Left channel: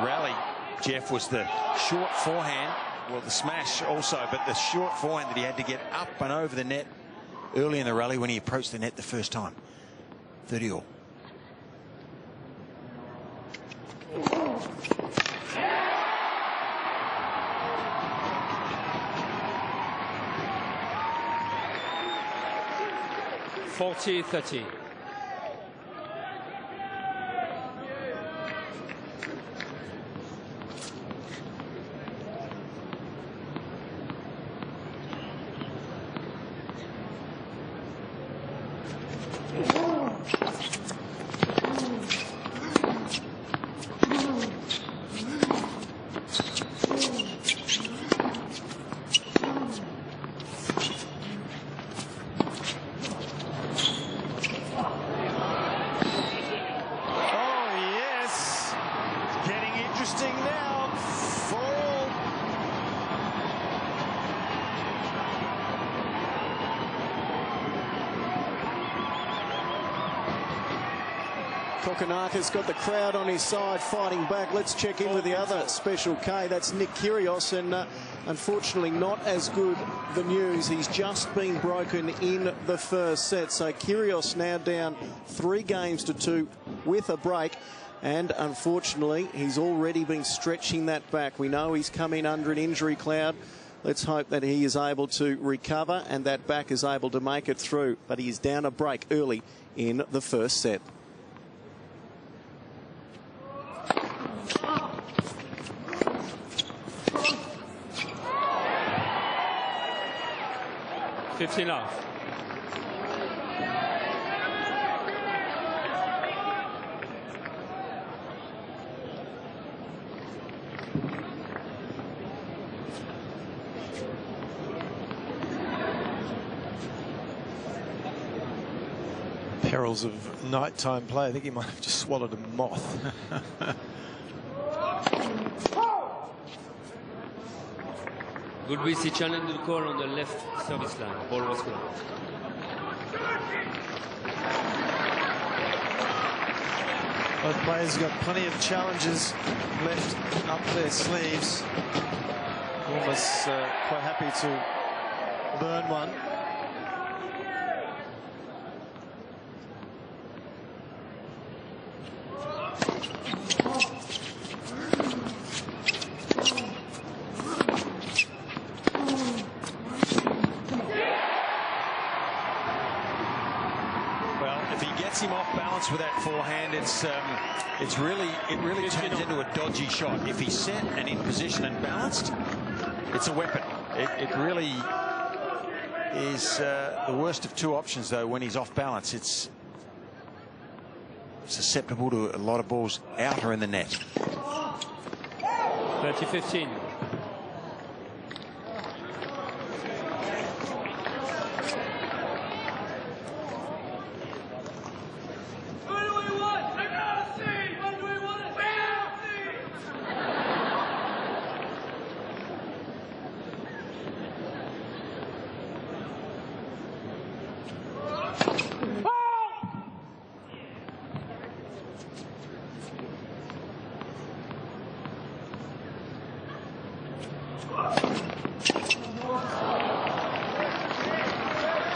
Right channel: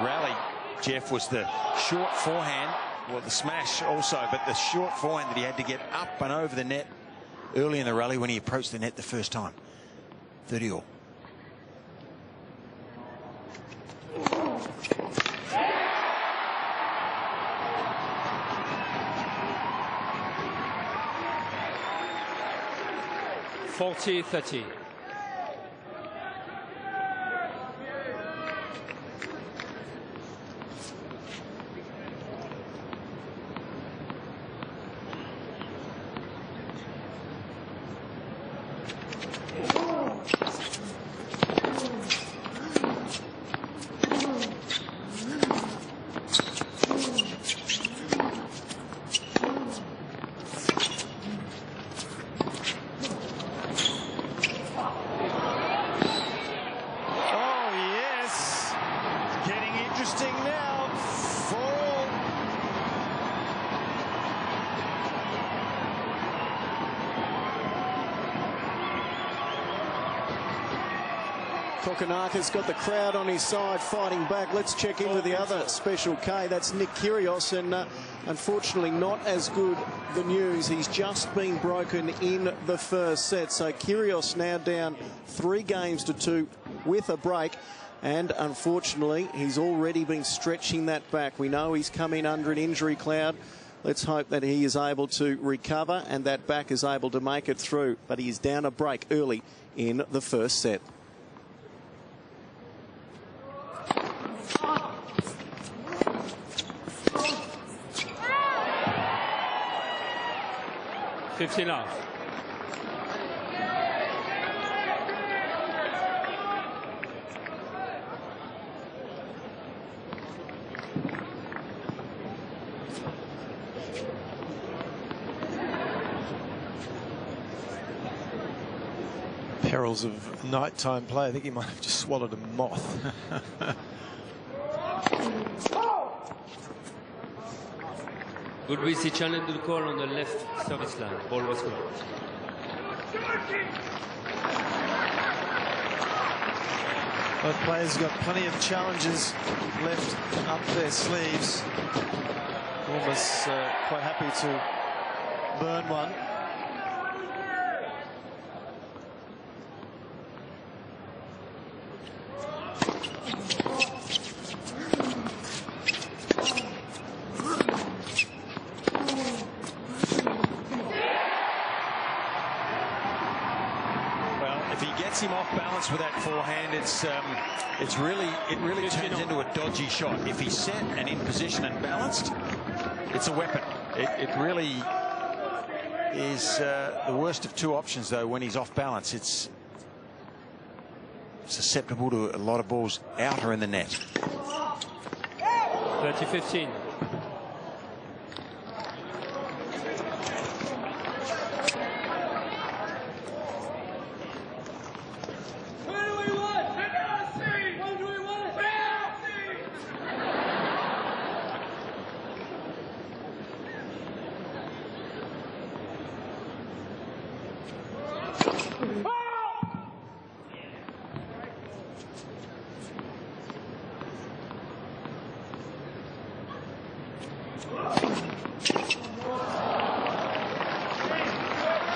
rally, Jeff, was the short forehand, well, the smash also, but the short forehand that he had to get up and over the net early in the rally when he approached the net the first time. 30-all. (40-30). Interesting now for all. Kokkinakis got the crowd on his side fighting back. Let's check in with the other Special K. That's Nick Kyrgios, and unfortunately not as good the news. He's just been broken in the first set. So Kyrgios now down 3-2 with a break. And unfortunately, he's already been stretching that back. We know he's come in under an injury cloud. Let's hope that he is able to recover and that back is able to make it through. But he is down a break early in the first set. (15 off). Perils of nighttime play. I think he might have just swallowed a moth. Gulbis challenged the call on the left service line. Ball was blocked. Both players got plenty of challenges left up their sleeves. Almost quite happy to burn one. If he gets him off balance with that forehand, it really turns into a dodgy shot. If he's set and in position and balanced, it's a weapon. It really is the worst of two options, though. When he's off balance, it's susceptible to a lot of balls out or in the net. 30-15.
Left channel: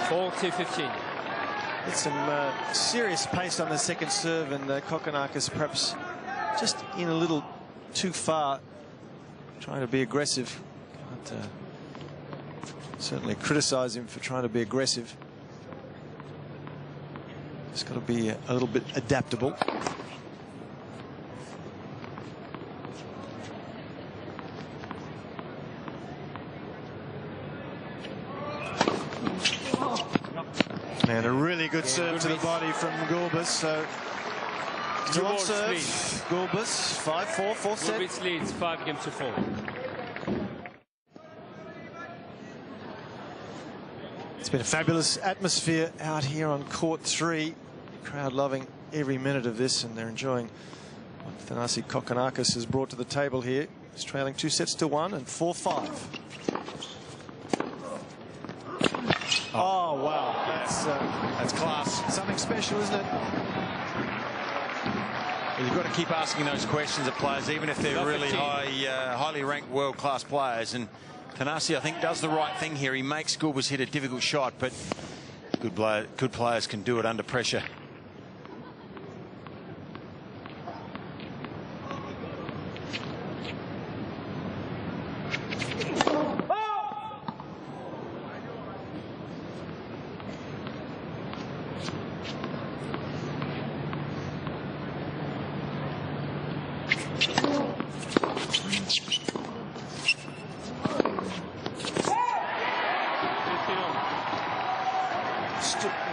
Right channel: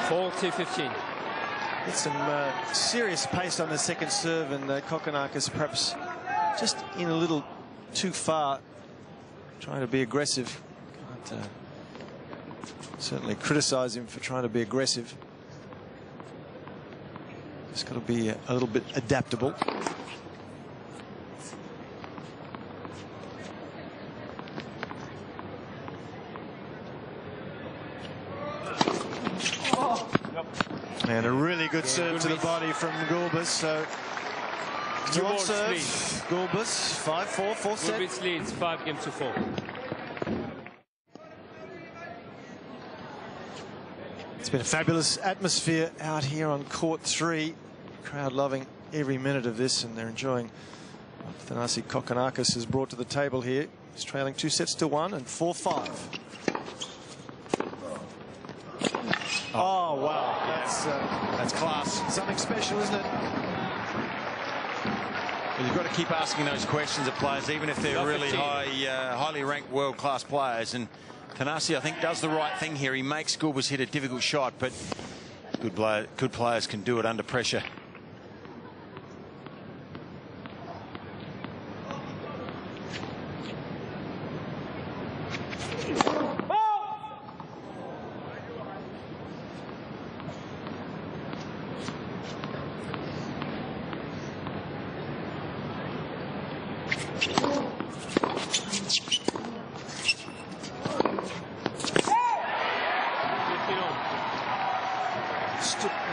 (40-15). It's some serious pace on the second serve, and Kokkinakis perhaps just in a little too far, trying to be aggressive. Can't certainly criticize him for trying to be aggressive. Just got to be a little bit adaptable. And a really good serve to the body from Gulbis. So on serve, Gulbis 5-4, fourth set. Gulbis leads 5-4. It's been a fabulous atmosphere out here on court 3. Crowd loving every minute of this, and they're enjoying what Thanasi Kokkinakis has brought to the table here. He's trailing 2-1 and 4-5. Oh, wow. That's class. Something special, isn't it? You've got to keep asking those questions of players, even if they're really highly ranked world-class players. And Thanasi, I think, does the right thing here. He makes Gulbis hit a difficult shot, but good players can do it under pressure.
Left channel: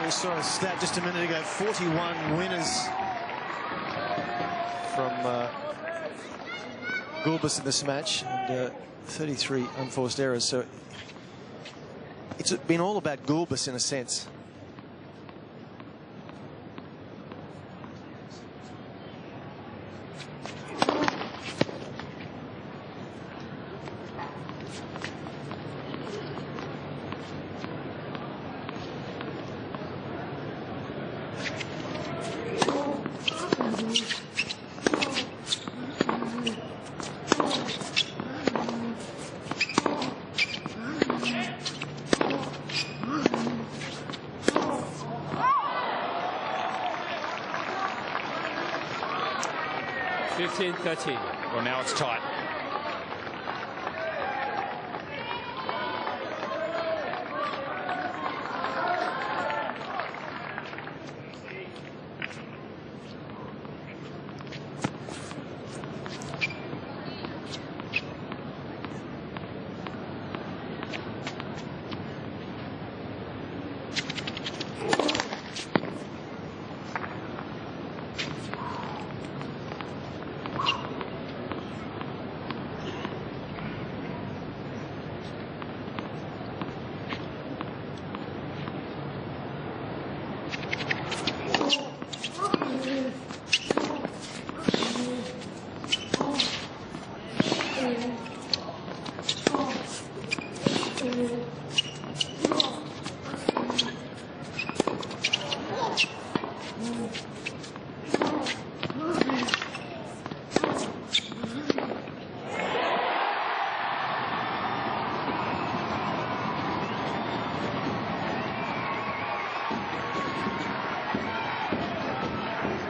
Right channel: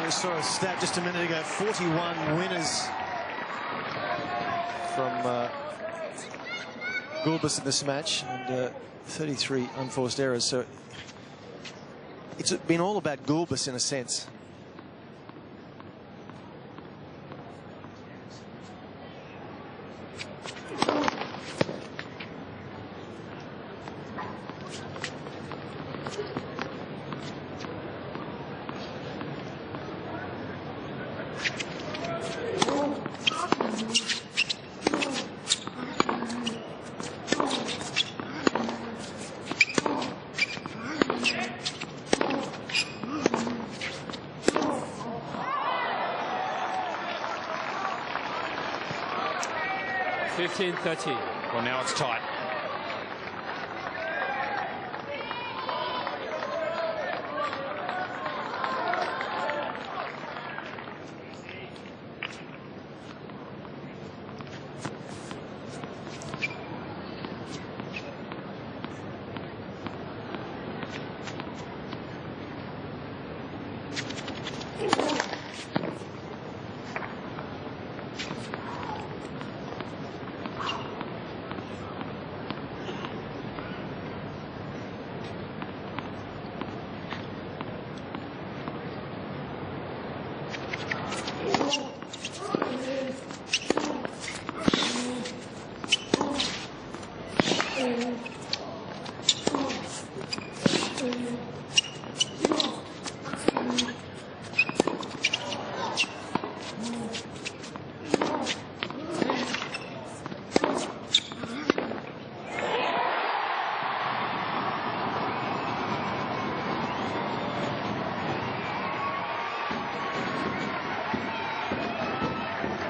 We saw a stat just a minute ago, 41 winners from Gulbis in this match, and 33 unforced errors. So it's been all about Gulbis in a sense. Well, now it's tight.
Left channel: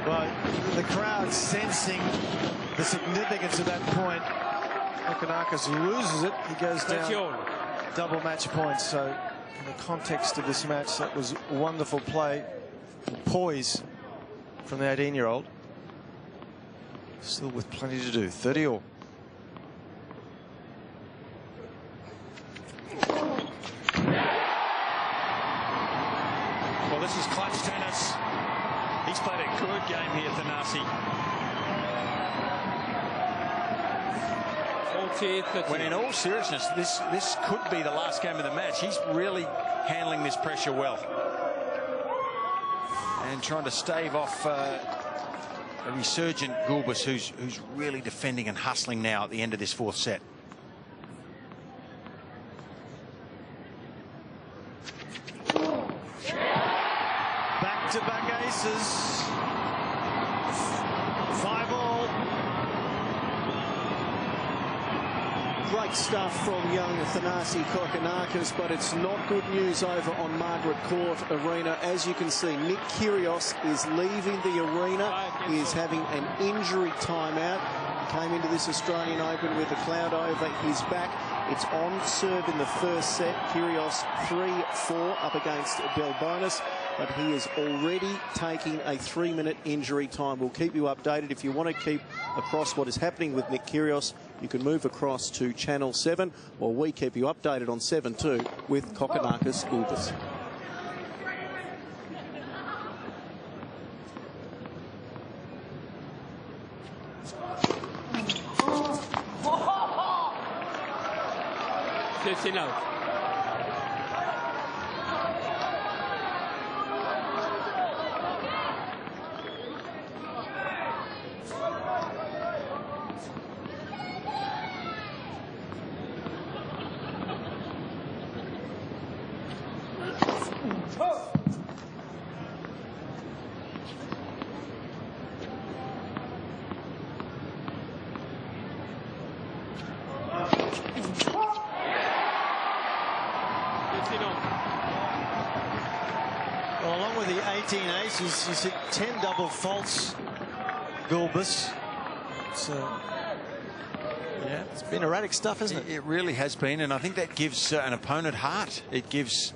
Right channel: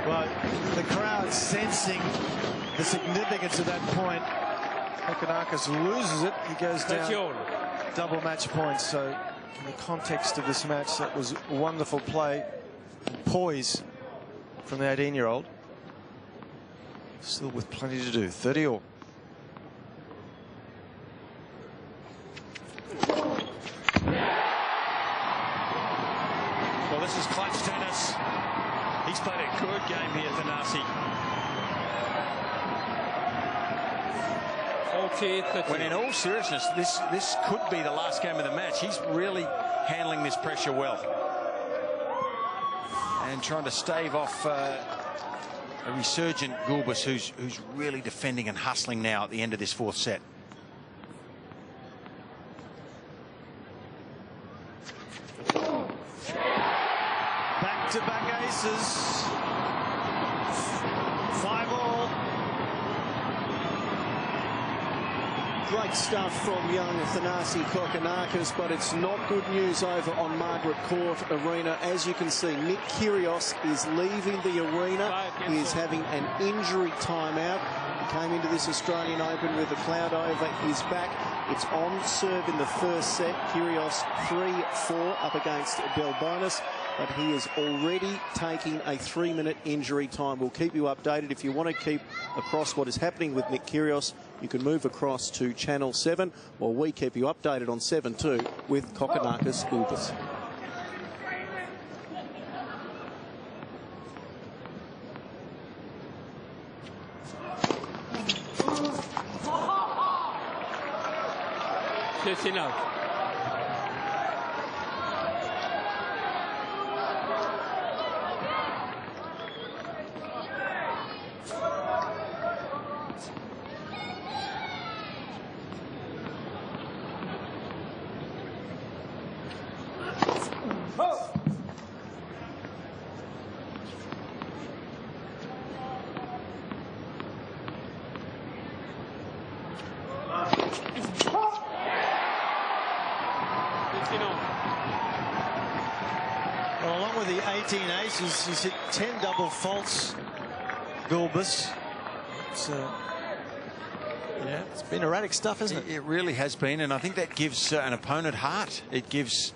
Well, the crowd sensing the significance of that point. Kokkinakis loses it. He goes down double match points. So in the context of this match, that was wonderful play and poise from the 18-year-old. Still with plenty to do. 30 all. Well, this is clutch tennis. He's played a good game here, Thanasi. 40-30. When in all seriousness, this could be the last game of the match. He's really handling this pressure well. And trying to stave off a resurgent Gulbis who's really defending and hustling now at the end of this fourth set. Back-to-back aces. 5 all. Great stuff from young Thanasi Kokkinakis, but it's not good news over on Margaret Court Arena. As you can see, Nick Kyrgios is leaving the arena. He is having an injury timeout. He came into this Australian Open with a cloud over his back. It's on serve in the first set. Kyrgios 3-4 up against Delbonis, but he is already taking a 3-minute injury time. We'll keep you updated. If you want to keep across what is happening with Nick Kyrgios, you can move across to Channel 7, while we keep you updated on 7-2 with Kokkinakis Gulbis. Out. Well, along with the 18 aces, he's hit 10 double faults, Gulbis. Yeah, it's been erratic stuff, isn't it? It really has been, and I think that gives an opponent heart. It gives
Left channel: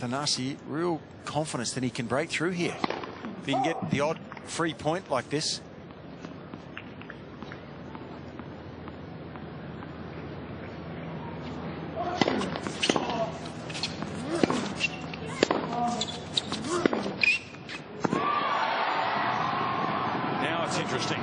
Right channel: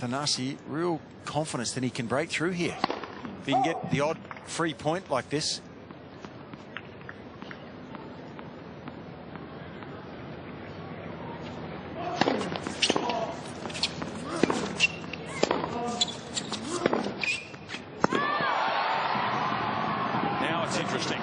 Thanasi real confidence that he can break through here. If he can get the odd free point like this. Now it's interesting.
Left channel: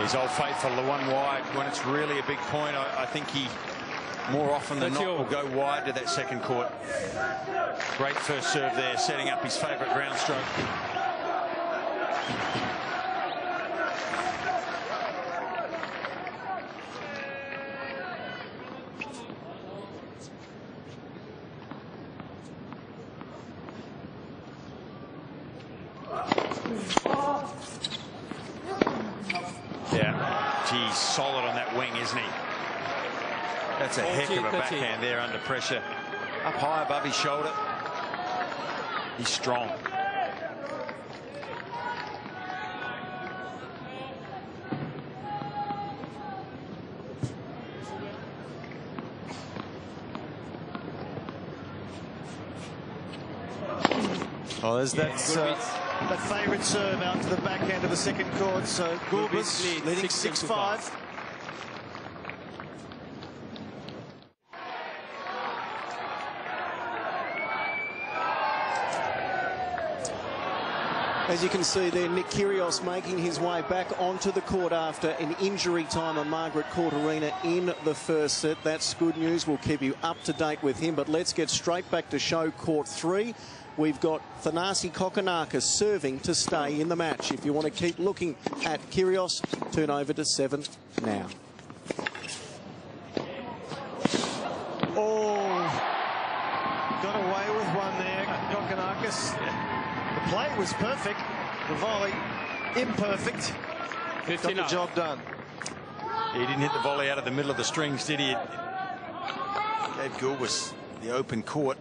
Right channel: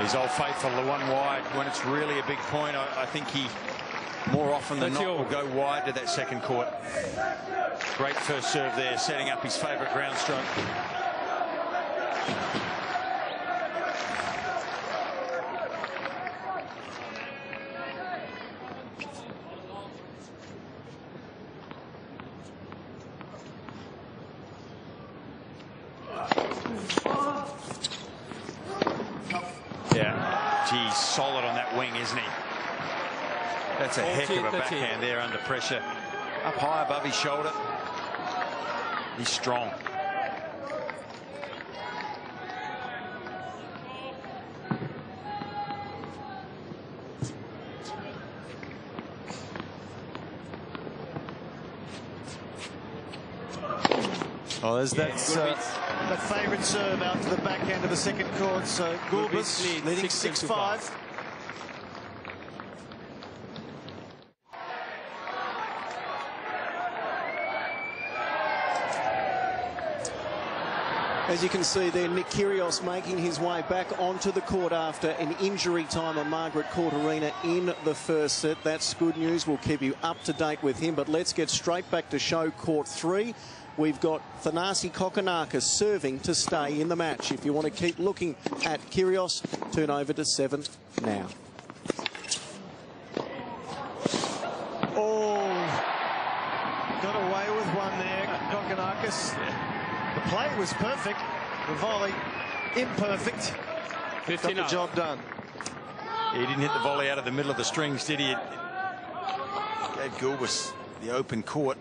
He's old faithful, the one wide when it's really a big point. I think he more often than not will go wide to that second court. Great first serve there, setting up his favourite ground stroke. Yeah, geez, solid on that wing, isn't he? That's a heck of a backhand there under pressure. Up high above his shoulder. He's strong. Oh, there's that favourite serve out to the backhand of the second court. So Gulbis leading 6-5. As you can see there, Nick Kyrgios making his way back onto the court after an injury time at Margaret Court Arena in the first set. That's good news. We'll keep you up to date with him. But let's get straight back to show court 3. We've got Thanasi Kokkinakis serving to stay in the match. If you want to keep looking at Kyrgios, turn over to 7 now. Oh, got away with one there, Kokkinakis. Yeah. The play was perfect. The volley imperfect. Got the job done. He didn't hit the volley out of the middle of the strings, did he? It gave Gulbis the open court.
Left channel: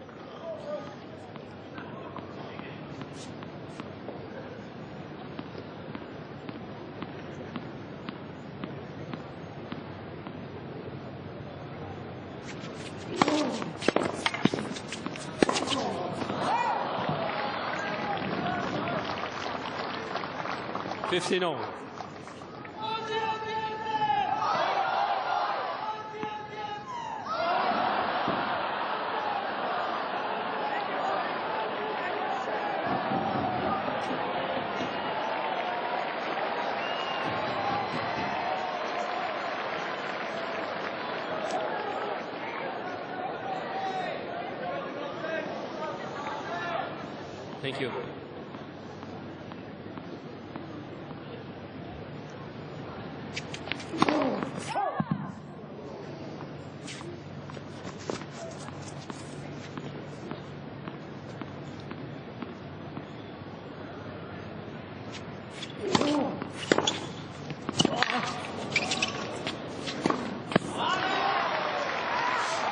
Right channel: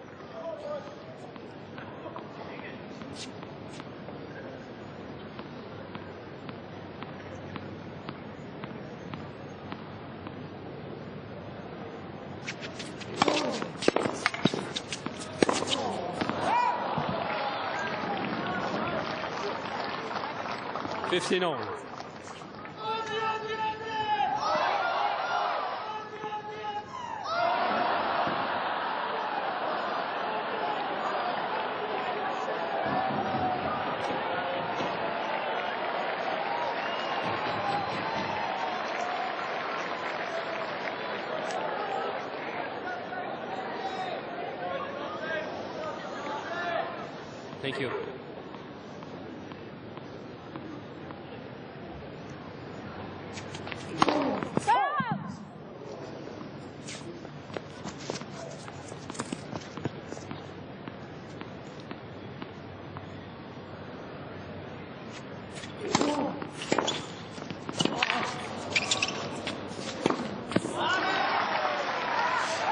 $15. Thank you.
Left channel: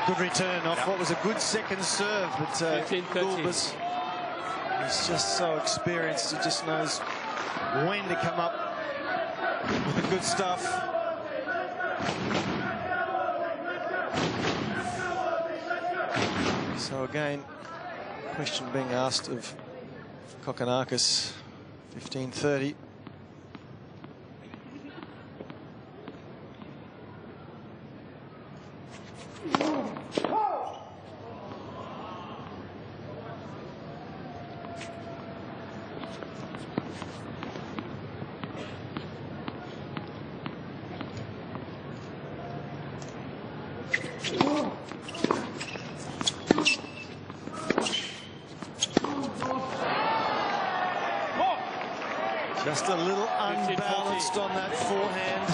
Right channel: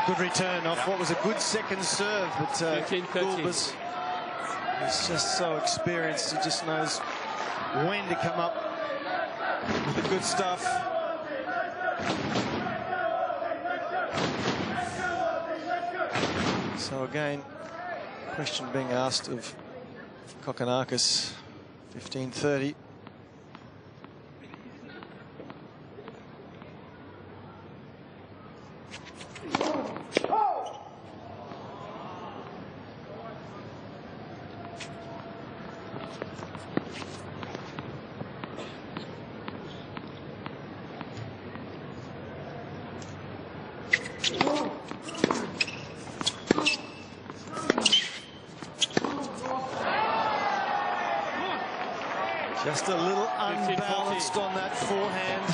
Good return off what was a good second serve, but Gulbis is just so experienced. He just knows when to come up with the good stuff. So again, question being asked of Kokkinakis, 15-30. Just a little unbalanced on that forehand.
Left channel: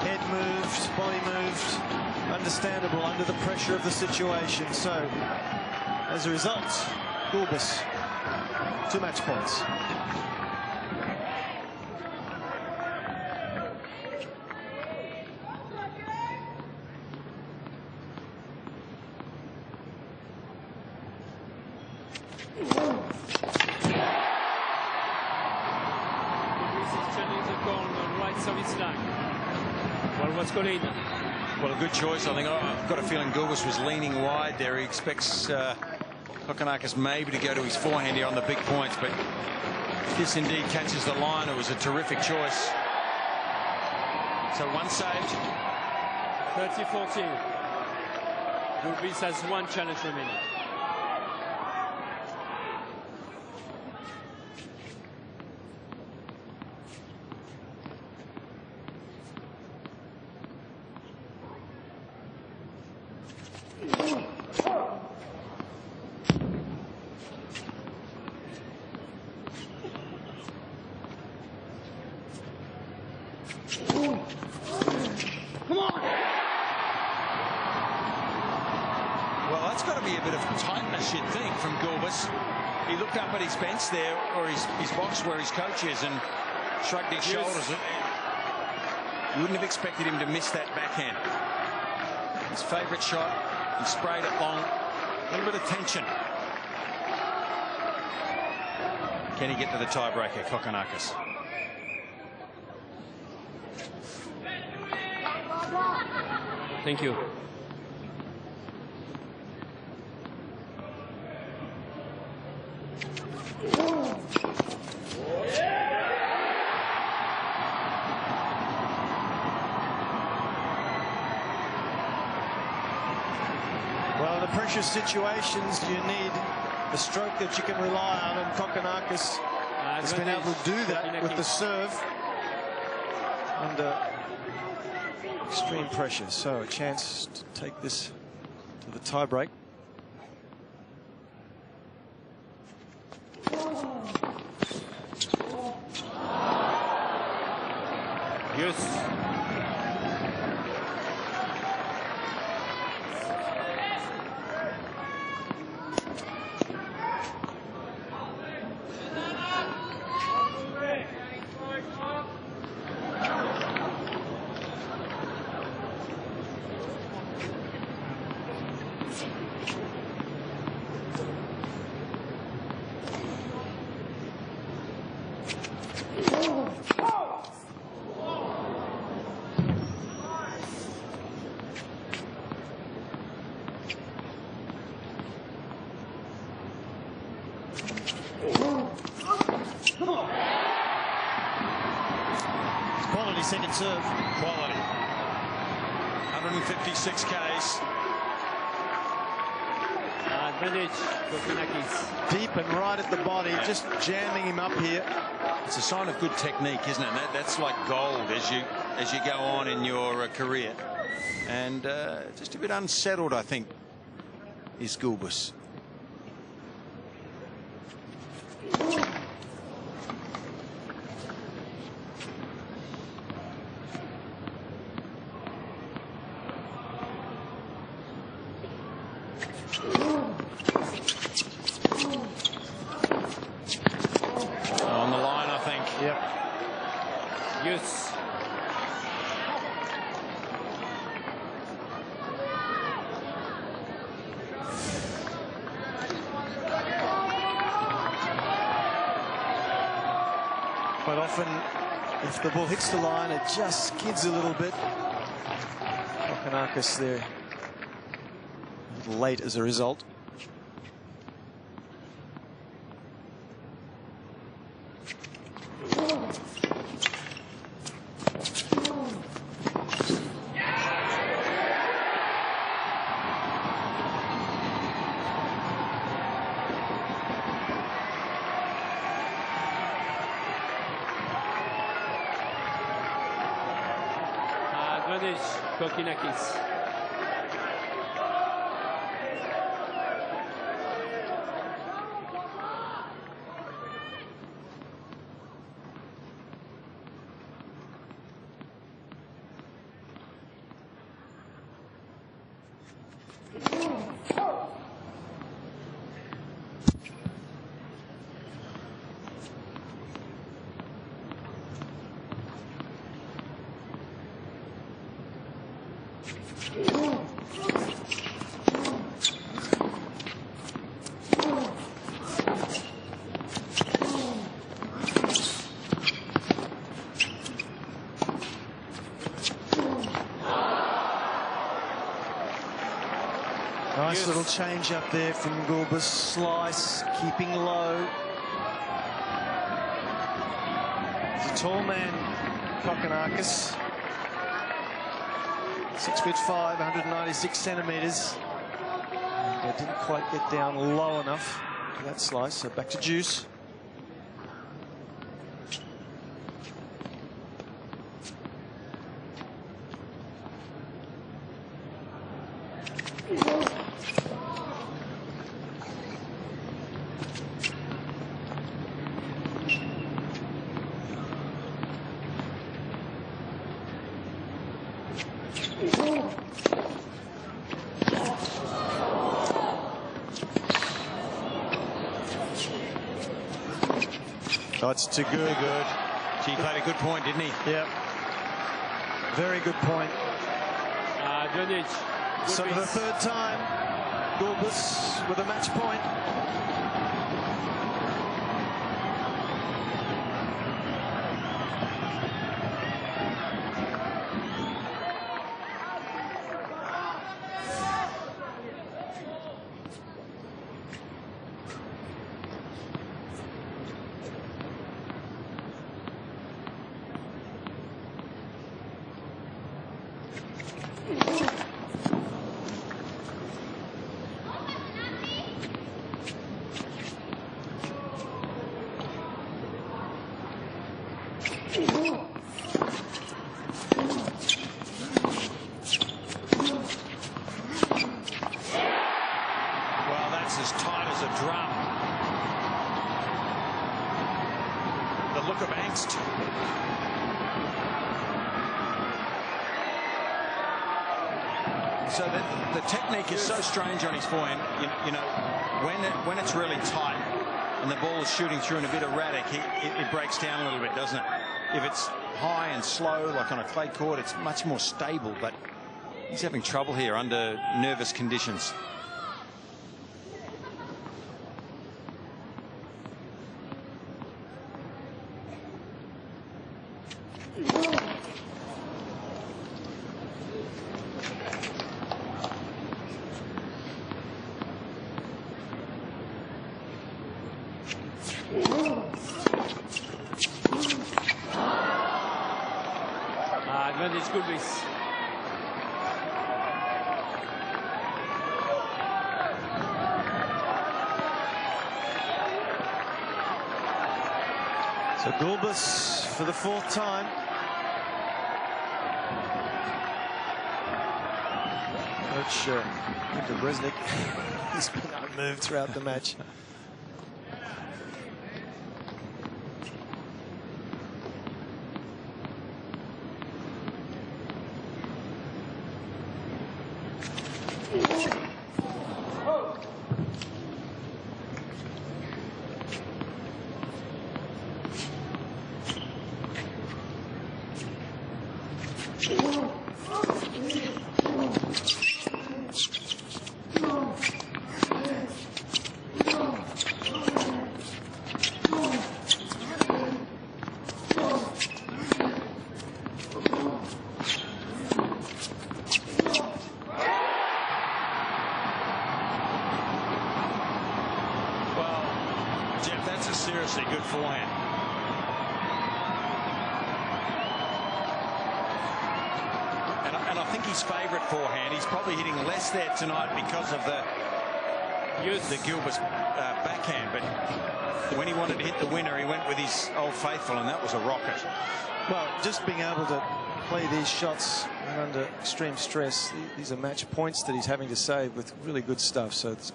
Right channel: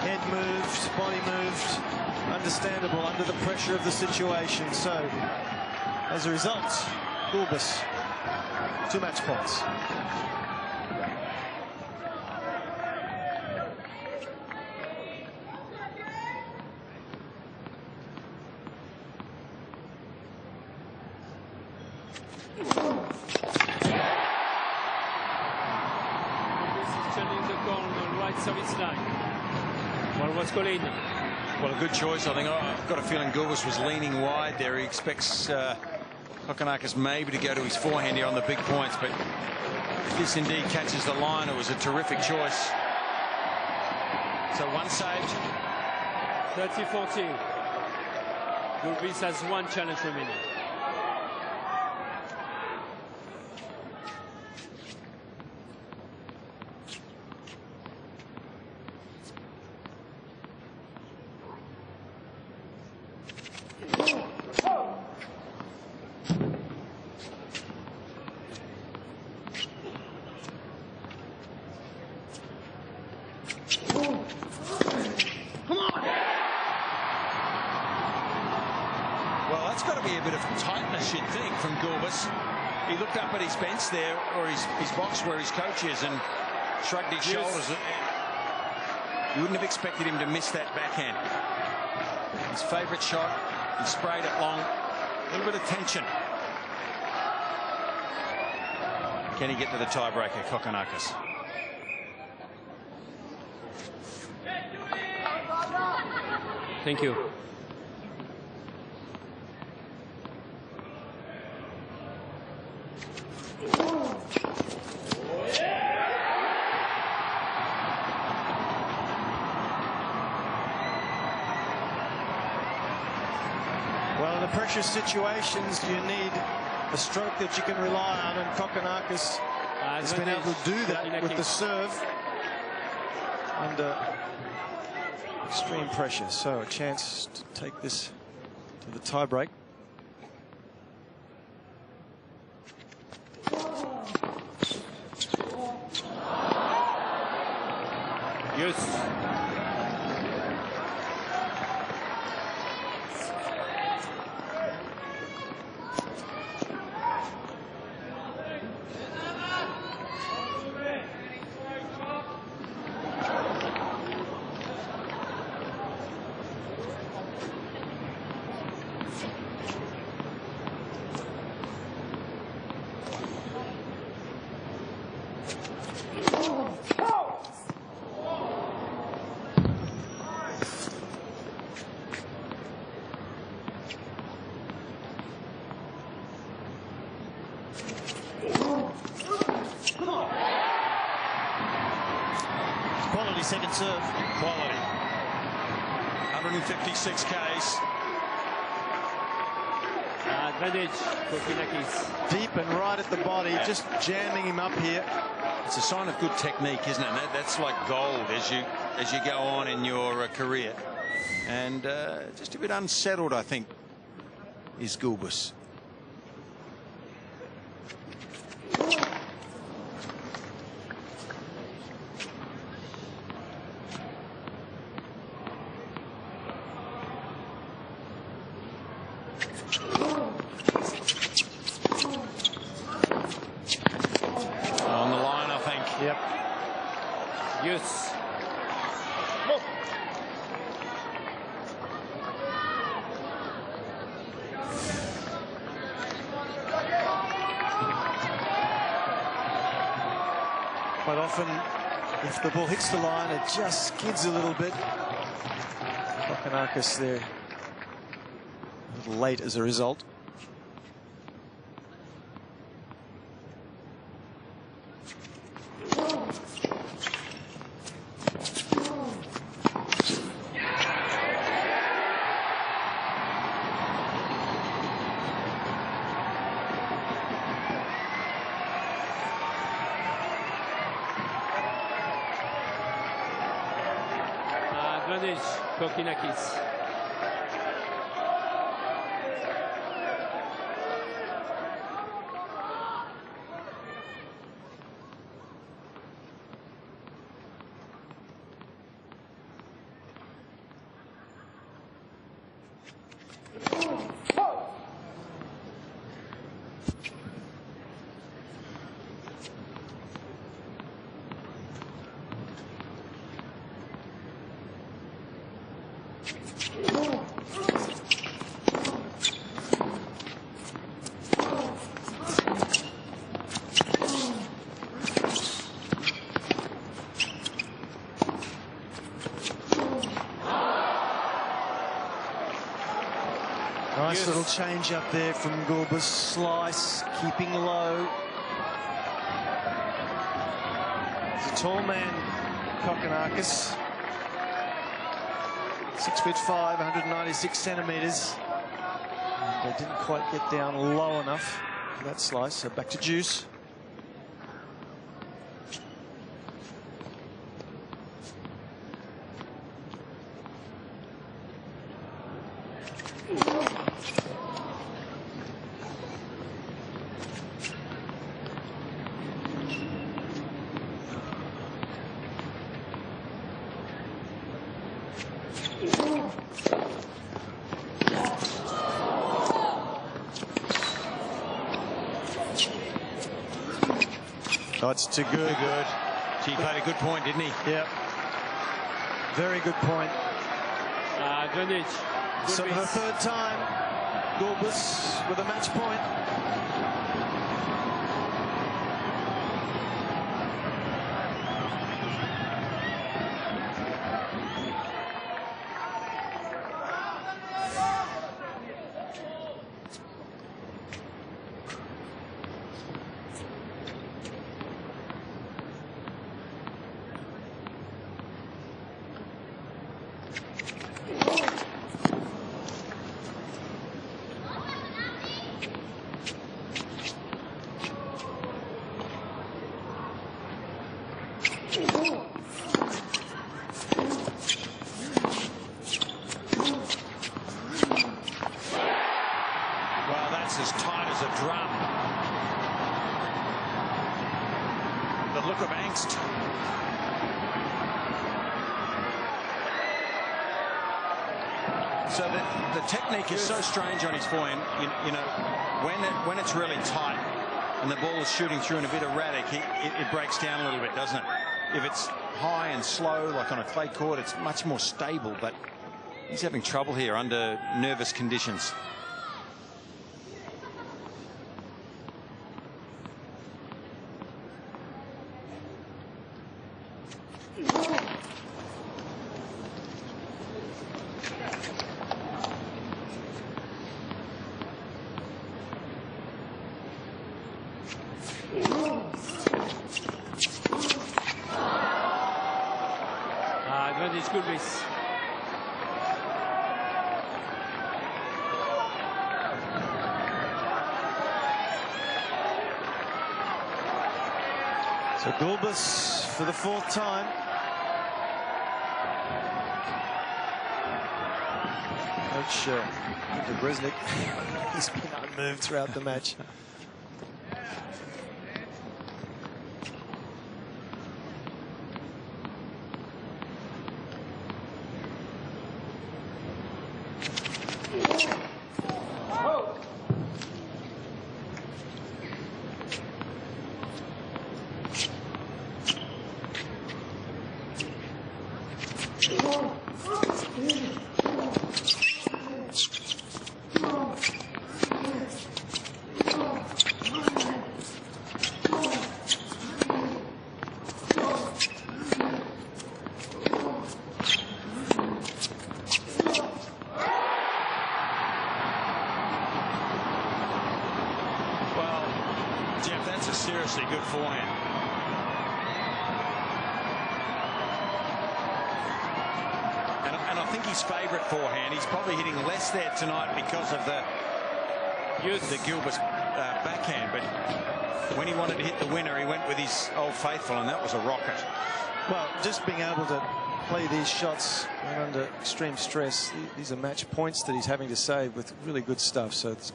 Head moved, body moved. Understandable under the pressure of the situation. So, as a result, Gulbis, 2 match points. Service line. Well, what's going on? Well, a good choice. I think I've got a feeling Gulbis was leaning wide there. He expects Kokkinakis maybe to go to his forehand here on the big points, but if this indeed catches the line, it was a terrific choice. So 1 saved. 30-40. Gulbis has 1 challenge remaining. Well, that's got to be a bit of tightness, you'd think, from Gulbis. He looked up at his bench there, or his box where his coach is, and shrugged his shoulders. You wouldn't have expected him to miss that backhand. His favourite shot, he sprayed it long. A little bit of tension. Can he get to the tiebreaker, Kokkinakis? Thank you. Well, in the pressure situations, you need a stroke that you can rely on, and Kokkinakis has been able to do that with the serve under extreme pressure. So a chance to take this to the tiebreak. Yes. Quality second serve. Quality. 156 Ks. Advantage, Kokkinakis. Deep and right at the body, just jamming him up here. It's a sign of good technique, isn't it? And that's like gold as you go on in your career. And just a bit unsettled, I think, is Gulbis. On the line, I think. Yep. Yes. Quite often, if the ball hits the line, it just skids a little bit. Kokkinakis there a little late as a result. Advantage, Kokkinakis. Nice little change up there from Gulbis. Slice, keeping low. He's a tall man, Kokkinakis. 6'5", 196 centimetres. And didn't quite get down low enough for that slice. So back to Juice. Oh, it's too good. Too good. He played a good point, didn't he? Yep. Very good point. Advantage. So for the third time, Gulbis with a match point. Well, that's as tight as a drum. The look of angst. So the technique is so strange on his forehand. You know, when it's really tight and the ball is shooting through and a bit erratic, it breaks down a little bit, doesn't it? If it's high and slow, like on a clay court, it's much more stable. But he's having trouble here under nervous conditions. Advantage Gulbis. So Gulbis for the fourth time. Coach Resnick, he's been unmoved throughout the match. Jeff, that's a seriously good forehand. And I think his favourite forehand, he's probably hitting less there tonight because of the Gulbis backhand. But when he wanted to hit the winner, he went with his old faithful, and that was a rocket. Well, just being able to play these shots when under extreme stress, these are match points that he's having to save with really good stuff. So it's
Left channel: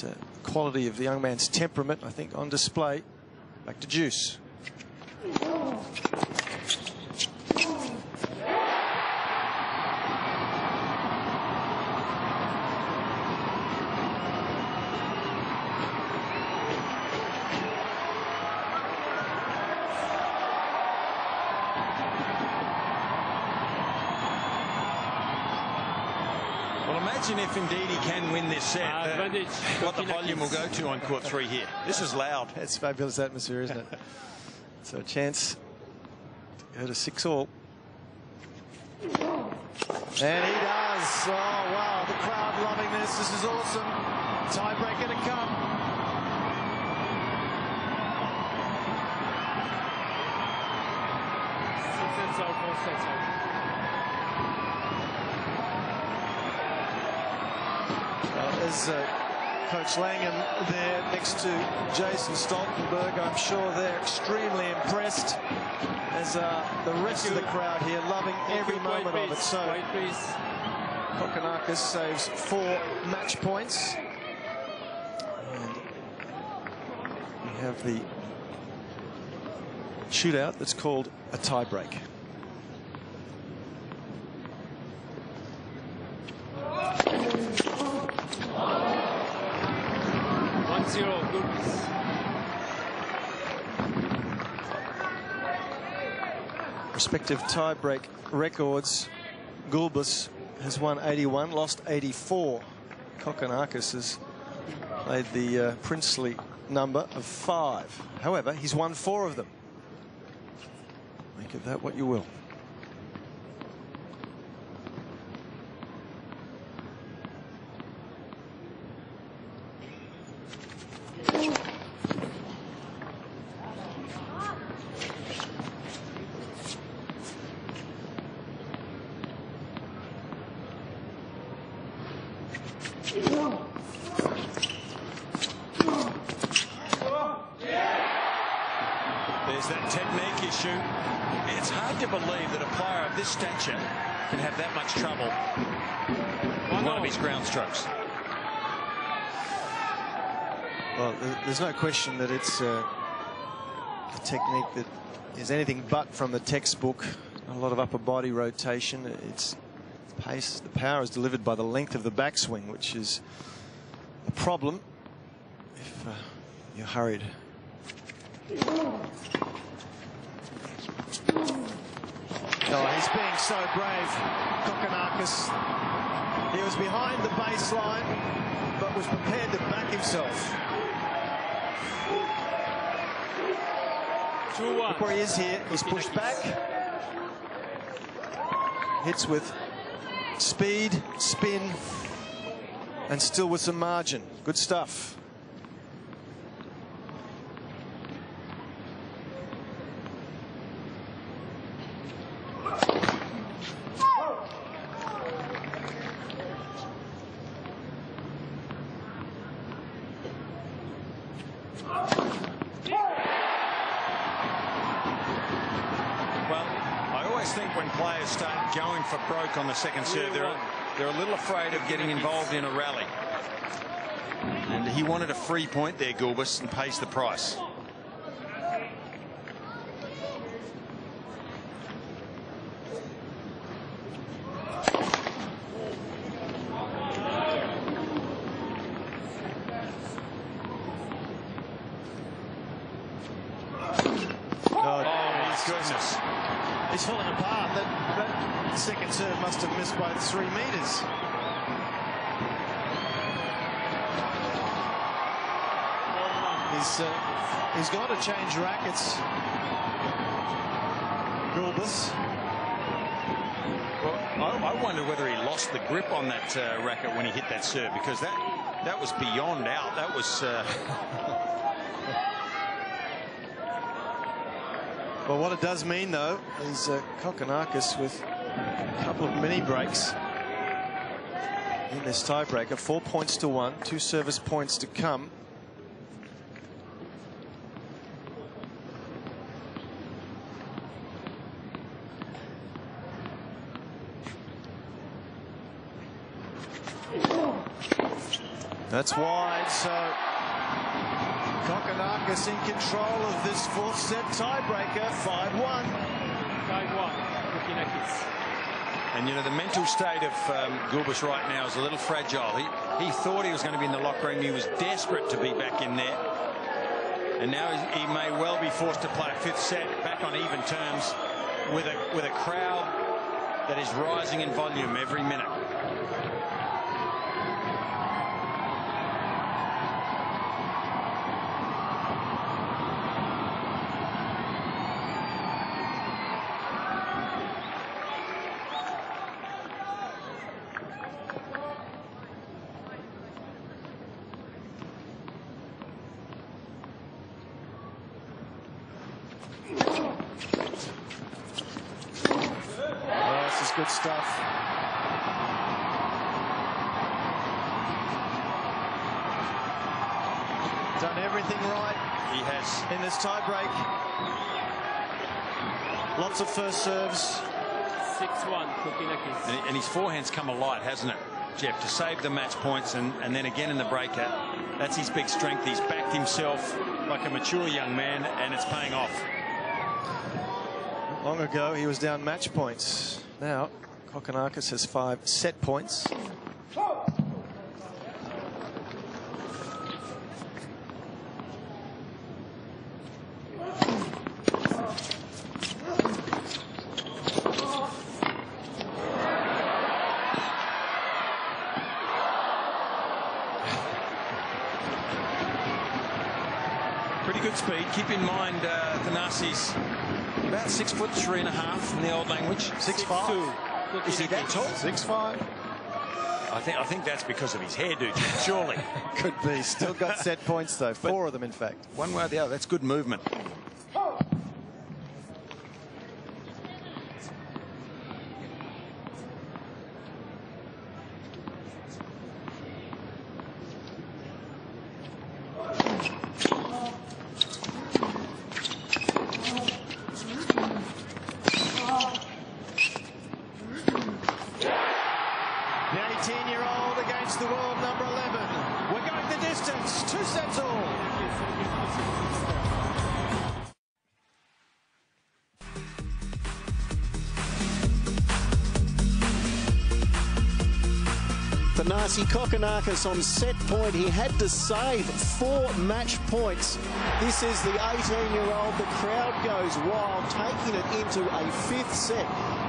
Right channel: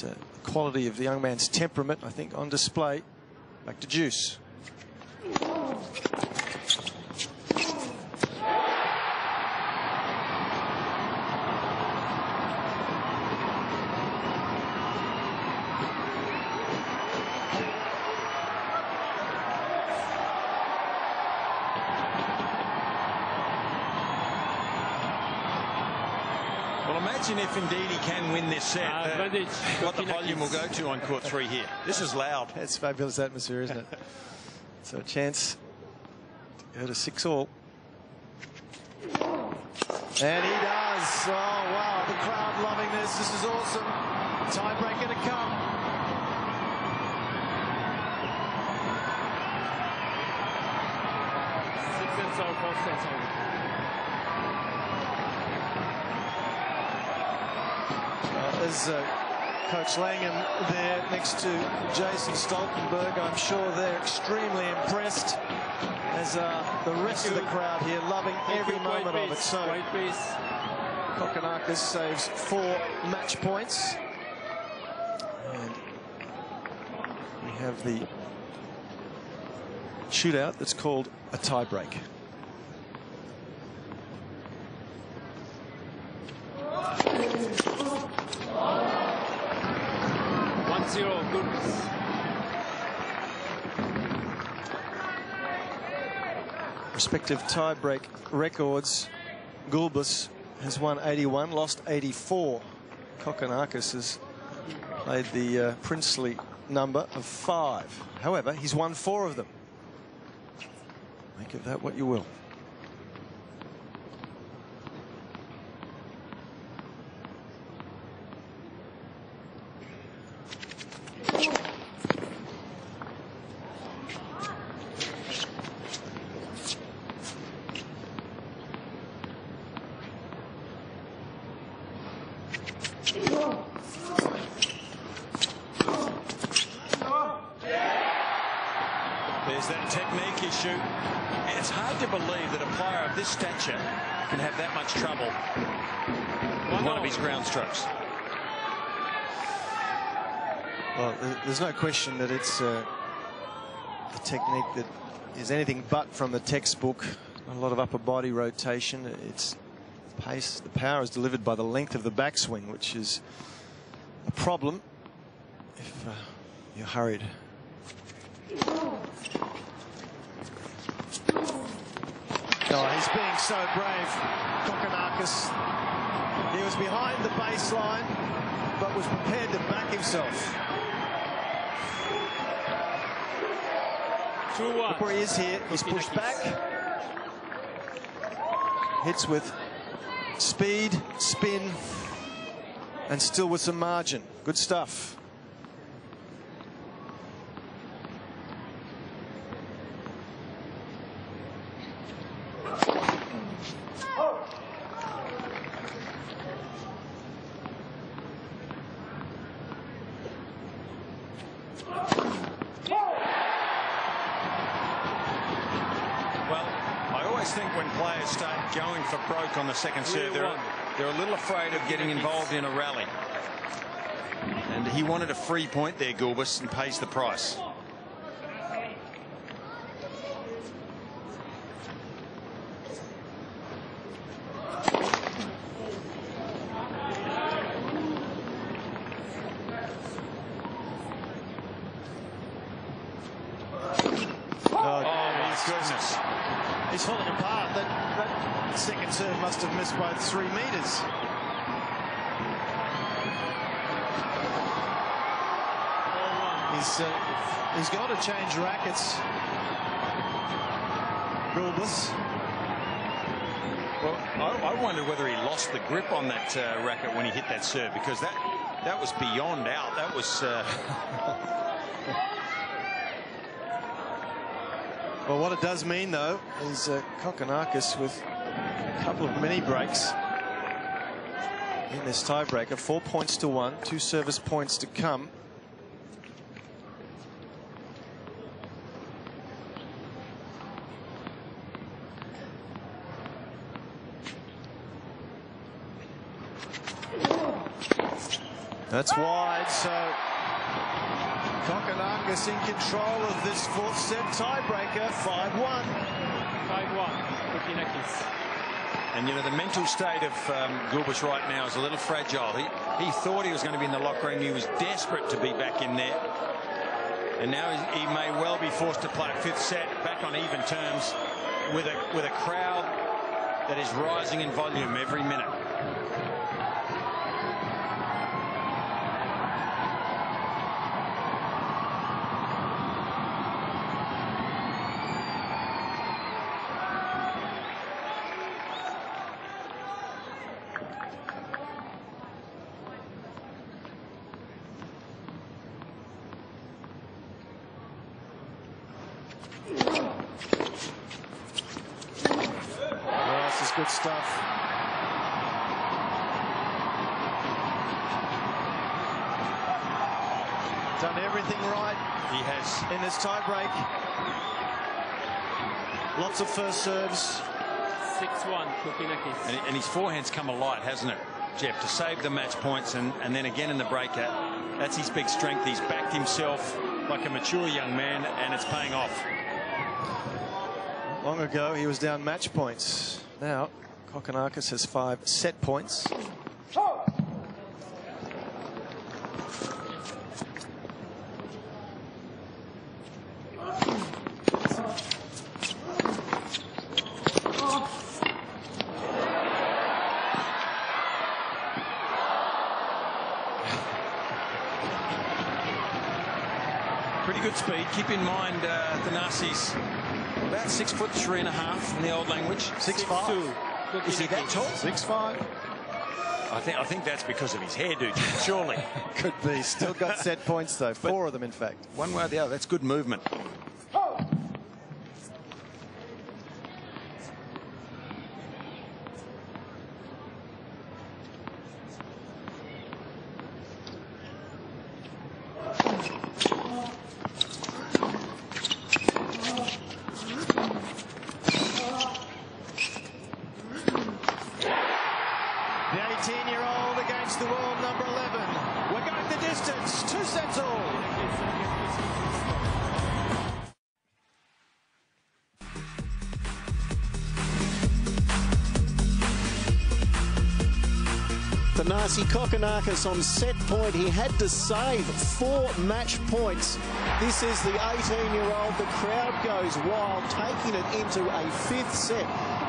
the quality of the young man's temperament, I think, on display. Back to Juice. Well, imagine if indeed he can win this set, what the volume will go to on court 3 here. This is loud. It's fabulous atmosphere, isn't it? So a chance to go to 6-all. And he does. Oh, wow. The crowd loving this. This is awesome. Tiebreaker to come. Well, there's Coach Langham there next to Jason Stoltenberg. I'm sure they're extremely impressed, as the rest of the crowd here, loving every moment of it. So Kokkinakis saves 4 match points. And we have the shootout that's called a tiebreak. Gulbis. Respective tiebreak records. Gulbis has won 81, lost 84. Kokkinakis has played the princely number of 5. However, he's won 4 of them. Make of that what you will. There's that technique issue. It's hard to believe that a player of this stature can have that much trouble with one of his ground strokes. Well, there's no question that it's a technique that is anything but from the textbook. A lot of upper body rotation. It's pace. The power is delivered by the length of the backswing, which is a problem if you're hurried. Oh, he's being so brave, Kokkinakis. He was behind the baseline, but was prepared to back himself. Look where he is here. He's pushed back. Hits with speed, spin, and still with some margin. Good stuff. When players start going for broke on the second serve, they're a little afraid of getting involved in a rally. And he wanted a free point there, Gulbis, and pays the price. Oh my goodness. He's falling apart. That second serve must have missed by 3 meters. He's got to change rackets. Gulbis. Well, I wonder whether he lost the grip on that racket when he hit that serve, because that was beyond out. That was. Well, what it does mean, though, is Kokkinakis with a couple of mini breaks in this tiebreaker. 4 points to 1, 2 service points to come. That's wide, so Kokkinakis in control of this 4th set tiebreaker, 5-1. 5-1, Kokkinakis. And, you know, the mental state of Gulbis right now is a little fragile. He thought he was going to be in the locker room. He was desperate to be back in there. And now he may well be forced to play a 5th set back on even terms with a crowd that is rising in volume every minute. Oh, this is good stuff. Done everything right. He has. In this tie break. Lots of first serves. 6-1, Kokkinakis. And his forehand's come alight, hasn't it, Jeff, to save the match points and then again in the breakout. That's his big strength. He's backed himself like a mature young man, and it's paying off. Not long ago, he was down match points. Now, Kokkinakis has 5 set points. Pretty good speed. Keep in mind, Thanasi's about 6'3.5" in the old language. 6'5". Is he that tall? 6'5". I think that's because of his hairdo, surely. Could be. Still got set points though. 4 of them, in fact. One way or the other. That's good movement. The 18-year-old against the world number 11. We're going the distance. 2 sets all. Thanasi Kokkinakis on set point. He had to save 4 match points. This is the 18-year-old. The crowd goes wild, taking it into a 5th set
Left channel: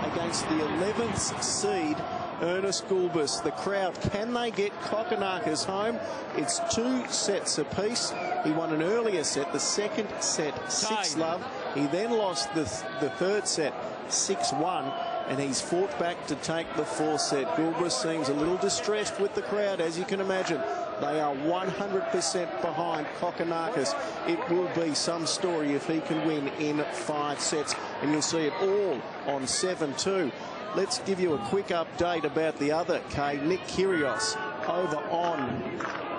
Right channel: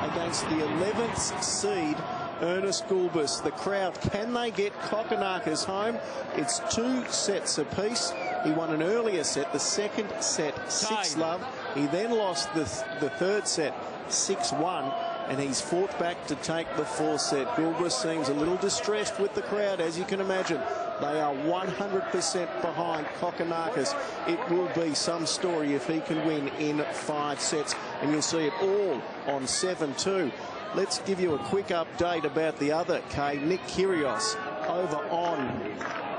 against the 11th seed, Ernests Gulbis. The crowd, can they get Kokkinakis home? It's 2 sets apiece. He won an earlier set, the second set 6-love. He then lost the third set 6-1. And he's fought back to take the 4th set. Gulbis seems a little distressed with the crowd, as you can imagine. They are 100% behind Kokkinakis. It will be some story if he can win in 5 sets. And you'll see it all on 7-2. Let's give you a quick update about the other K, Nick Kyrgios, over on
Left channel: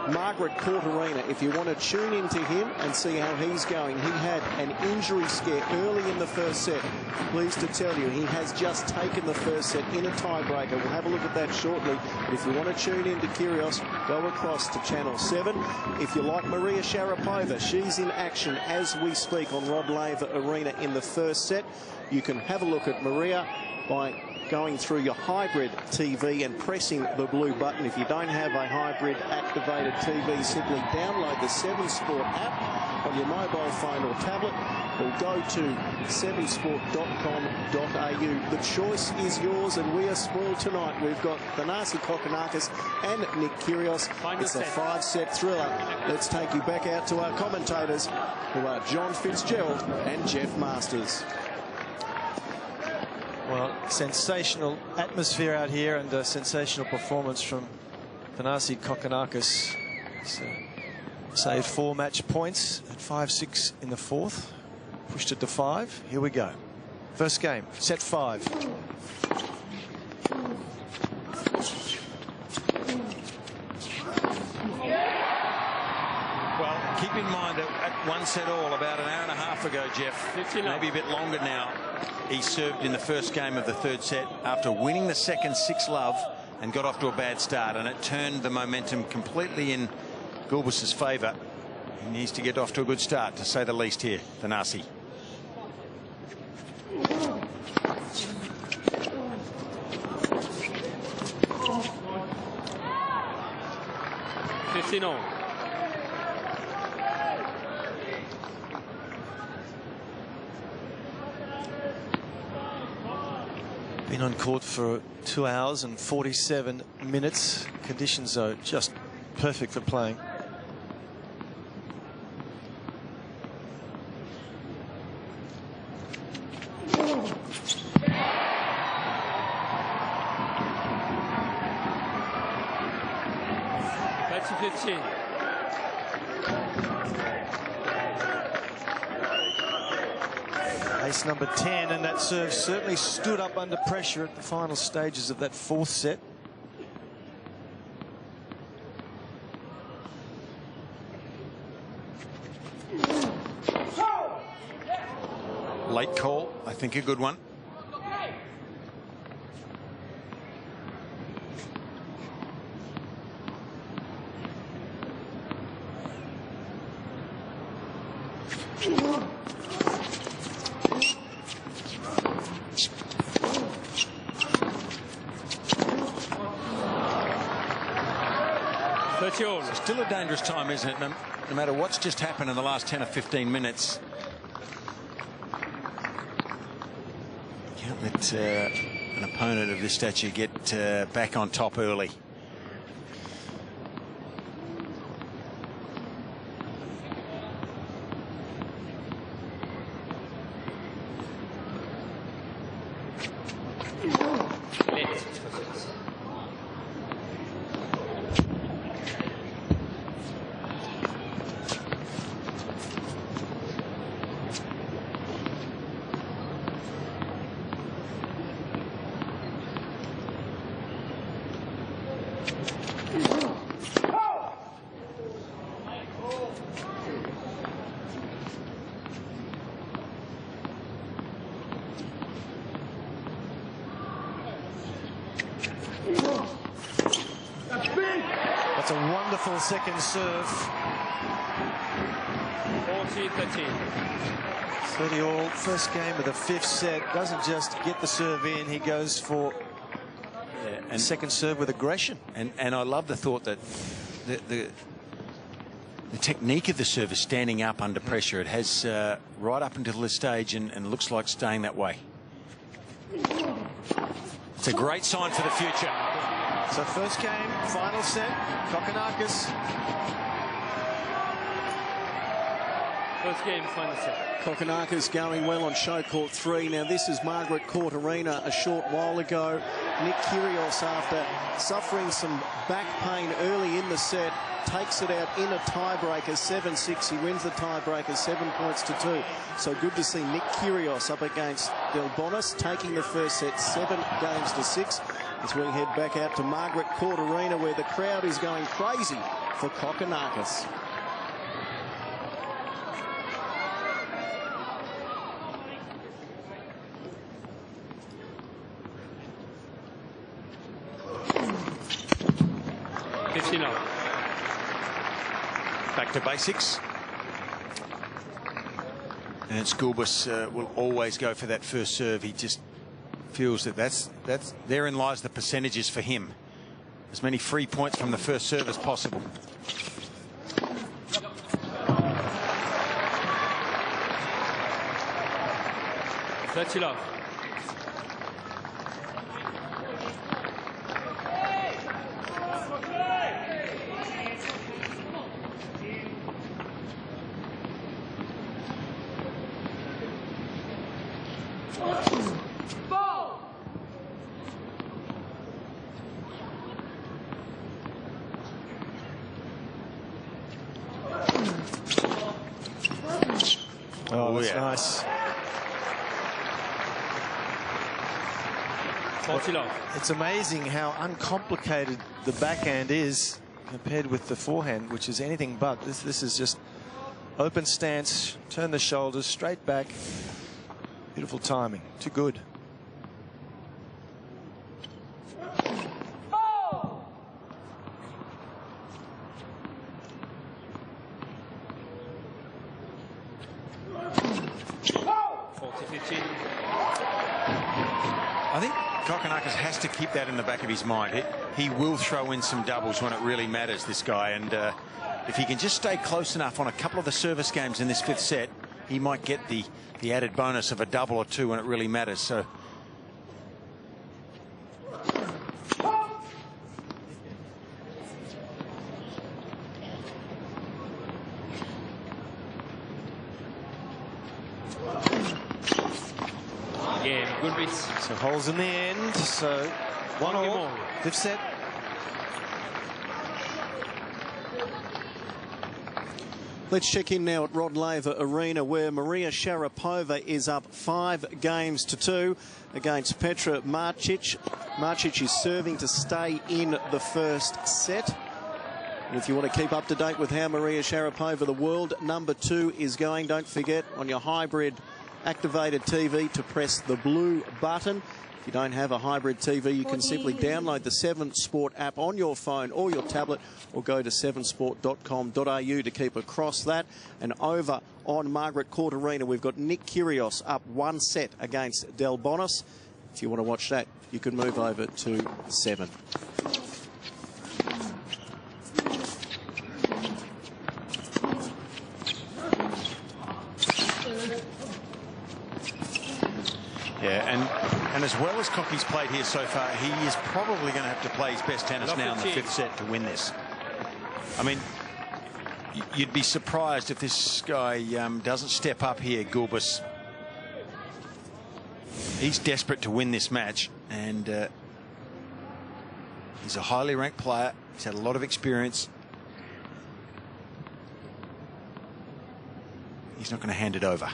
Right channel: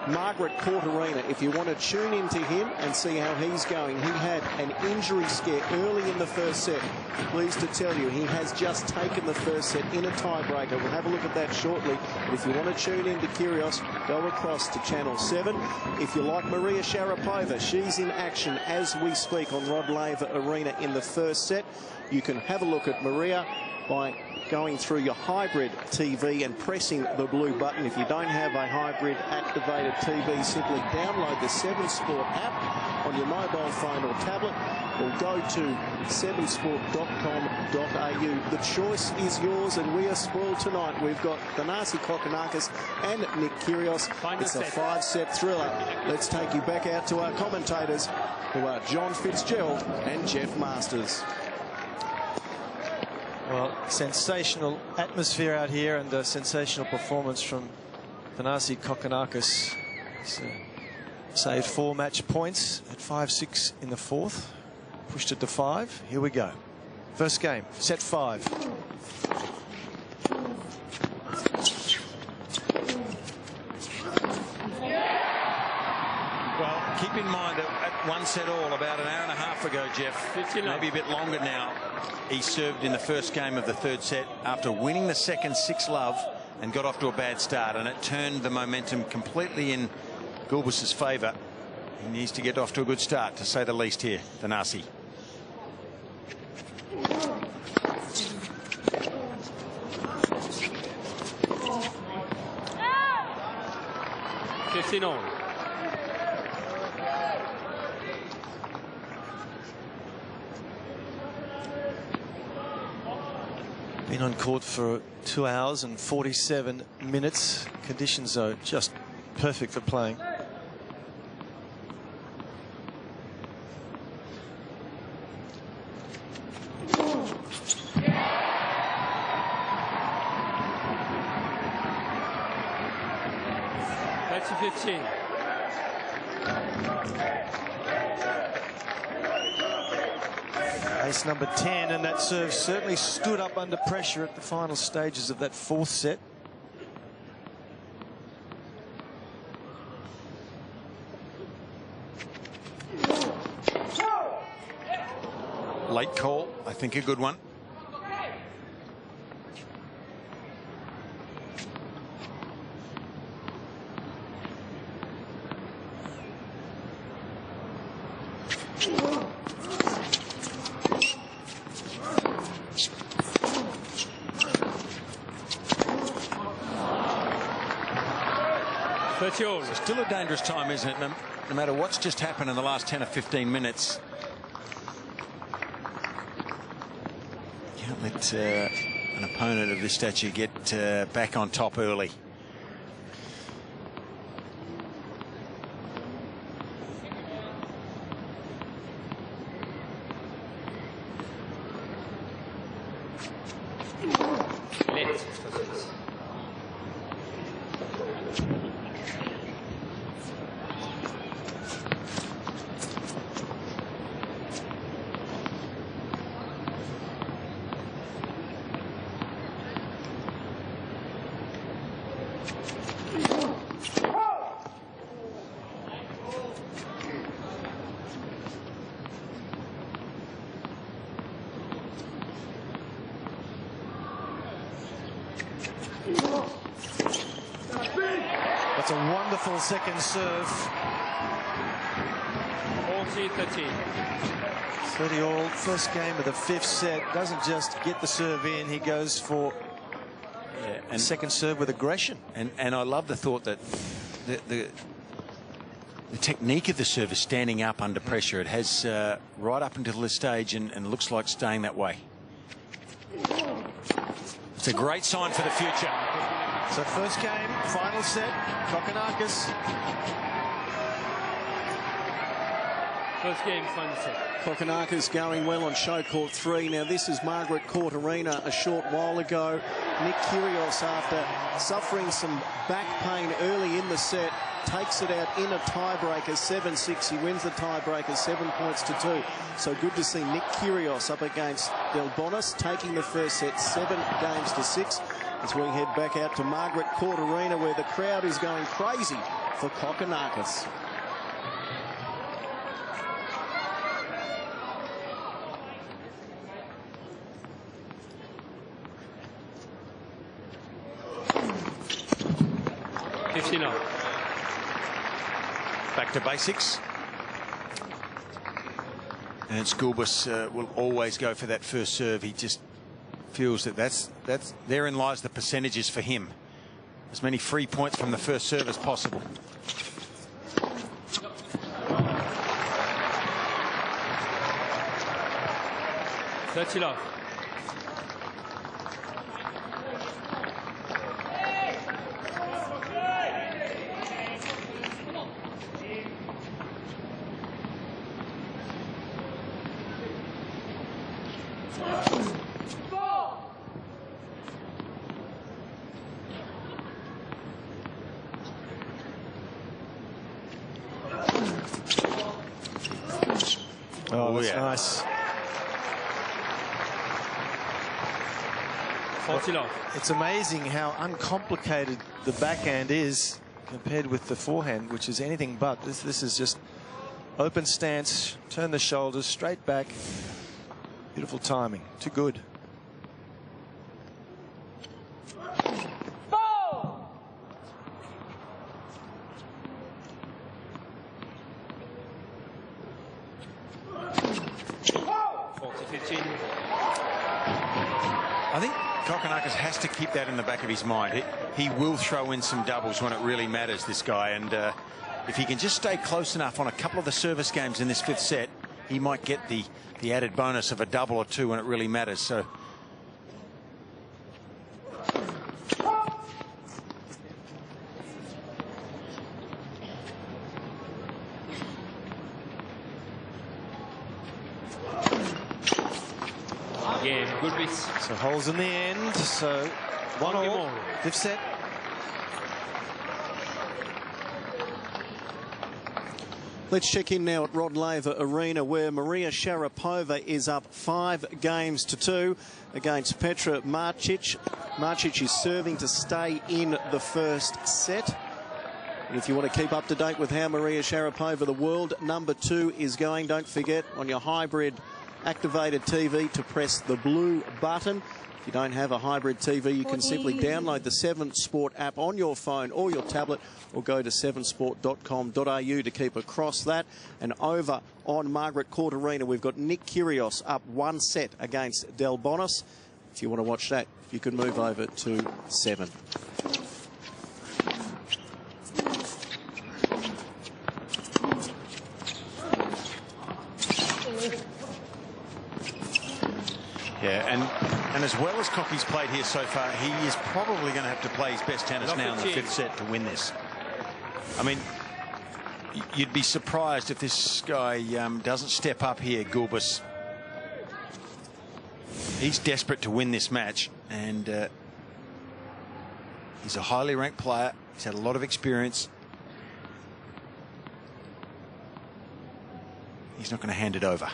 Margaret Court Arena. If you want to tune into him and see how he's going, he had an injury scare early in the first set. Pleased to tell you, he has just taken the first set in a tiebreaker. We'll have a look at that shortly. But if you want to tune in to Kyrgios, go across to Channel 7. If you like Maria Sharapova, she's in action as we speak on Rod Laver Arena in the first set. You can have a look at Maria by going through your hybrid TV and pressing the blue button. If you don't have a hybrid activated TV, simply download the 7Sport app on your mobile phone or tablet, or go to 7sport.com.au. The choice is yours, and we are spoiled tonight. We've got Thanasi Kokkinakis and Nick Kyrgios. It's a 5-set thriller. Let's take you back out to our commentators, who are John Fitzgerald and Jeff Masters. Well, sensational atmosphere out here, and a sensational performance from Thanasi Kokkinakis. He's saved 4 match points at 5-6 in the 4th. Pushed it to 5. Here we go. First game, set 5. Well, keep in mind that at 1 set all, about an hour and a half ago, Jeff, maybe a bit longer now, he served in the first game of the 3rd set after winning the second 6-love and got off to a bad start, and it turned the momentum completely in Gulbis's favour. He needs to get off to a good start, to say the least here, Thanasi. on. Been on court for 2 hours and 47 minutes. Conditions are just perfect for playing. That's 15. Ace number 10, and that serve certainly stood up under pressure at the final stages of that fourth set. Late call, I think a good one. It's still a dangerous time, isn't it? No matter what's just happened in the last 10 or 15 minutes. Can't let an opponent of this stature get back on top early. That's a wonderful second serve. 40-30. 30 all. First game of the fifth set. Doesn't just get the serve in, he goes for a second serve with aggression. And I love the thought that the technique of the serve is standing up under pressure. It has right up until this stage and looks like staying that way. It's a great sign for the future. So first game, final set, Kokkinakis. First game, final set. Kokkinakis going well on show court 3. Now this is Margaret Court Arena a short while ago. Nick Kyrgios, after suffering some back pain early in the set, takes it out in a tiebreaker, 7-6. He wins the tiebreaker, 7-2. So good to see Nick Kyrgios up against Del Bonis, taking the first set 7-6. As we head back out to Margaret Court Arena, where the crowd is going crazy for Kokkinakis. Back to basics. Ernests Gulbis will always go for that first serve. He just feels that that's therein lies the percentages for him. As many free points from the first serve as possible. Love. Oh, that's nice. 40 love. It's amazing how uncomplicated the backhand is compared with the forehand, which is anything but. This is just open stance, turn the shoulders, straight back. Beautiful timing. Too good. I think Kokkinakis has to keep that in the back of his mind. He will throw in some doubles when it really matters, this guy. And if he can just stay close enough on a couple of the service games in this fifth set, he might get the added bonus of a double or two when it really matters. So game, Gulbis. So holes in the end. So one all. Fifth set. Let's check in now at Rod Laver Arena, where Maria Sharapova is up 5 games to 2 against Petra Martic. Martic is serving to stay in the first set. And if you want to keep up to date with how Maria Sharapova, the world #2, is going, don't forget on your hybrid activated TV to press the blue button. If you don't have a hybrid TV, you can simply download the 7 Sport app on your phone or your tablet, or go to 7sport.com.au to keep across that. And over on Margaret Court Arena, we've got Nick Kyrgios up 1 set against Del Bonis. If you want to watch that, you can move over to 7. Yeah, and as well as Cocky's played here so far, he is probably going to have to play his best tennis now in the 5th set to win this. I mean, you'd be surprised if this guy doesn't step up here, Gulbis. He's desperate to win this match, and he's a highly ranked player. He's had a lot of experience. He's not going to hand it over.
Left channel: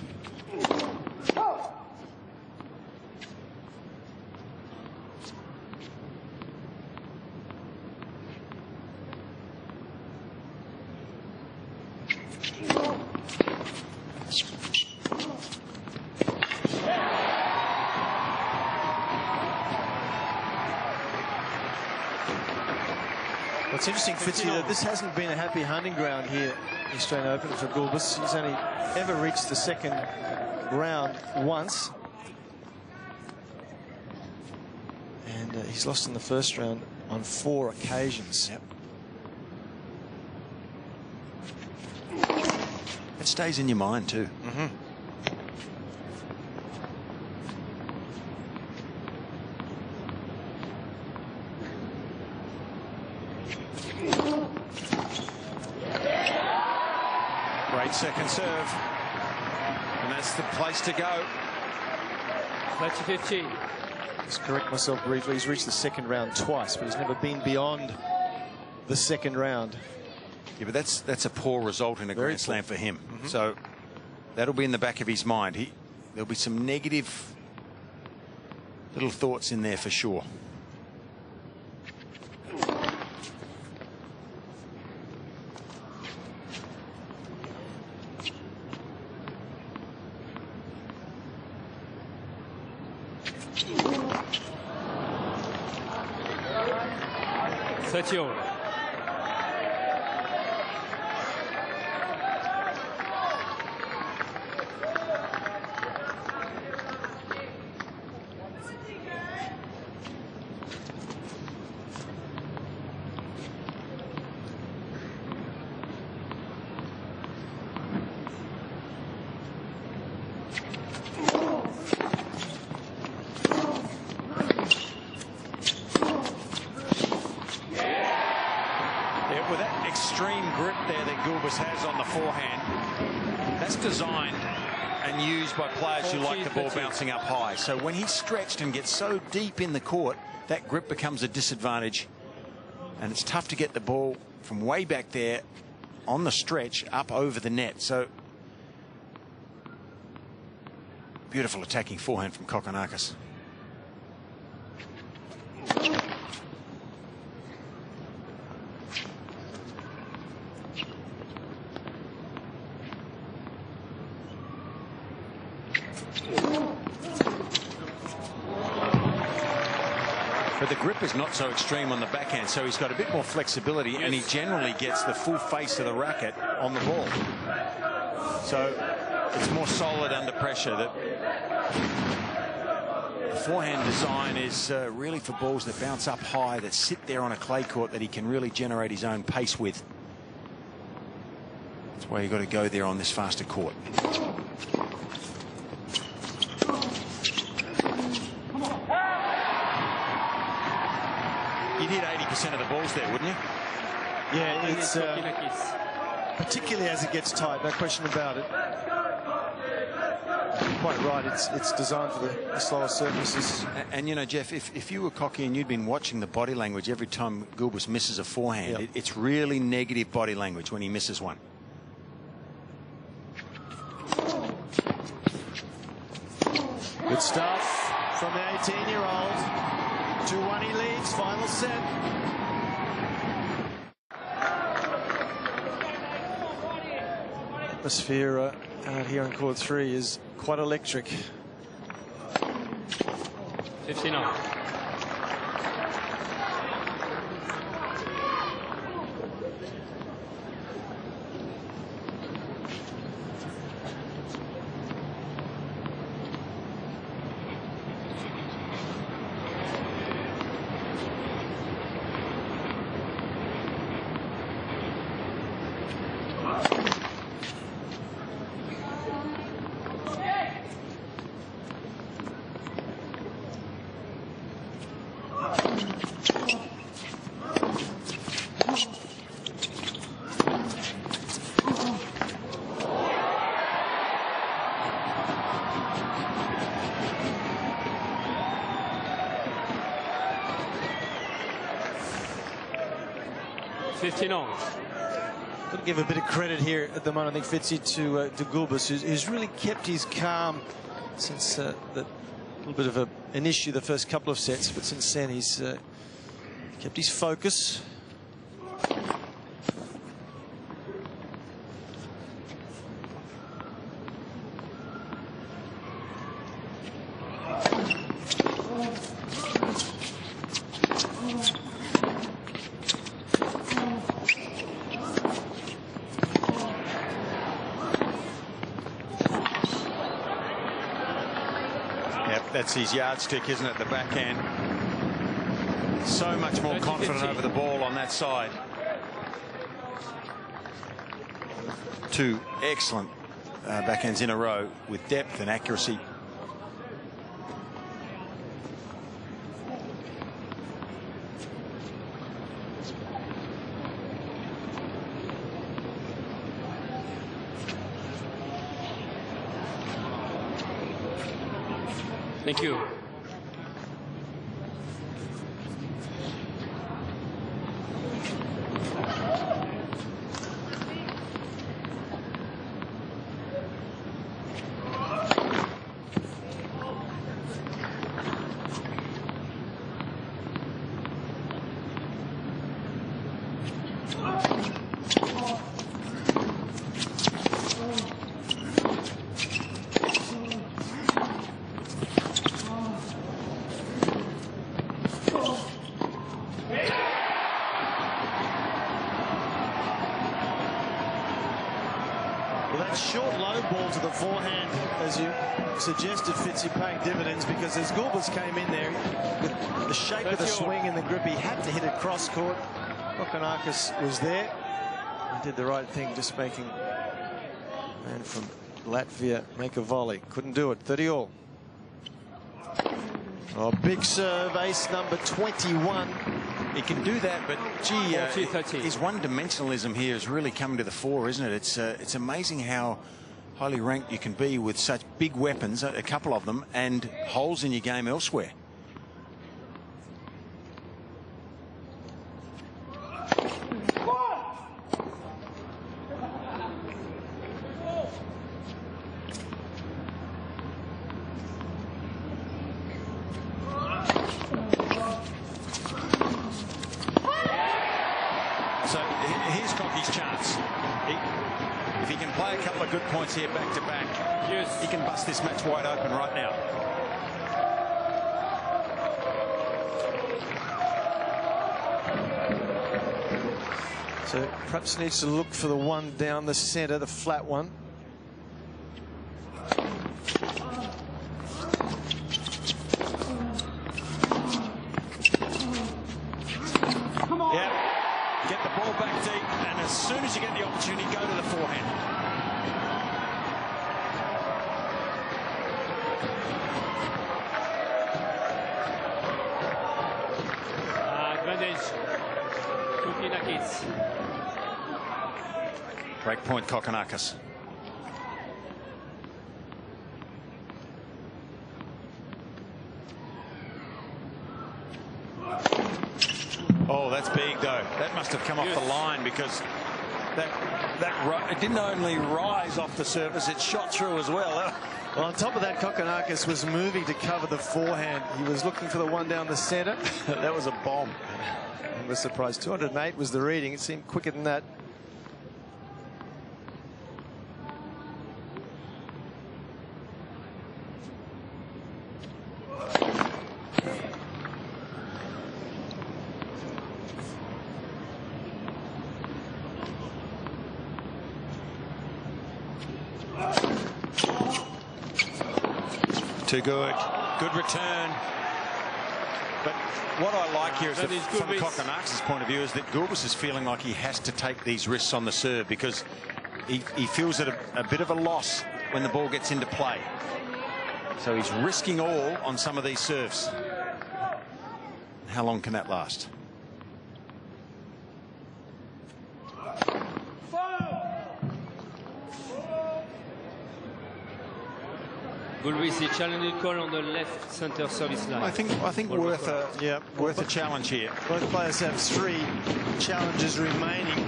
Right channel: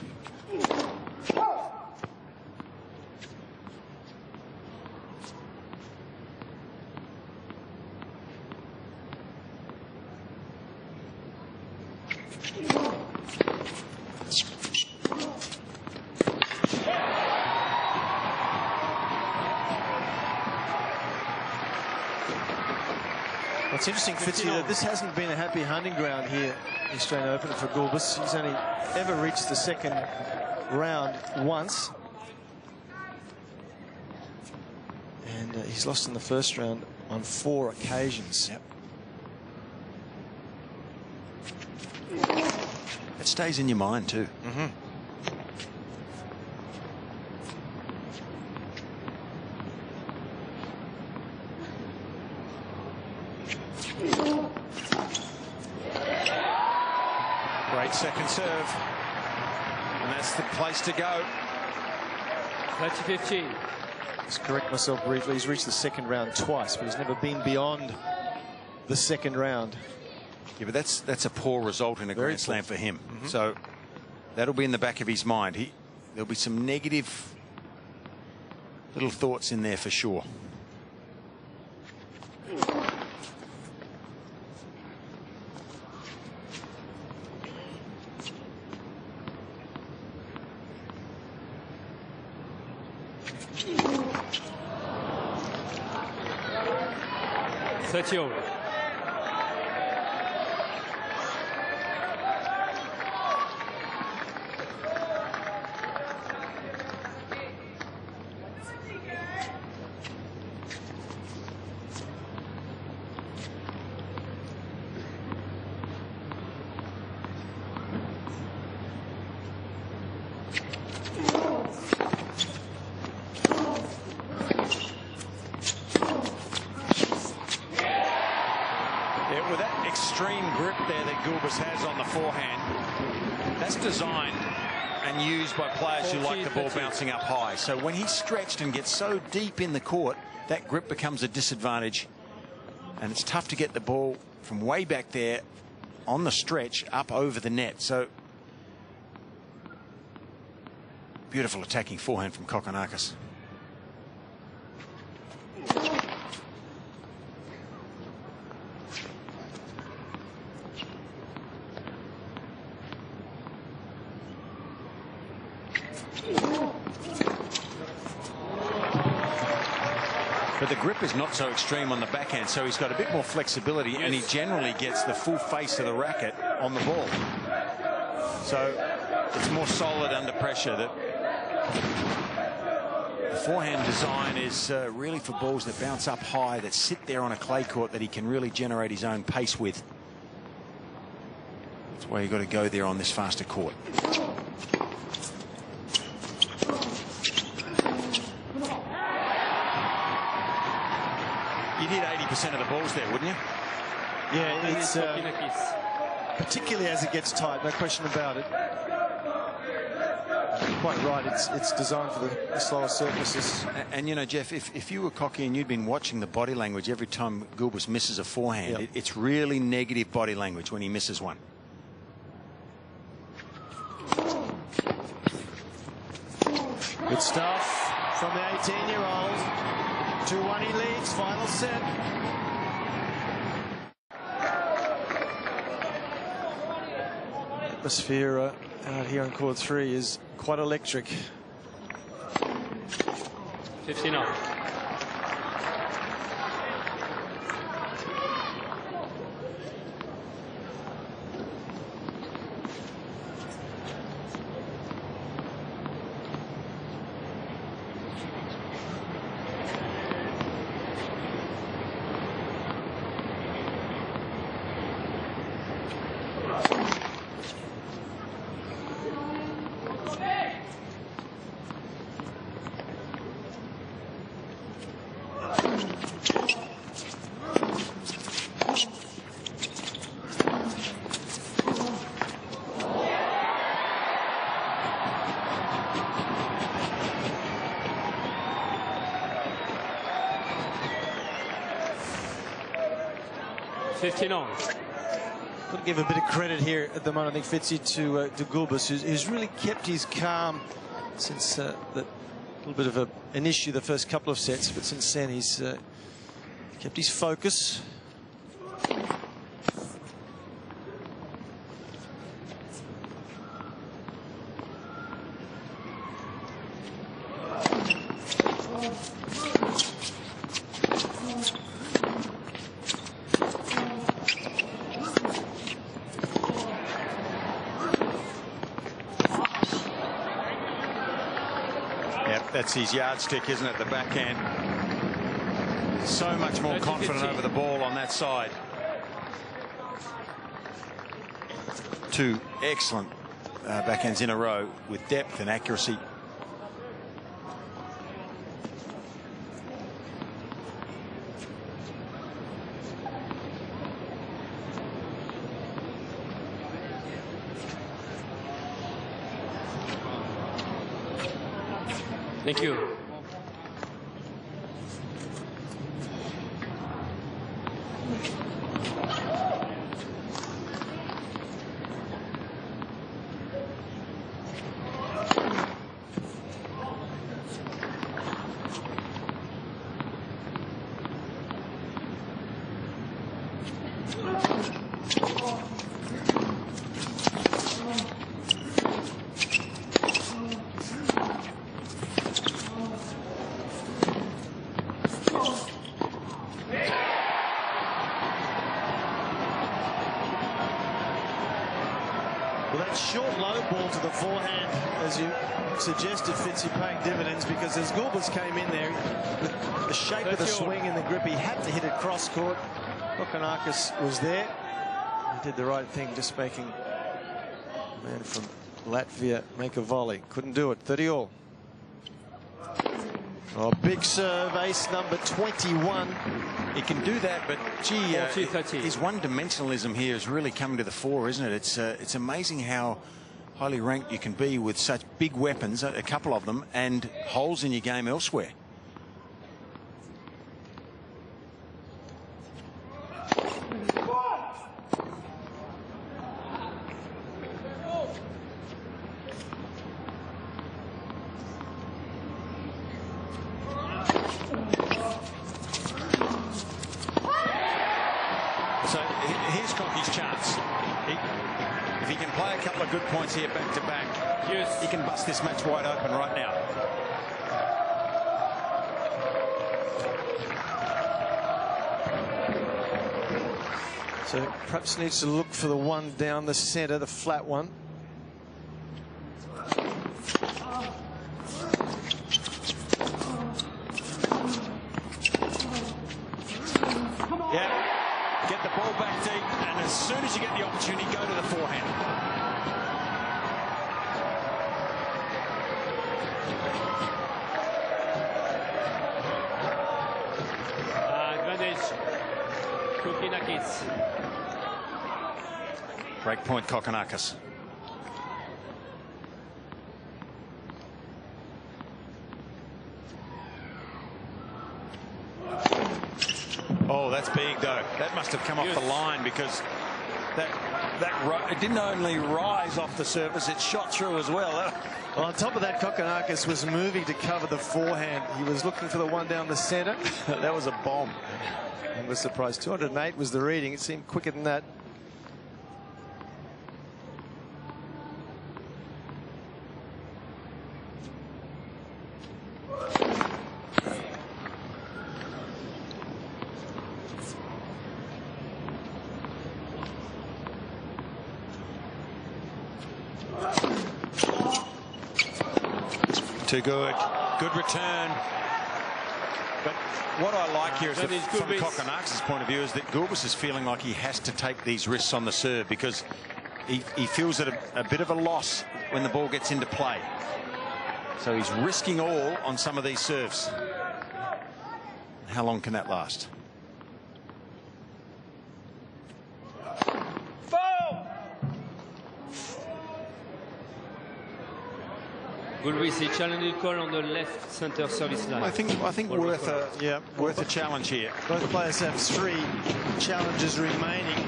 What's interesting, Fitzy, that this hasn't been a happy hunting ground here, the Australian Open, for Gulbis. He's only ever reached the second round once. And he's lost in the first round on 4 occasions. Yep. It stays in your mind too. Mm-hmm. Great second serve, and that's the place to go. 30-15. Just correct myself briefly. He's reached the second round twice, but he's never been beyond the second round. Yeah, but that's a poor result in a Grand Slam for him. Mm-hmm. So that'll be in the back of his mind. There'll be some negative little thoughts in there for sure. All. With that extreme grip there that Gulbis has on the forehand, that's designed and used by players who like the ball bouncing up high. So when he's stretched and gets so deep in the court, that grip becomes a disadvantage, and it's tough to get the ball from way back there on the stretch up over the net. So beautiful attacking forehand from Kokkinakis. But the grip is not so extreme on the backhand, so he's got a bit more flexibility, and he generally gets the full face of the racket on the ball. So it's more solid under pressure. The forehand design is really for balls that bounce up high, that sit there on a clay court, that he can really generate his own pace with. That's why you've got to go there on this faster court. You'd hit 80% of the balls there, wouldn't you? Yeah, it's particularly as it gets tight, no question about it. Quite right, it's designed for the slower surfaces. And you know, Jeff, if you were Cocky and you'd been watching the body language every time Gulbis misses a forehand, yep, it's really negative body language when he misses one. stuff from the 18-year-old. 2-1 he leads, final set. Atmosphere out here on court 3 is quite electric. 59. Got to give a bit of credit here at the moment, I think, Fitzy, to Gulbis, who's really kept his calm since that little bit of an issue the first couple of sets, but since then he's kept his focus. That's his yardstick, isn't it? The backhand. So much more confident over the ball on that side. Two excellent backhands in a row with depth and accuracy. Thank you. Well, that short low ball to the forehand, as you suggested, Fitzy, paying dividends, because as Gulbis came in there with the shape of the swing and the grip, he had to hit it cross court. Kokkinakis was there. He did the right thing, just making the man from Latvia make a volley. Couldn't do it. 30-all. Oh, big serve, ace number 21. He can do that, but gee, his one-dimensionalism here is really coming to the fore, isn't it? It's amazing how highly ranked you can be with such big weapons, a couple of them, and holes in your game elsewhere. So here's Cocky's chance. If he can play a couple of good points here back to back, yes, he can bust this match wide open right now. So perhaps needs to look for the one down the center, the flat one. Yep. Get the ball back deep, and as soon as you get the opportunity, go to the forehand. Advantage, Kokkinakis. Break point, Kokkinakis. Oh, that's big, though. That must have come off the line, because it didn't only rise off the surface, it shot through as well. Well, on top of that, Kokkinakis was moving to cover the forehand. He was looking for the one down the centre. That was a bomb. And was surprised. 208 was the reading. It seemed quicker than that. Too good. Good return. But what I like here is that from Kokkinakis' point of view is that Gulbis is feeling like he has to take these risks on the serve because he feels it a bit of a loss when the ball gets into play. So he's risking all on some of these serves. How long can that last? Gulbis, he challenged the call on the left center service line. I think worth a challenge here. Both players have 3 challenges remaining.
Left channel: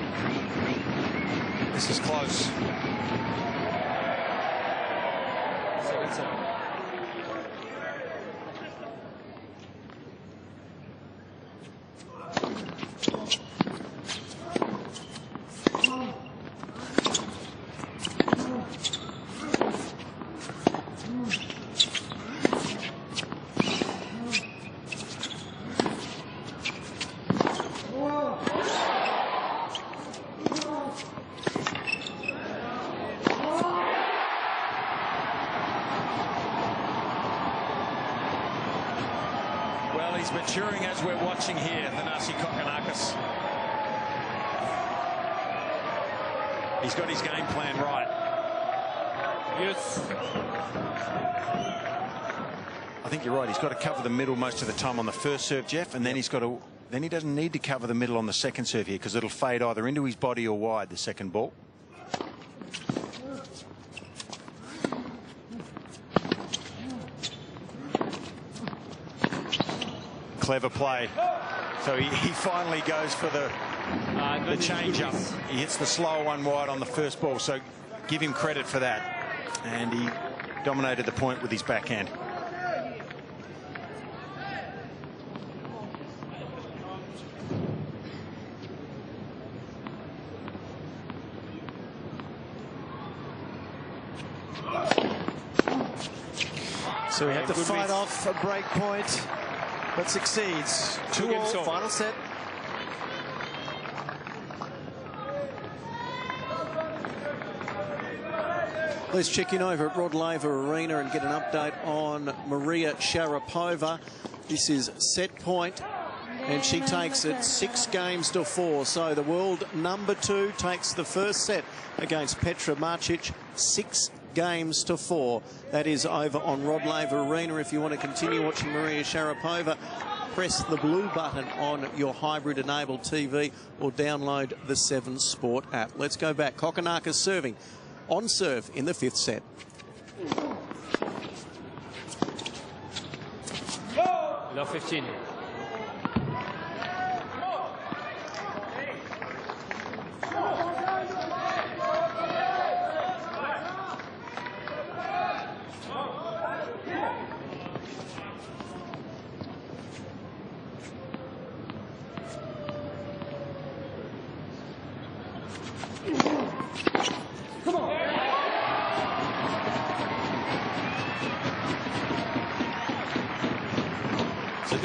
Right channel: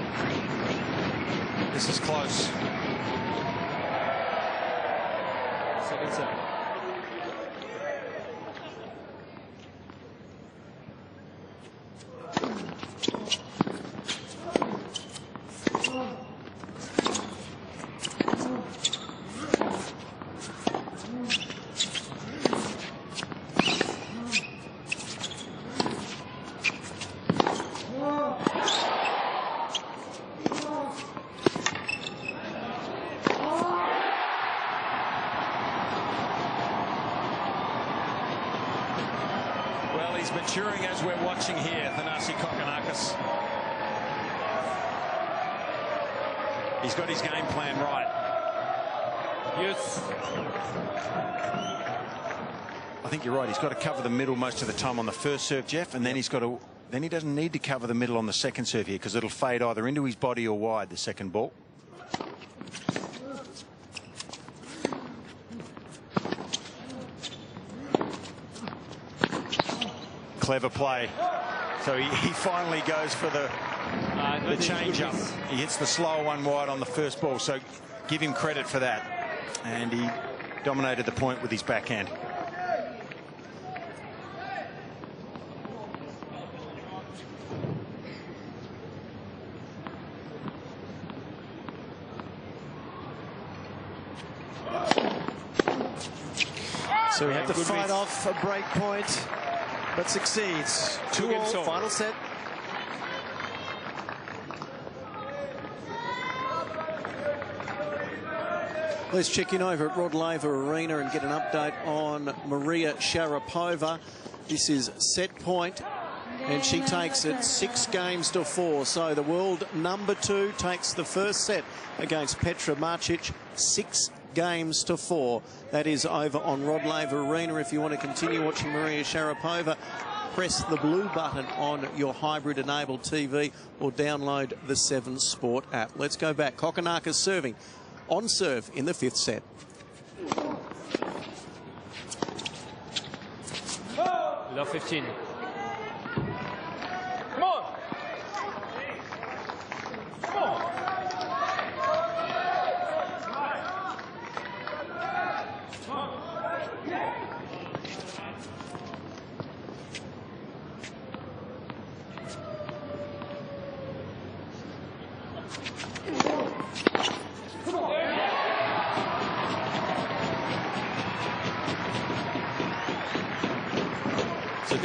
This is close. Second serve. Well, he's maturing as we're watching here, Thanasi Kokkinakis. He's got his game plan right. Yes. I think you're right. He's got to cover the middle most of the time on the first serve, Jeff, and then he's got to. Then he doesn't need to cover the middle on the second serve here because it'll fade either into his body or wide, the second ball. Clever play. So he finally goes for the change-up. He hits the slower one wide on the first ball, so give him credit for that. And he dominated the point with his backhand. So he had to fight off a break point, but succeeds. 2-all, final set. Let's check in over at Rod Laver Arena and get an update on Maria Sharapova. This is set point, and she takes it 6-4. So the world number 2 takes the first set against Petra Martic 6-4. That is over on Rod Laver Arena. If you want to continue watching Maria Sharapova, press the blue button on your hybrid-enabled TV or download the 7 Sport app. Let's go back. Kokkinakis serving on serve in the 5th set. Love 15. So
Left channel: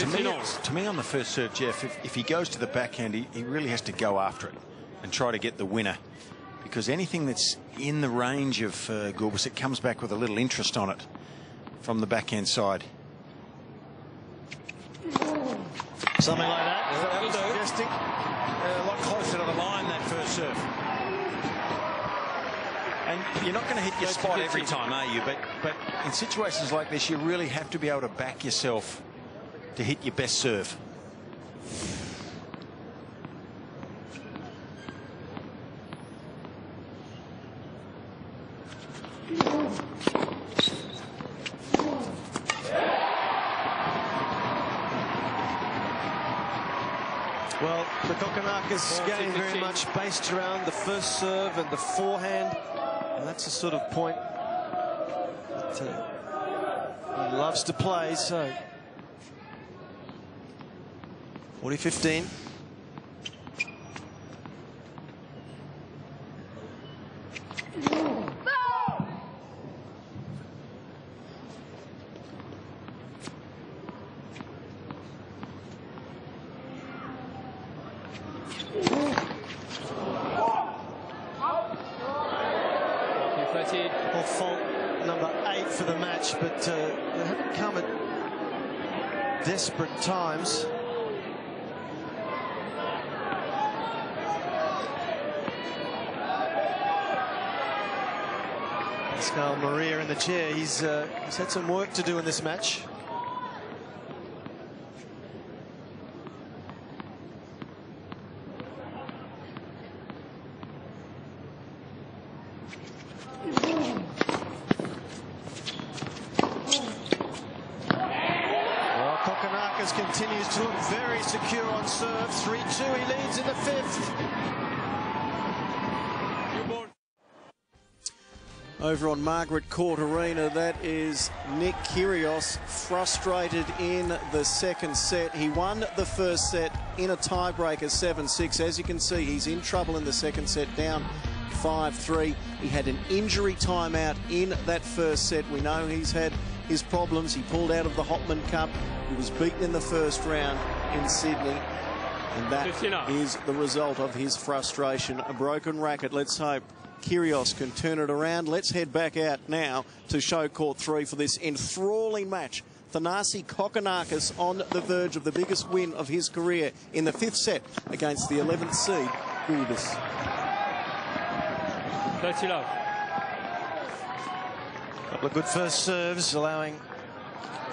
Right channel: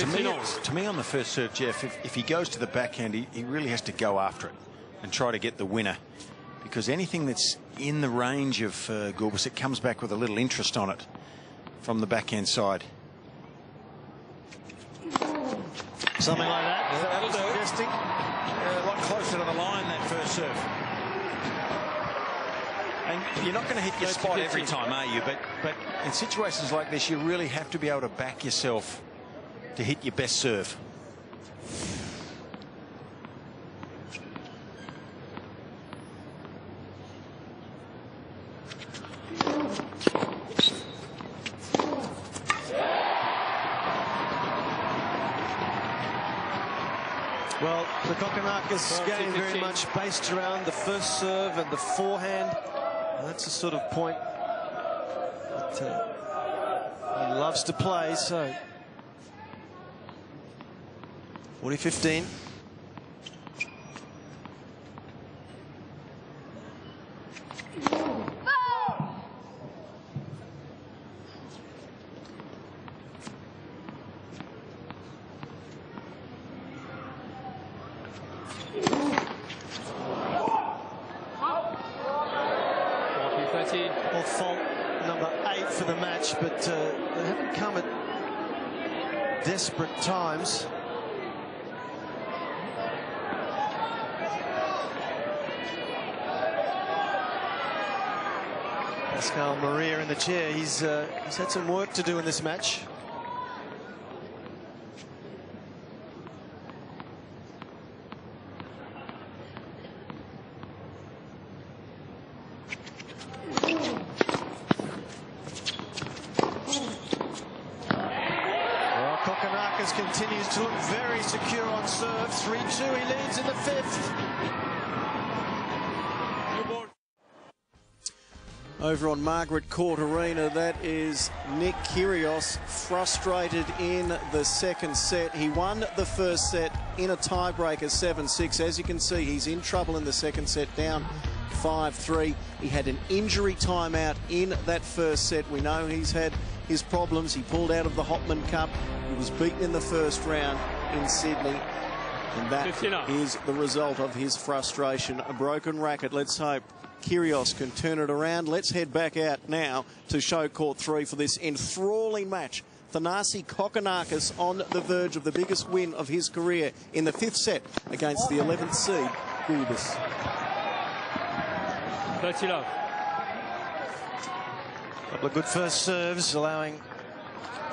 to me on the first serve, Jeff, if he goes to the backhand, he really has to go after it and try to get the winner, because anything that's in the range of Gulbis, it comes back with a little interest on it from the backhand side. Something like that. That'll do. Suggesting. A lot closer to the line, that first serve. And you're not going to hit your spot every time, are you? But in situations like this, you really have to be able to back yourself to hit your best serve. Well, the Kokkinakis game very much based around the first serve and the forehand. And that's the sort of point that he loves to play. So 40-15. Well, fault number 8 for the match, but they haven't come at desperate times. Pascal Maria in the chair. He's had some work to do in this match. Kokkinakis continues to look very secure on serve. 3-2, he leads in the 5th. Over on Margaret Court Arena, that is Nick Kyrgios, frustrated in the second set. He won the first set in a tiebreaker 7-6. As you can see, he's in trouble in the second set, down 5-3. He had an injury timeout in that first set. We know he's had his problems. He pulled out of the Hopman Cup. He was beaten in the first round in Sydney, and that is the result of his frustration. A broken racket. Let's hope Kyrgios can turn it around. Let's head back out now to show court 3 for this enthralling match. Thanasi Kokkinakis on the verge of the biggest win of his career in the 5th set against the 11th seed, Gulbis. 30 love. Couple of good first serves, allowing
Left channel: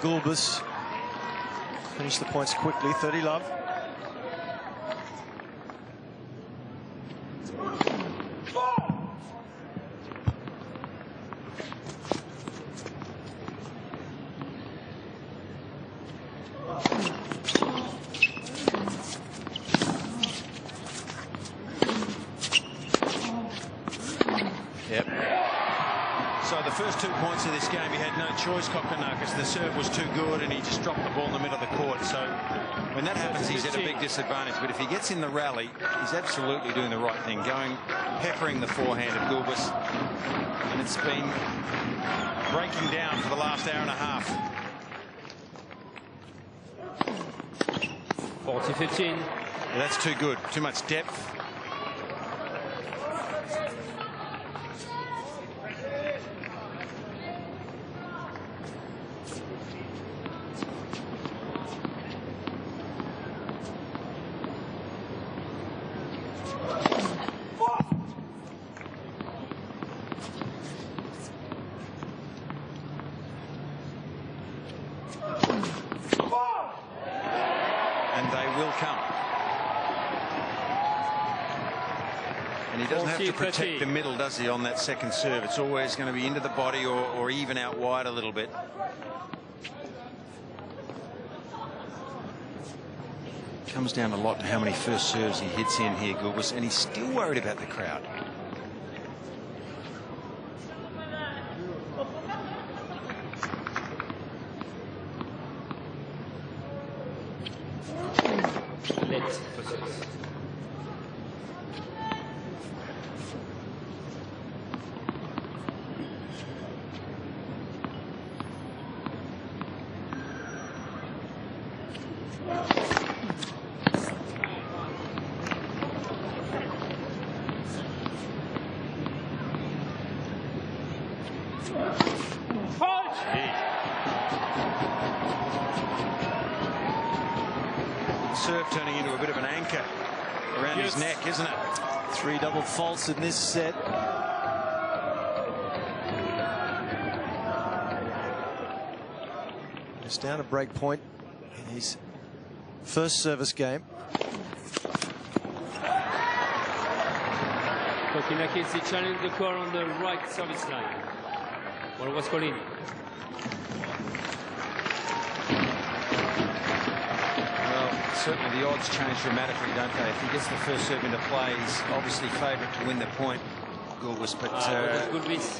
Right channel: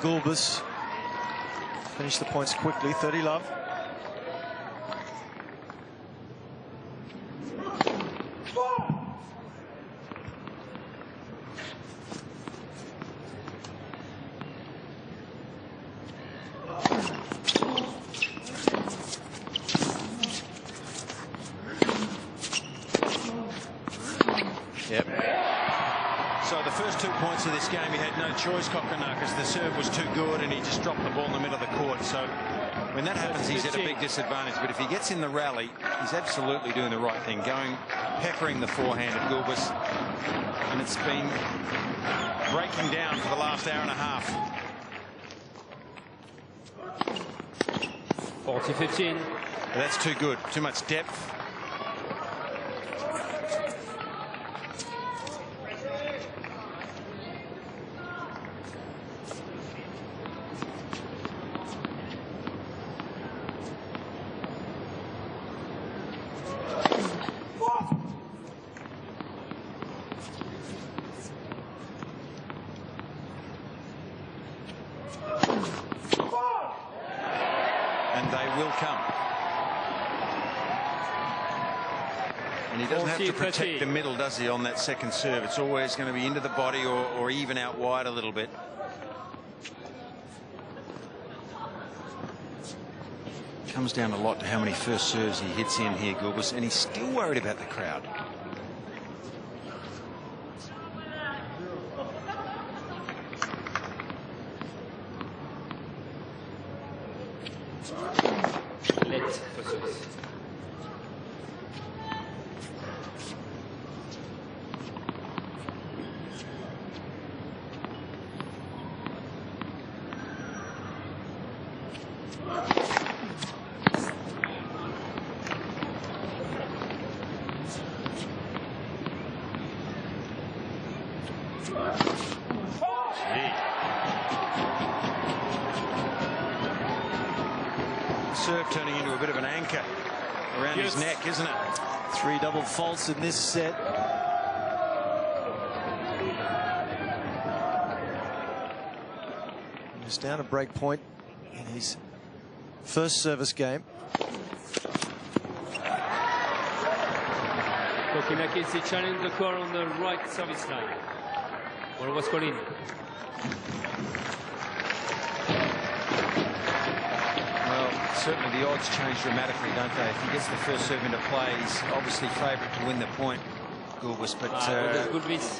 Gulbis finish the points quickly. 30 love. Yep. So the first 2 points of this game, he had no choice, Kokkinakis. The serve was too good and he just dropped the ball in the middle of the court. So when that happens, he's at a big disadvantage. But if he gets in the rally, he's absolutely doing the right thing, peppering the forehand of Gulbis. And it's been breaking down for the last hour and a half. 40-15. That's too good. Too much depth. And they will come. And he doesn't have to protect the middle, does he, on that second serve? It's always going to be into the body or even out wide a little bit. Comes down a lot to how many first serves he hits in here, Gulbis, and he's still worried about the crowd. Serve turning into a bit of an anchor around his neck, isn't it? 3 double faults in this set. He's down a break point in his first service game. Kokkinakis, he challenged the call on the right service line. What was calling? Well, Certainly the odds change dramatically, don't they? If he gets the first serve into play, he's obviously favourite to win the point, Gulbis, but Gulbis.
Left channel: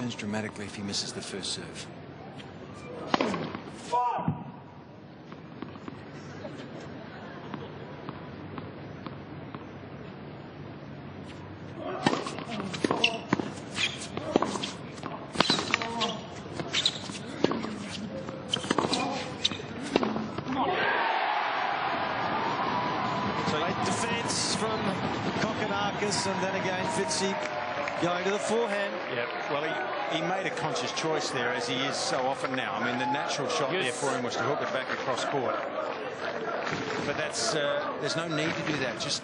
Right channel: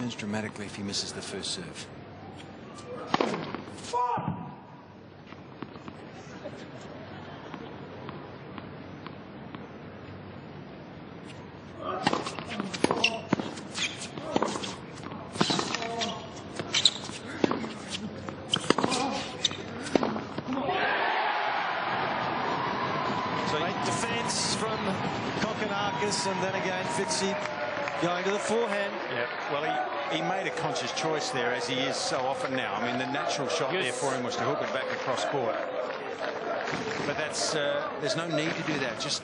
turns dramatically if he misses the first serve. Great defence from Kokkinakis, and then again Fitzy going to the forehand. Yeah, well, he made a conscious choice there, as he is so often now. I mean, the natural shot there for him was to hook it back across court. But that's there's no need to do that. Just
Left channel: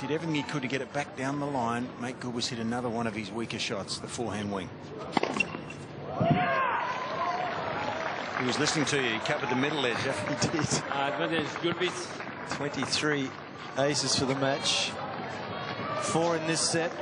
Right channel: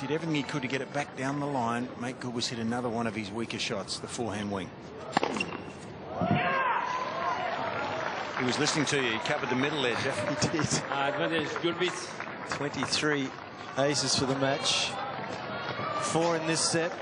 did everything he could to get it back down the line, make Gulbis hit another one of his weaker shots, the forehand wing. He was listening to you. He covered the middle edge. He did. Advantage Gulbis. 23 aces for the match. 4 in this set.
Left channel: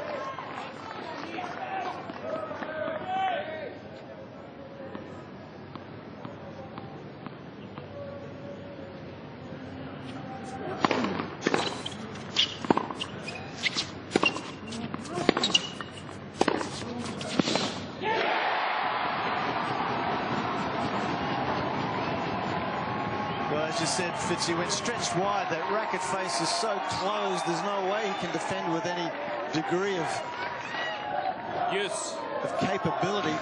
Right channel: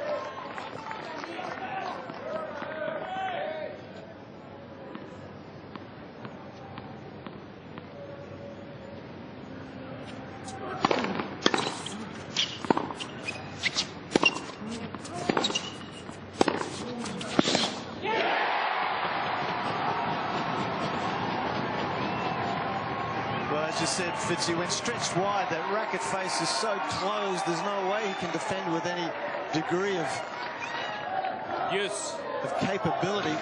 Well, as you said, Fitzy, when stretched wide, that racket face is so closed, there's no way he can defend with any degree of capability.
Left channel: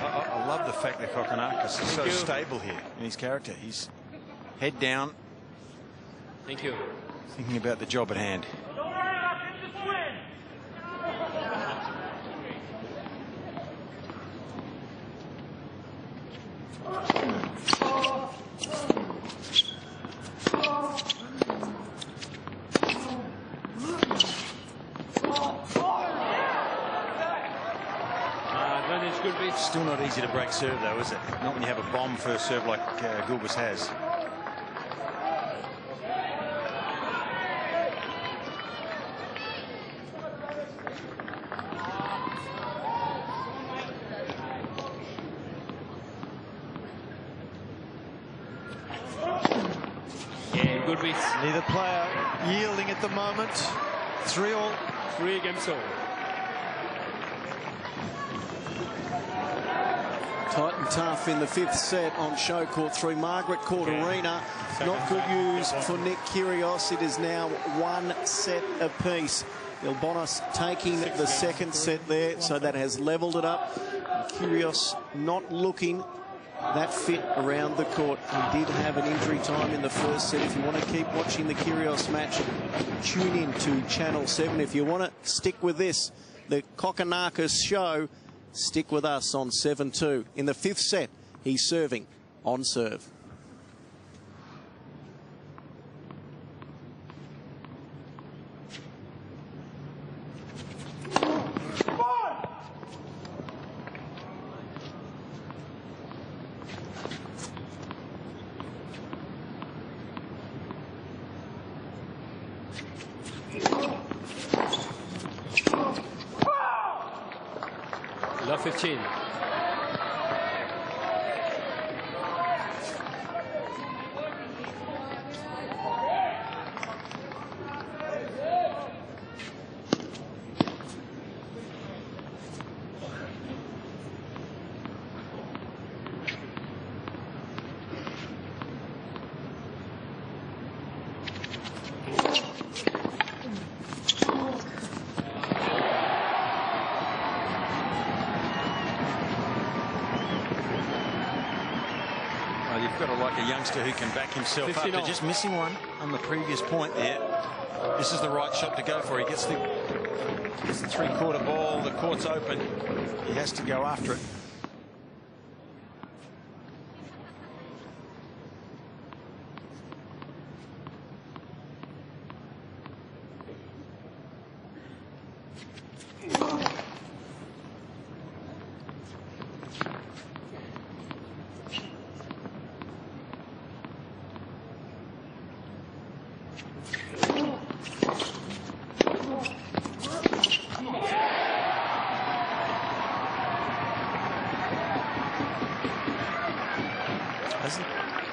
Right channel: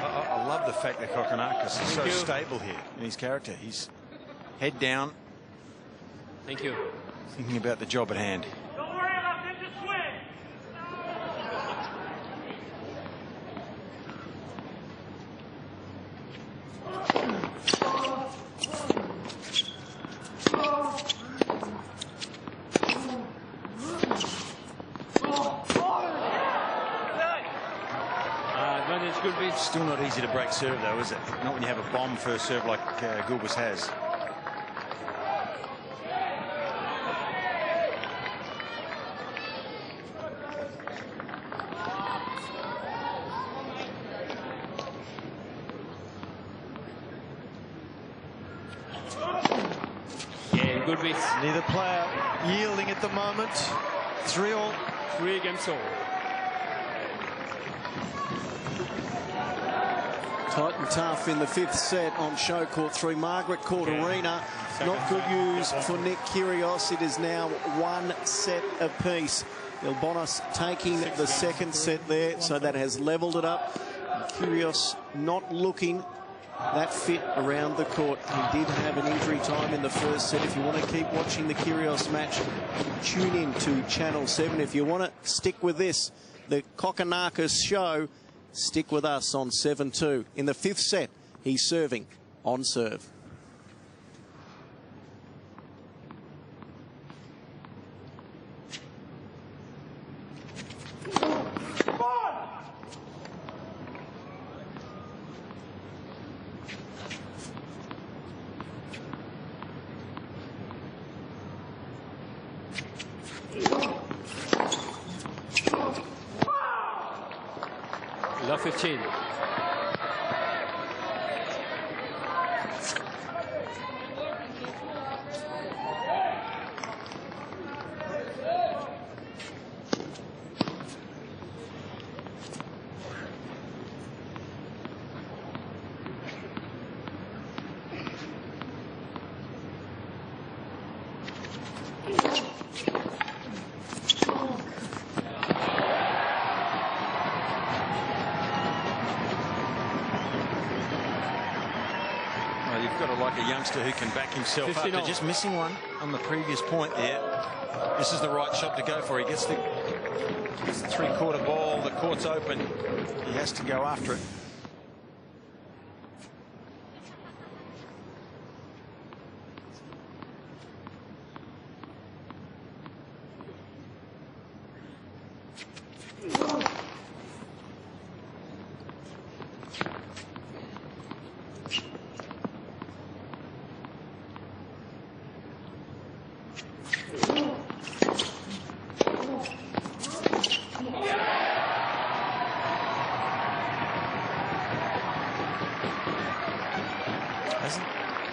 I love the fact that Kokkinakis is so stable here in his character. He's head down. Thank you. Thinking about the job at hand. Still not easy to break serve, though, is it? Not when you have a bomb first serve like Gulbis has. Yeah, Gulbis. Neither player yielding at the moment. 3-all. 3 games all. Tight and tough in the 5th set on show court 3, Margaret Court Arena. Not good news for Nick Kyrgios. It is now 1 set apiece. Gulbis taking the 2nd set there, so that has levelled it up. Kyrgios not looking that fit around the court. He did have an injury time in the 1st set. If you want to keep watching the Kyrgios match, tune in to Channel 7. If you want to stick with this, the Kokkinakis show, stick with us on 7-2. In the 5th set, he's serving on serve. Love 15. You've got to like a youngster who can back himself up. They're just missing one on the previous point there. This is the right shot to go for. He gets the 3-quarter ball. The court's open. He has to go after it.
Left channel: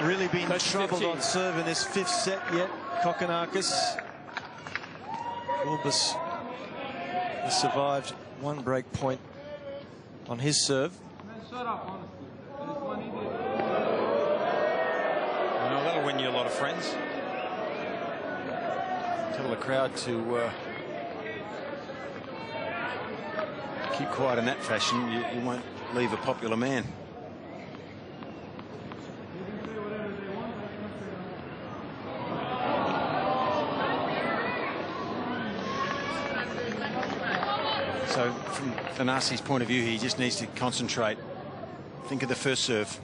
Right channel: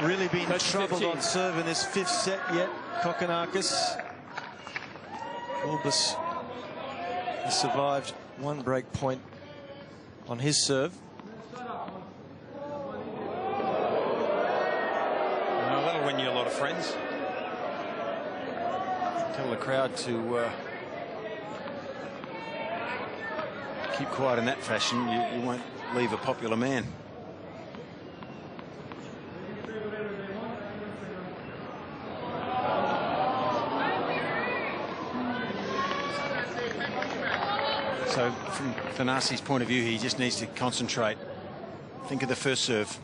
really been That's troubled 15. on serve in this fifth set yet, Kokkinakis. Gulbis has survived one break point on his serve. Well, that'll win you a lot of friends. Tell the crowd to keep quiet in that fashion. You won't leave a popular man. So from Thanasi's point of view, he just needs to concentrate. Think of the first serve.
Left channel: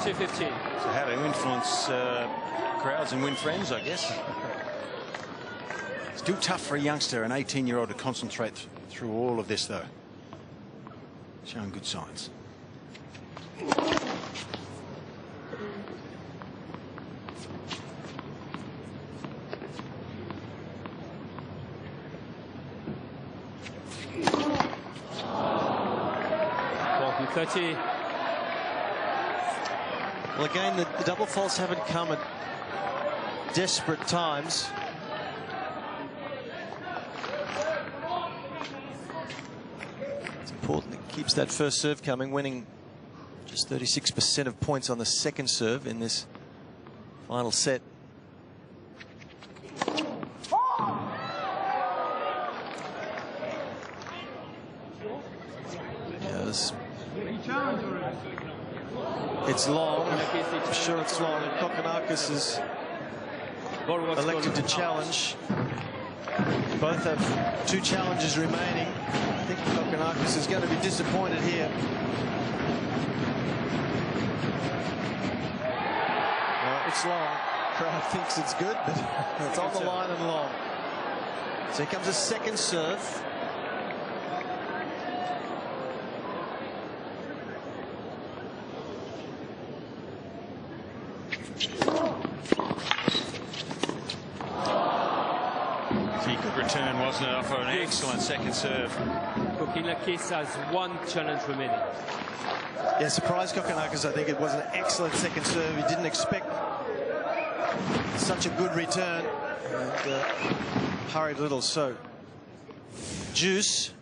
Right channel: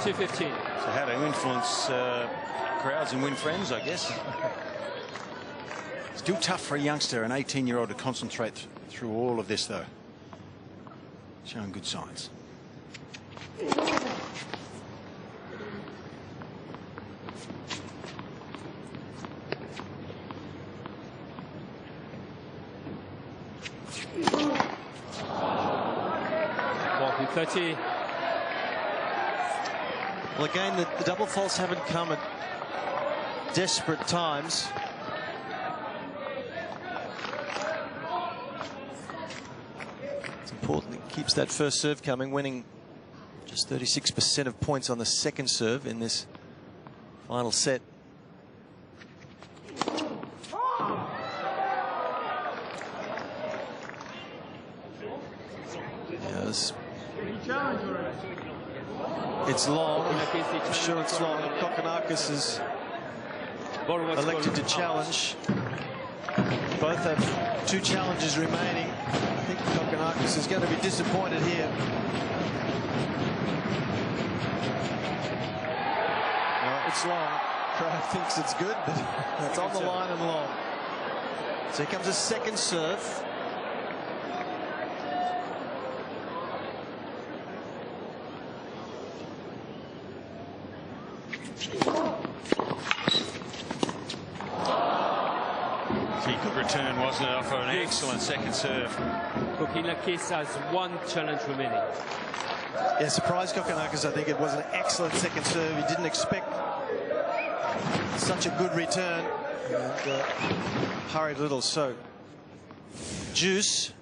So 15. So how to influence crowds and win friends, I guess. Still tough for a youngster, an 18-year-old, to concentrate through all of this, though. Showing good signs. .30. Well, again, the double faults haven't come at desperate times. It's important it keeps that first serve coming, winning just 36% of points on the second serve in this final set. Yes. It's long. I'm sure it's long. Kokkinakis is elected to challenge. Both have 2 challenges remaining. I think Kokkinakis is going to be disappointed here. It's long. Crowd thinks it's good, but it's on the line and long. So here comes a second serve. Good return, wasn't it, off an excellent second serve. Kokkinakis has 1 challenge remaining. Yeah, surprised Kokkinakis. I think it was an excellent second serve. He didn't expect such a good return and hurried a little. So Juice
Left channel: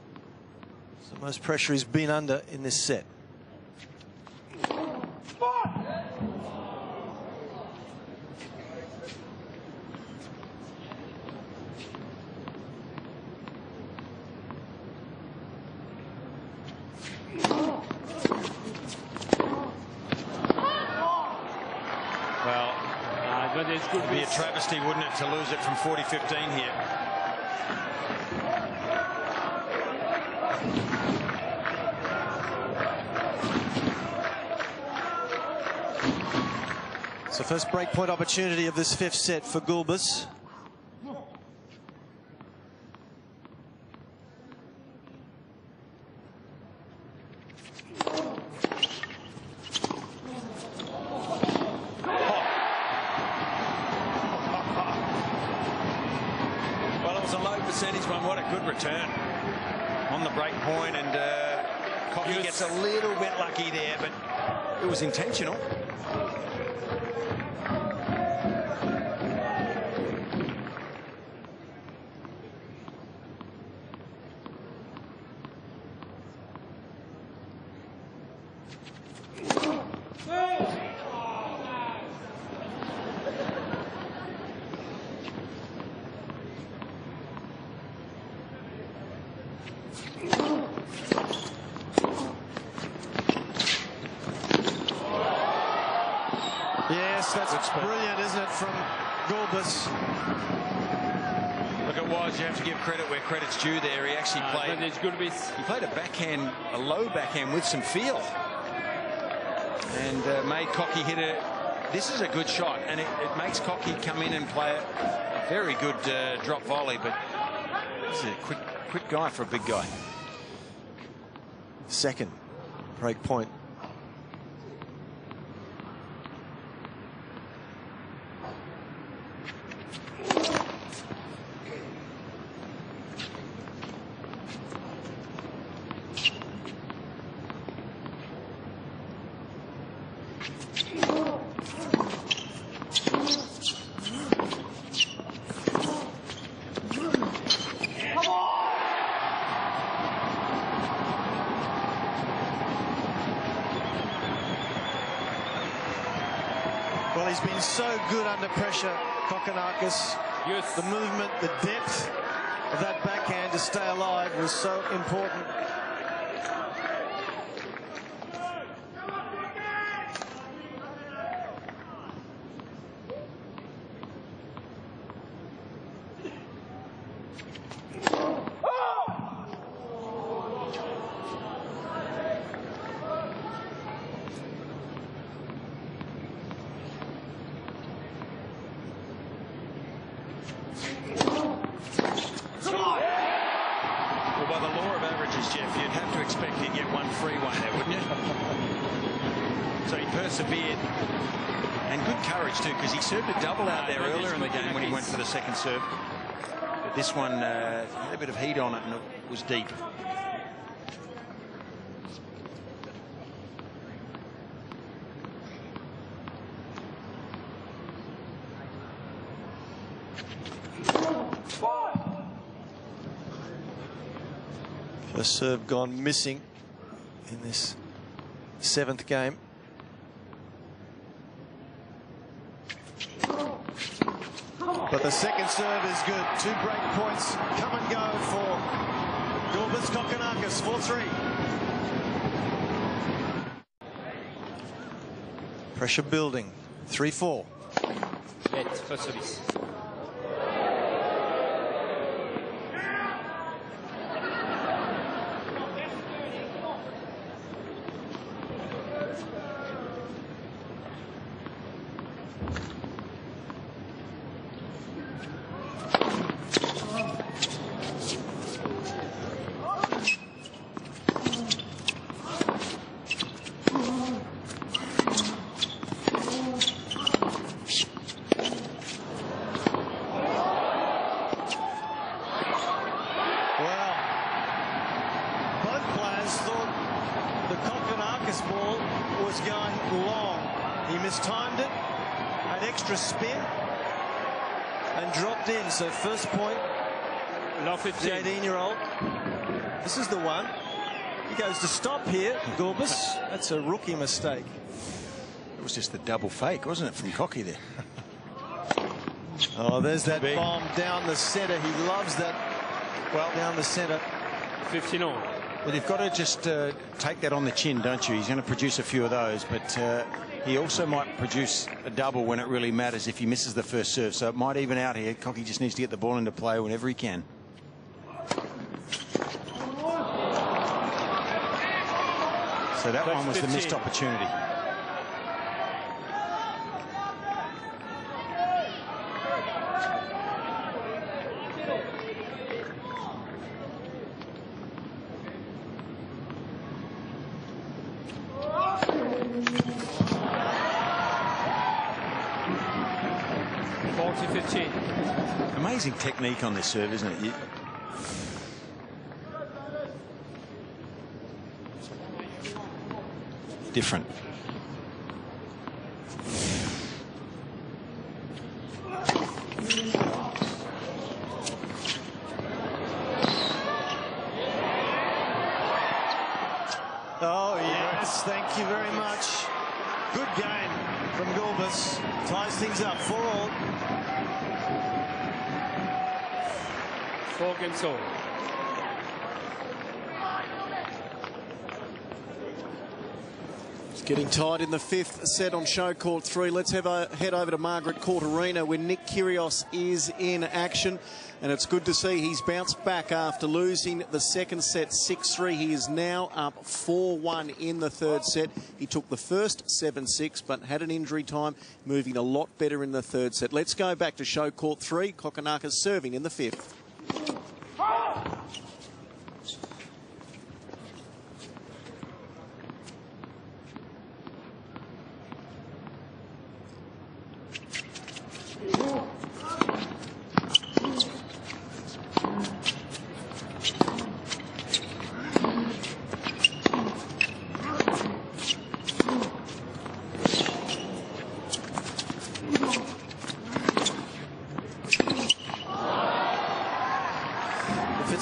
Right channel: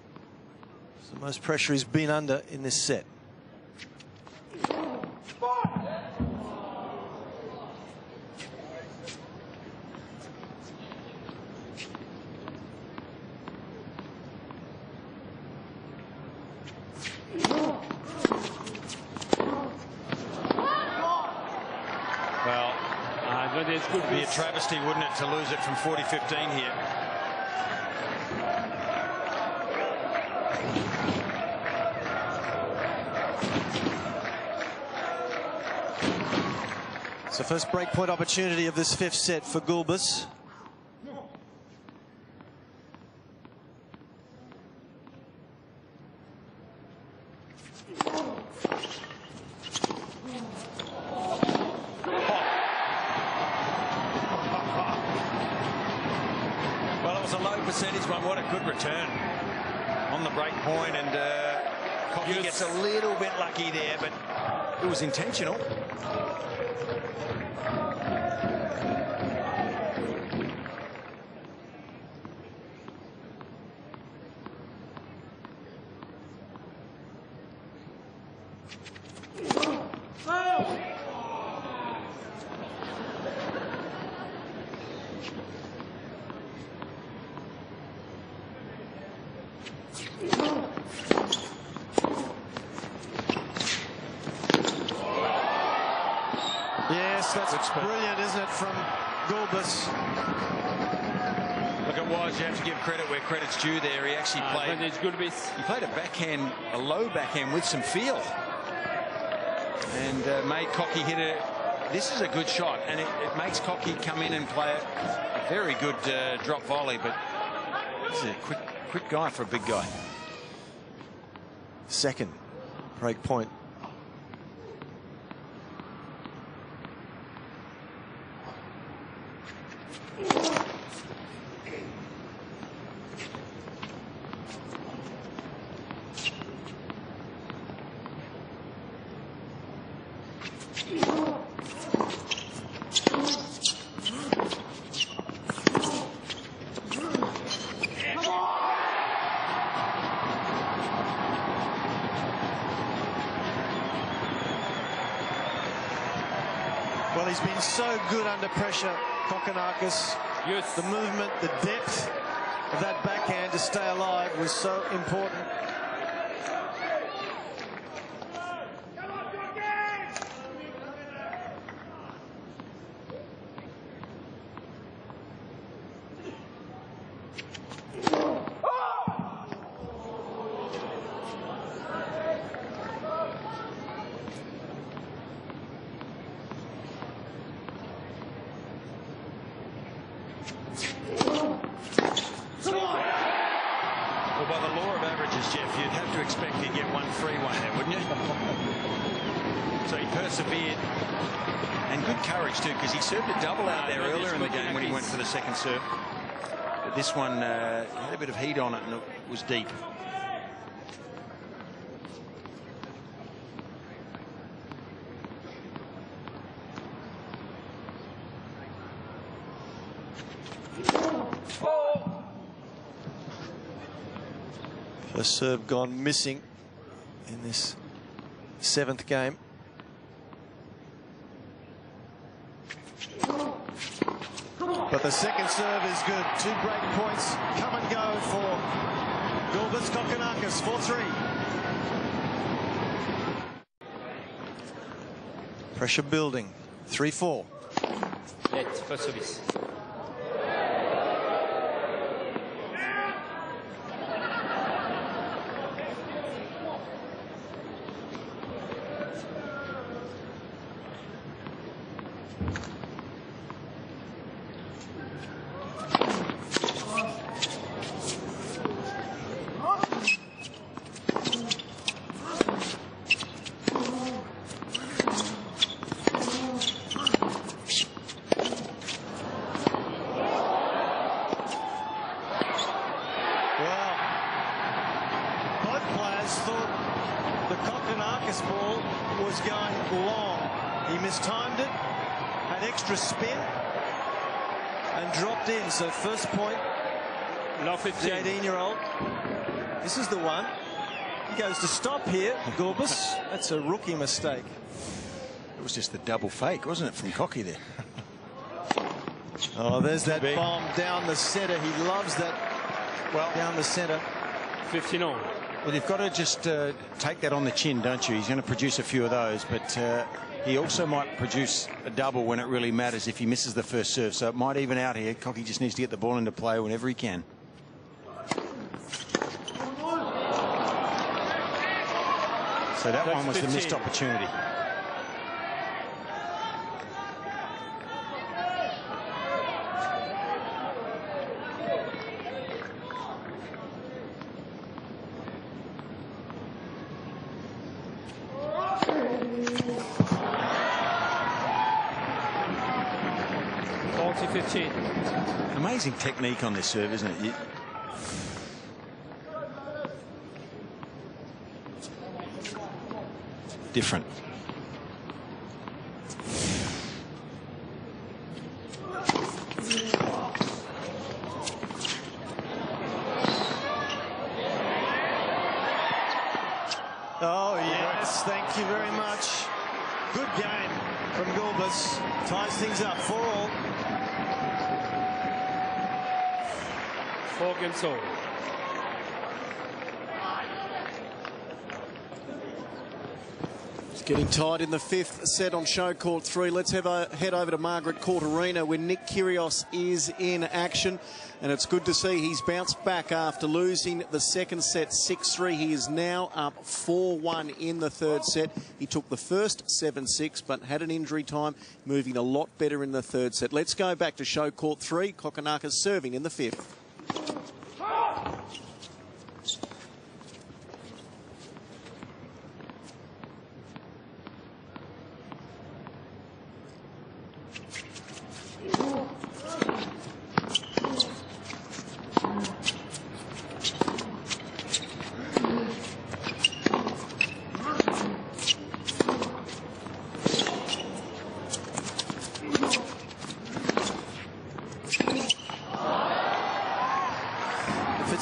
is the most pressure he's been under in this set. Ernests Gulbis. It'd be a travesty, wouldn't it, to lose it from 40-15 here. So first breakpoint opportunity of this fifth set for Gulbis. Percentage one, what a good return on the break point, and Kokki gets a little bit lucky there, but it was intentional. Yes, that's brilliant, isn't it, from Gulbis? Look, it was. You have to give credit where credit's due there. He actually played. Gulbis. He played a backhand, a low backhand with some feel, and made Kokki hit it. This is a good shot, and it makes Kokki come in and play a very good drop volley. But this is a quick guy for a big guy. second break point. Well, he's been so good under pressure, Kokkinakis. Yes. The movement, the depth of that backhand to stay alive was so important. Well, by the law of averages, Jeff, you'd have to expect he'd get one free one there, wouldn't you? So he persevered. And good courage, too, because he served a double out there earlier in the game when he went for the second serve. But this one had a bit of heat on it, and it was deep. First serve gone missing in this 7th game. But the second serve is good. 2 break points come and go for Gulbis. Kokkinakis 4-3. Pressure building. 3-4. Net, first service. Well, both players thought the Kokkinakis ball was going long. He mistimed it, had extra spin, and dropped in. So first point, Love the 18-year-old. This is the one. He goes to stop here, Gulbis. That's a rookie mistake. It was just the double fake, wasn't it, from Cocky there? Oh, there's that bomb down the centre. He loves that. Well, Down the centre. 15 on. Well, you've got to just take that on the chin, don't you? He's going to produce a few of those, but he also might produce a double when it really matters if he misses the first serve. So it might even out here. Cocky just needs to get the ball into play whenever he can. So that one was 15. The missed opportunity. Amazing technique on this serve, isn't it? Different. Oh, yes, thank you very much. Good game from Gulbis. Ties things up 4-all. 4 games all. It's getting tight in the 5th set on show court 3. Let's head over to Margaret Court Arena where Nick Kyrgios is in action. And it's good to see he's bounced back after losing the second set 6-3. He is now up 4-1 in the 3rd set. He took the first 7-6 but had an injury time, moving a lot better in the 3rd set. Let's go back to show court 3. Kokkinakis serving in the 5th.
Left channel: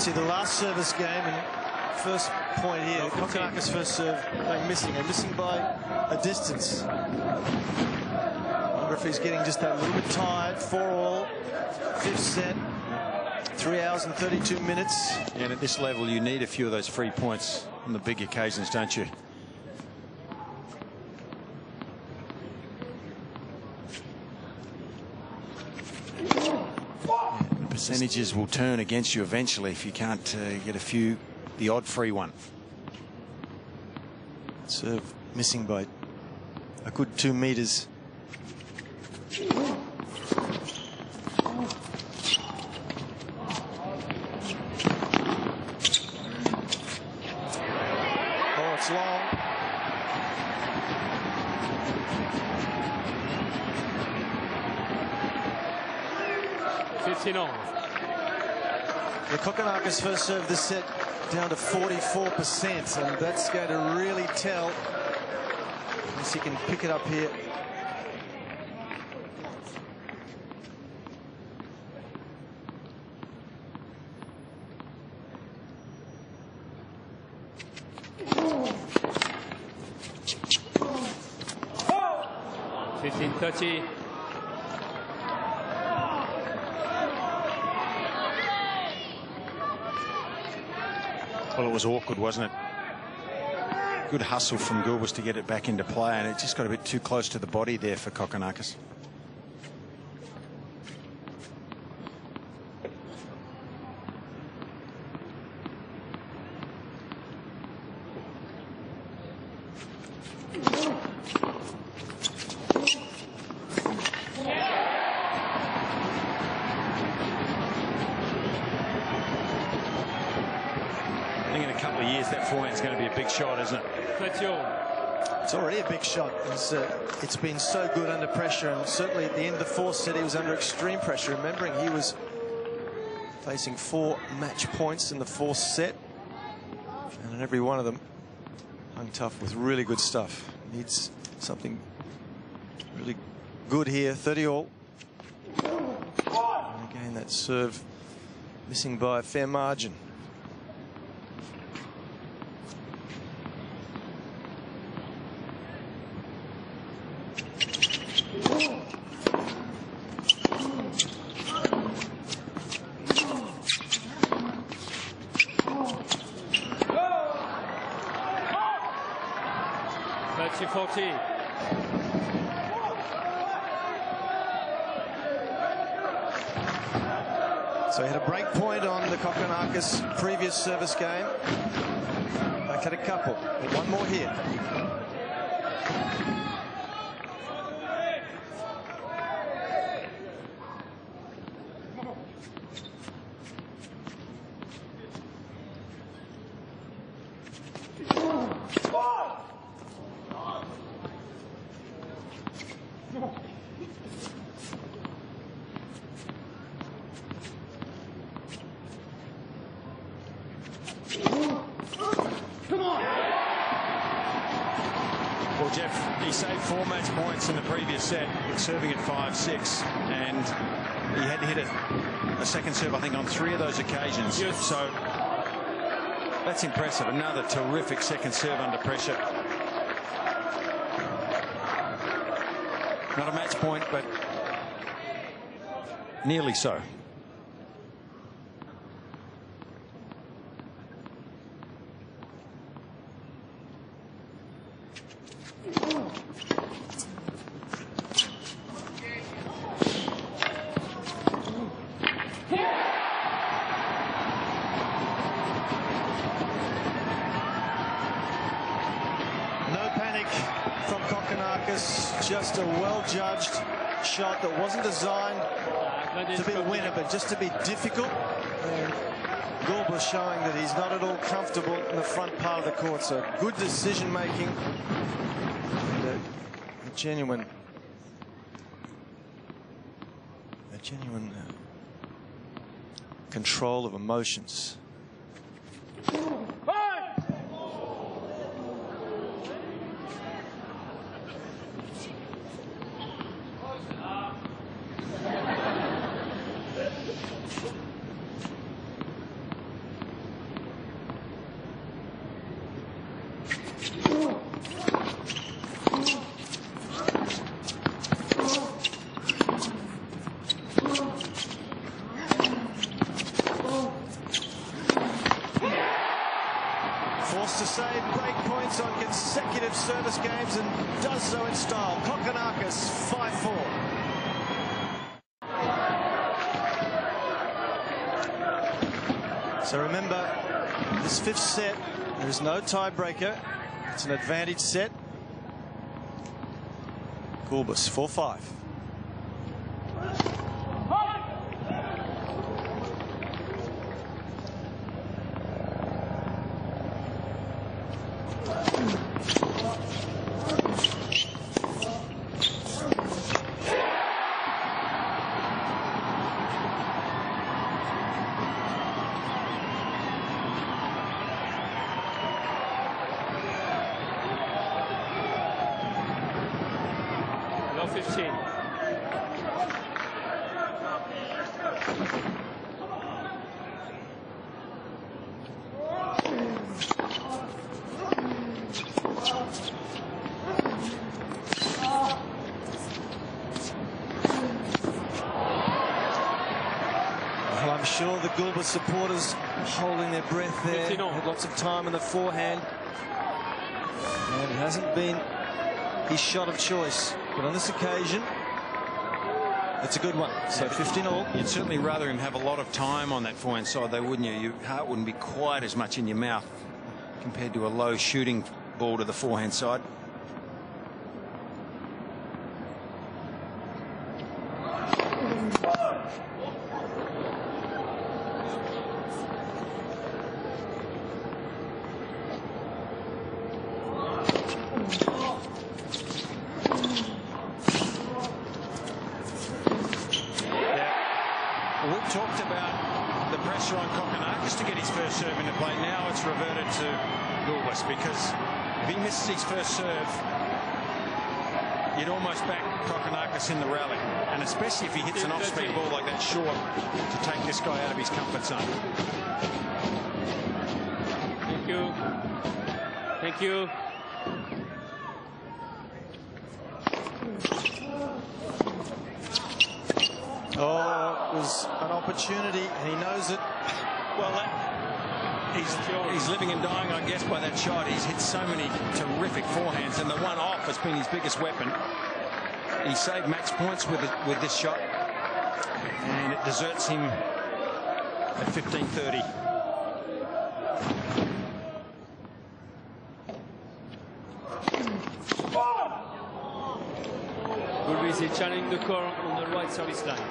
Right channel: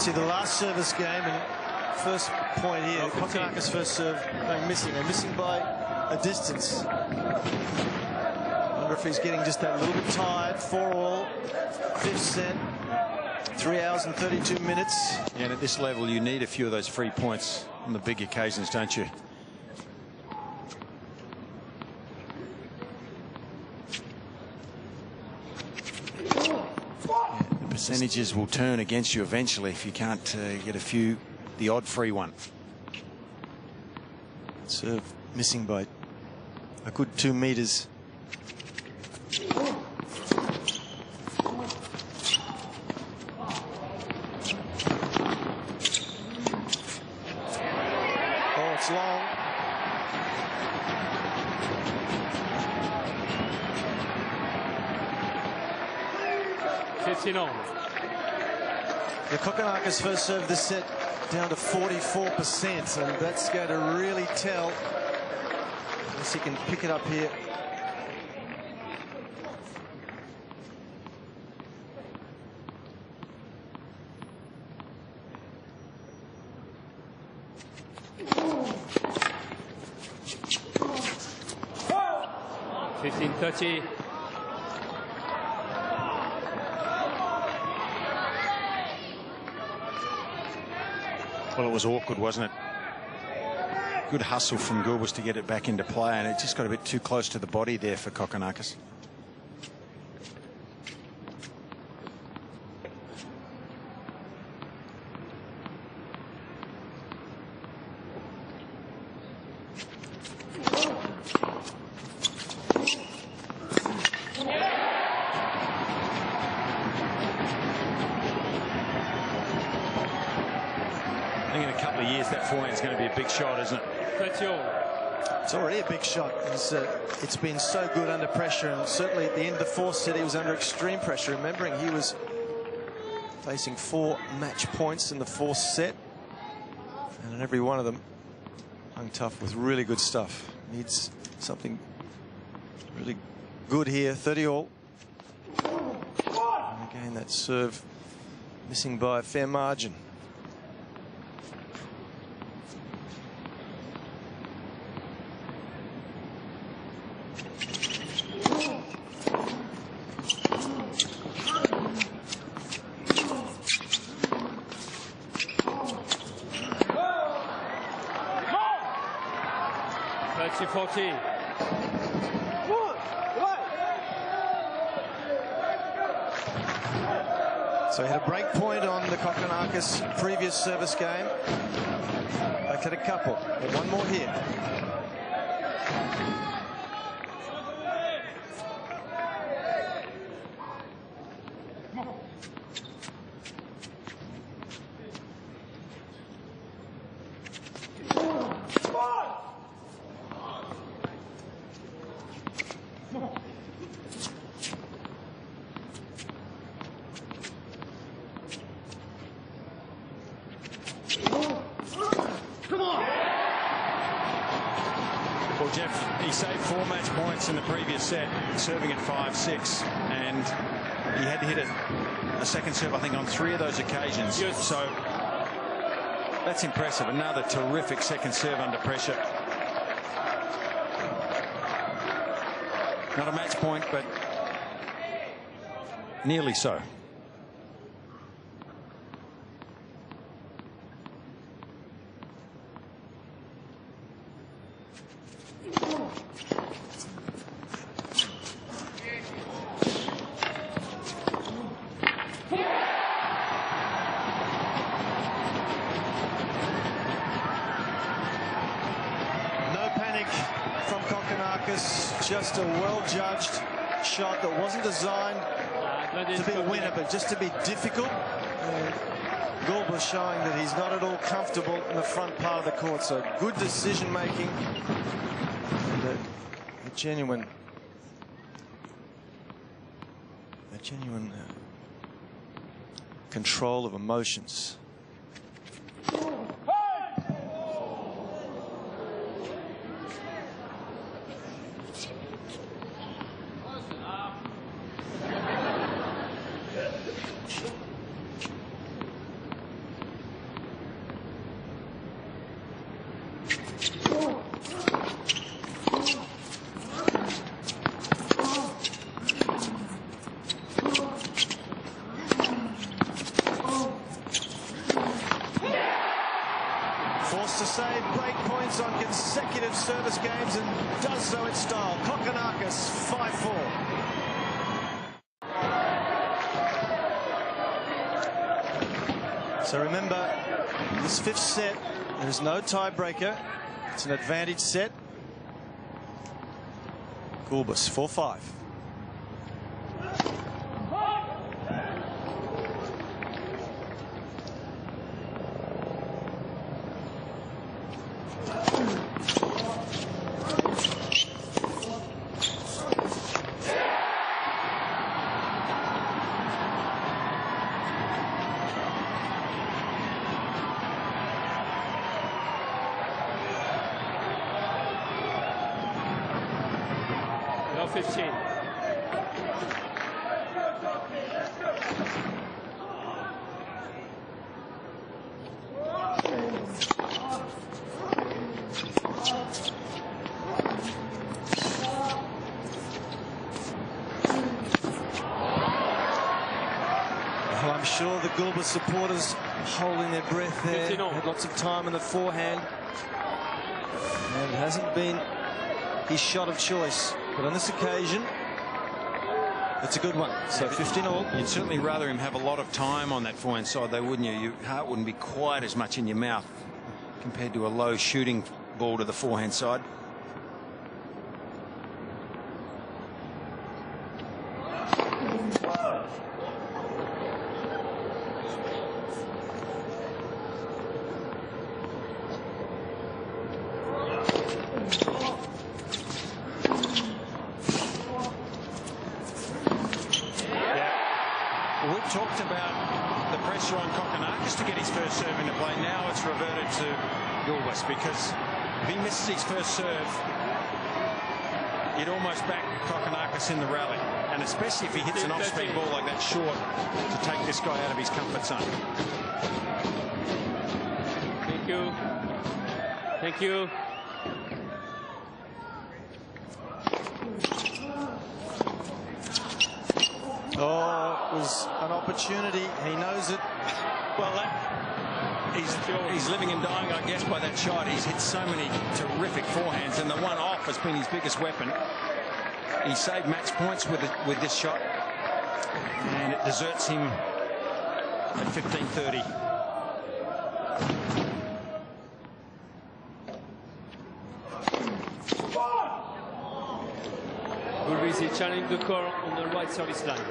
See the last service game and first point here. Kokkinakis first serve going missing, and missing by a distance. Wonder if he's getting just that little bit tired. 4-all, fifth set, 3 hours and 32 minutes. Yeah, and at this level, you need a few of those free points on the big occasions, don't you? Percentages will turn against you eventually if you can't get the odd free one. Serve missing by a good 2 meters. Oh, it's long. The Kokkinakis first serve this set down to 44%, and that's going to really tell unless he can pick it up here. $15-30. Well, it was awkward, wasn't it? Good hustle from Gulbis to get it back into play, and it just got a bit too close to the body there for Kokkinakis. I think in a couple of years that forehand's going to be a big shot, isn't it? It's already a big shot. It's been so good under pressure, and certainly at the end of the fourth set he was under extreme pressure. Remembering he was facing 4 match points in the fourth set, and in every one of them hung tough with really good stuff. Needs something really good here. 30-all. And again, that serve missing by a fair margin. So he had a break point on the Kokkinakis previous service game. Back had a couple, but one more here. Well, Jeff, he saved 4 match points in the previous set, serving at 5-6, and he had to hit a second serve, I think, on 3 of those occasions. Yes. So that's impressive. Another terrific second serve under pressure. Not a match point, but nearly so. No panic from Kokkinakis, just a well-judged shot that wasn't designed to be a winner, but just to be difficult. And Gulbis showing that he's not at all comfortable in the front part of the court. So good decision-making and a genuine control of emotions. points on consecutive service games and does so in style. Kokkinakis 5-4. So remember, this fifth set, there is no tiebreaker. It's an advantage set. Gulbis 4-5. No 15. Well, I'm sure the Gulbis supporters holding their breath there. 15 all. Had lots of time in the forehand. And it hasn't been his shot of choice. But on this occasion, it's a good one. So 15 all. You'd certainly rather him have a lot of time on that forehand side, though, wouldn't you? Your heart wouldn't be quite as much in your mouth compared to a low shooting ball to the forehand side. We've talked about the pressure on Kokkinakis to get his first serve into play. Now it's reverted to Gulbis, because if he misses his first serve, you'd almost back Kokkinakis in the rally. And especially if he hits an off-speed ball like that short to take this guy out of his comfort zone. Thank you. Thank you. Oh, it was an opportunity. He knows it. Well, he's living and dying, I guess, by that shot. He's hit so many terrific forehands, and the one off has been his biggest weapon. He saved match points with this shot, and it deserts him at 15-30. Gulbis is challenging the call on the right service line.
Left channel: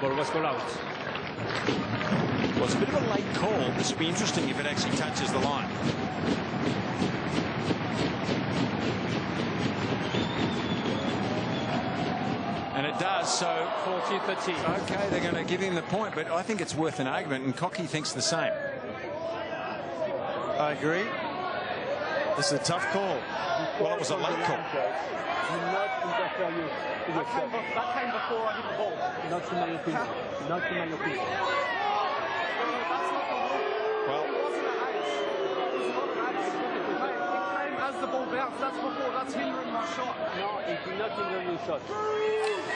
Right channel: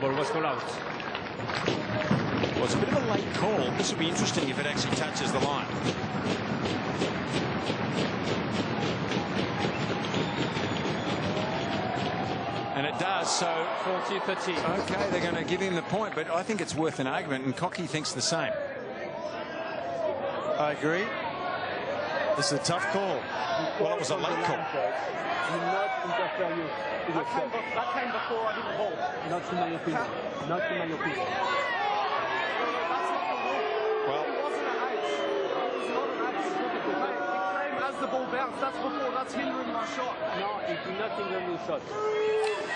Ball was called out. Well, it's a bit of a late call. This will be interesting if it actually touches the line. And it does, so 40-30. okay, they're going to give him the point, but I think it's worth an argument, and Cocky thinks the same. I agree. This is a tough call. Well, it was a late call. Do not interfere you. That came before I hit the ball. Not in my opinion. Not in my opinion. That's not the rule. Well, it wasn't an ace. It was not an ace. Mate, it came as the ball bounced. That's before. That's hindering my shot. No, it did not hinder your shot.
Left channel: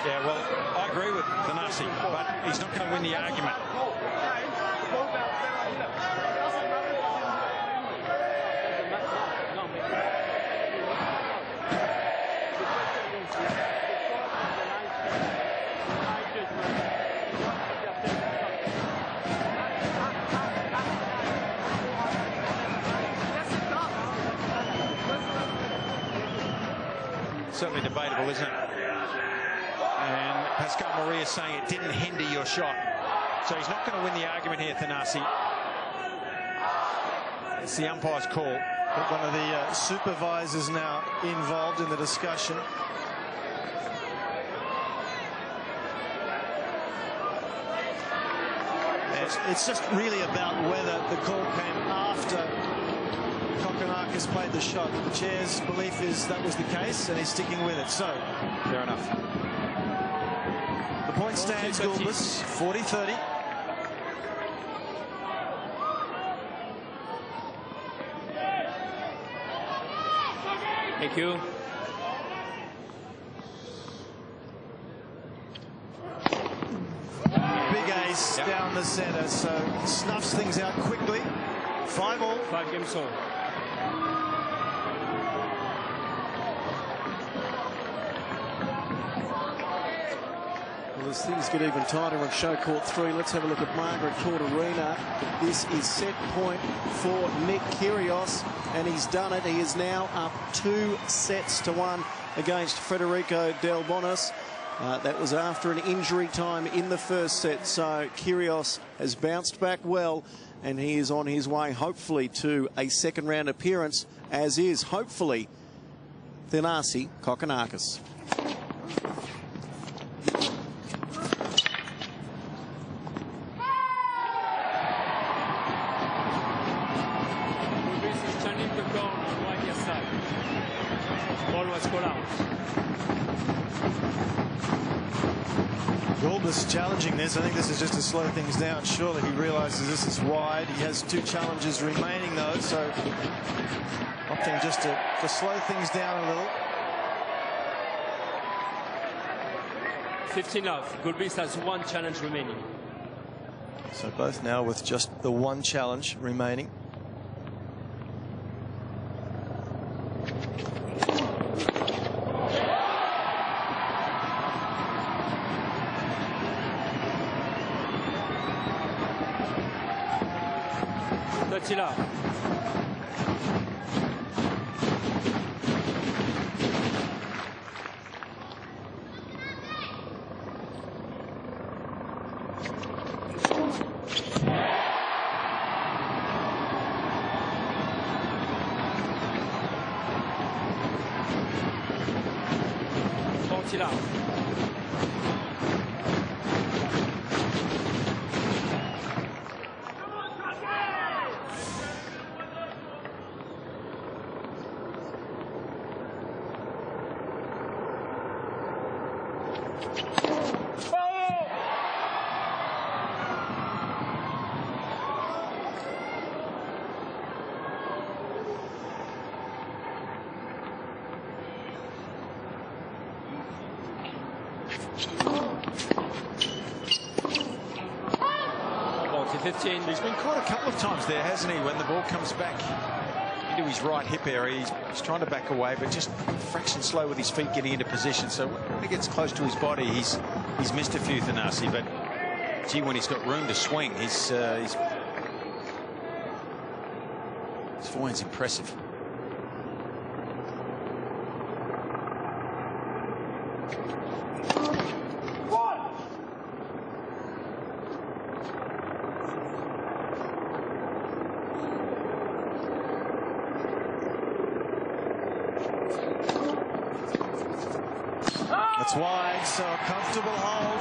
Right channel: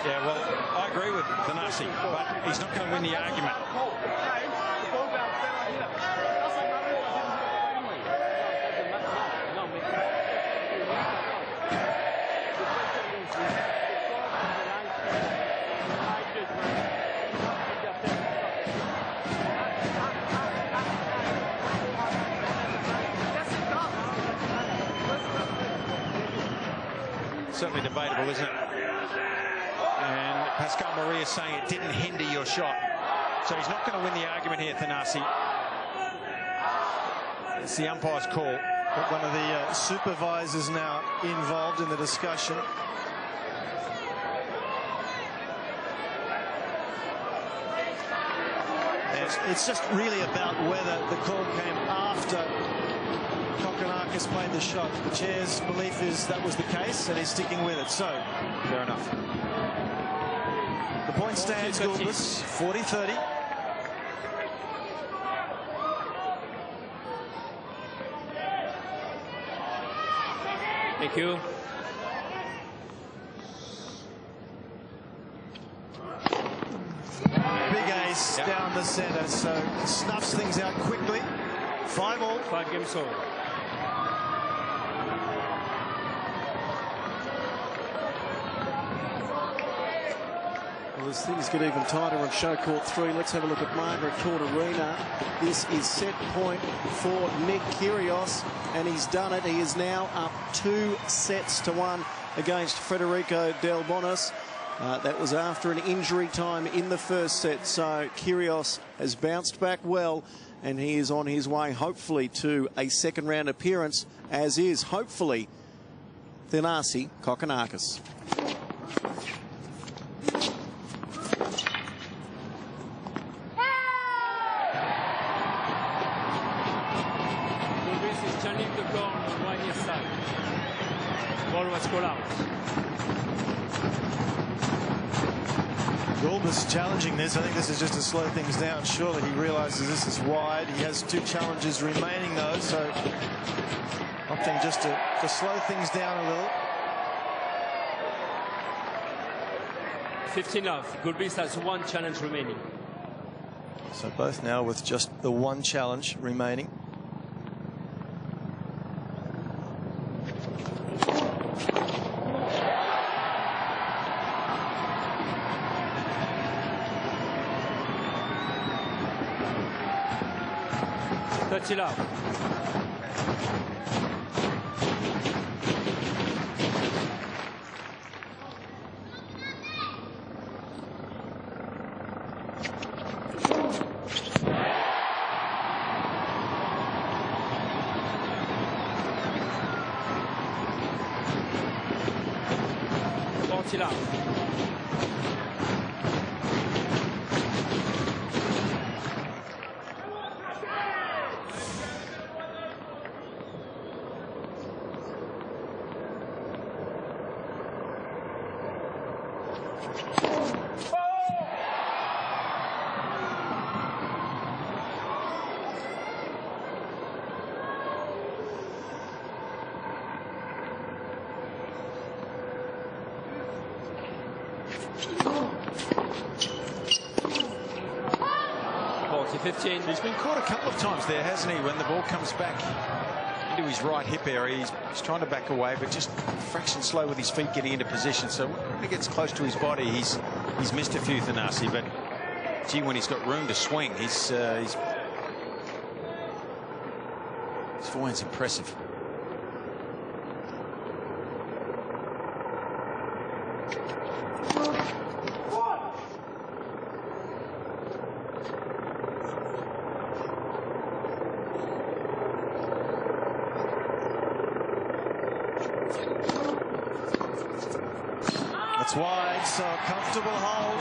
yeah, well, I agree with Thanasi, but he's not going to win the argument. The ball bounced, then I hit it. It doesn't matter if I didn't hit it cleanly. No, it doesn't matter. No, Certainly debatable, isn't it? And Pascal Maria is saying it didn't hinder your shot. So he's not going to win the argument here, Thanasi. It's the umpire's call. But one of the supervisors now involved in the discussion. It's just really about whether the call came after Kokkinakis played the shot. The chair's belief is that was the case, and he's sticking with it. So, fair enough. The point stands, Gulbis, 40-30. Thank you. Big ace down the center, so snuffs things out quickly. 5 all. 5 games all. Well, as things get even tighter on show court 3, let's have a look at Margaret Court Arena. This is set point for Nick Kyrgios, and he's done it. He is now up 2-1 against Federico Del Bonis. That was after an injury time in the first set, so Kyrgios has bounced back well, and he is on his way, hopefully, to a second-round appearance, as is, hopefully, Thanasi Kokkinakis. Gulbis is channeling the corner on right near side. Ball was called out. Gulbis challenging this. I think this is just to slow things down. Surely he realizes this is wide. He has 2 challenges remaining, though, so opting just to slow things down a little. 15 love. Gulbis has 1 challenge remaining. So both now with just the 1 challenge remaining. Touch it up. Touch it up. He's been caught a couple of times there, hasn't he? When the ball comes back into his right hip area, he's trying to back away, but just a fraction slow with his feet getting into position. So when he gets close to his body, he's missed a few, Thanasi. But gee, when he's got room to swing, his forehand's impressive. It's wide, so a comfortable hold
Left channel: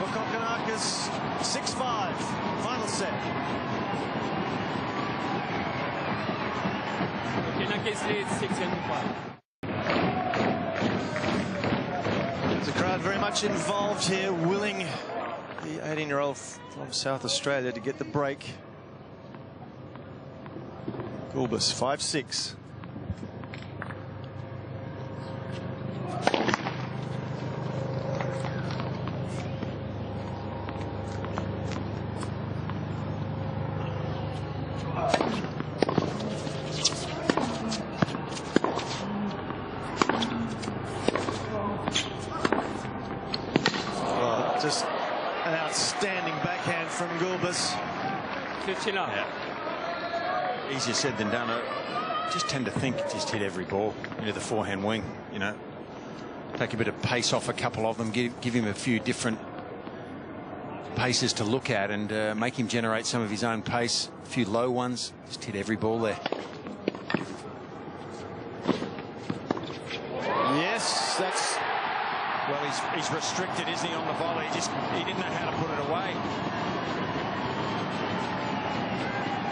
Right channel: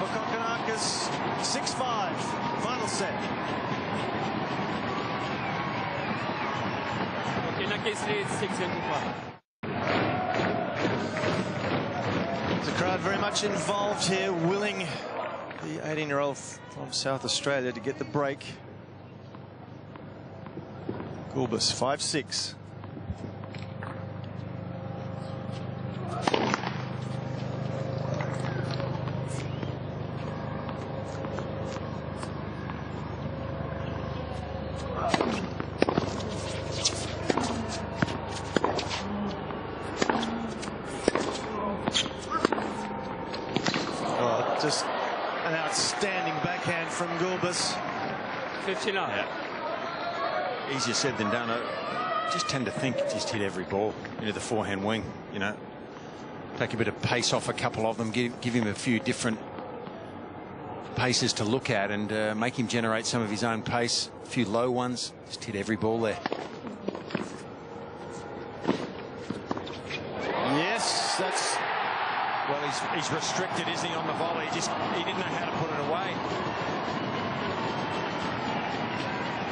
for Kokkinakis. 6-5, final set. Kokkinakis leads 6-5. The crowd very much involved here, willing the 18-year-old from South Australia to get the break. Gulbis, 5-6. Just an outstanding backhand from Gulbis. 15 up. Yeah. Easier said than done. I just tend to think just hit every ball into the forehand wing. You know, take a bit of pace off a couple of them, give him a few different paces to look at, and make him generate some of his own pace. A few low ones. Just hit every ball there. Yes, that's. Well, he's restricted, isn't he, on the volley? He didn't know how to put it away.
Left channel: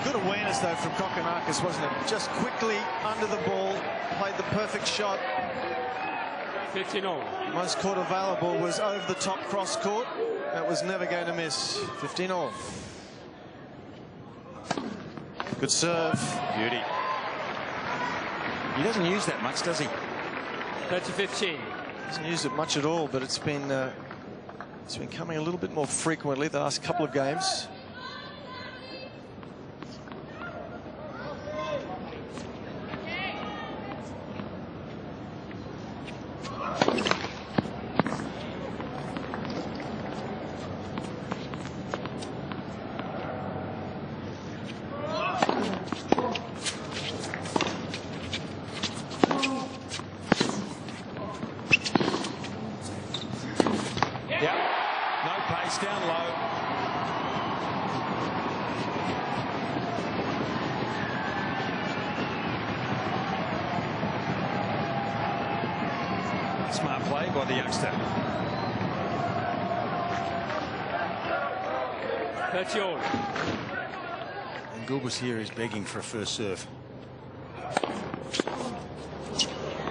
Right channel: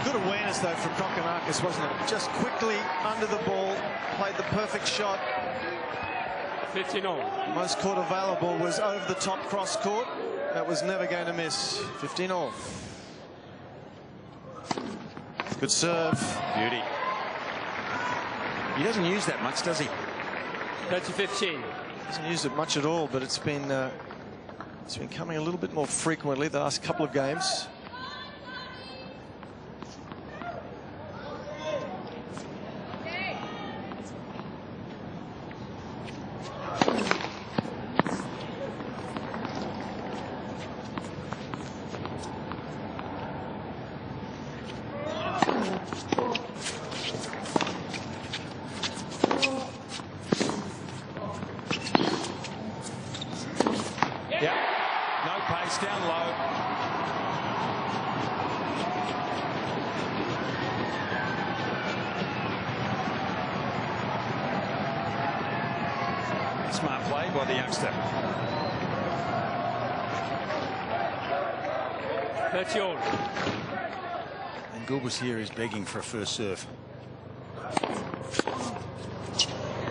Good awareness, though, from Kokkinakis, wasn't it? Just quickly under the ball, played the perfect shot. 15-all. Most court available was over the top cross court. That was never going to miss. 15-all. Good serve. Beauty. He doesn't use that much, does he? 30-15. Hasn't used it much at all, but it's been coming a little bit more frequently the last couple of games. Smart play by the youngster. 30 all. And Gulbis here is begging for a first serve.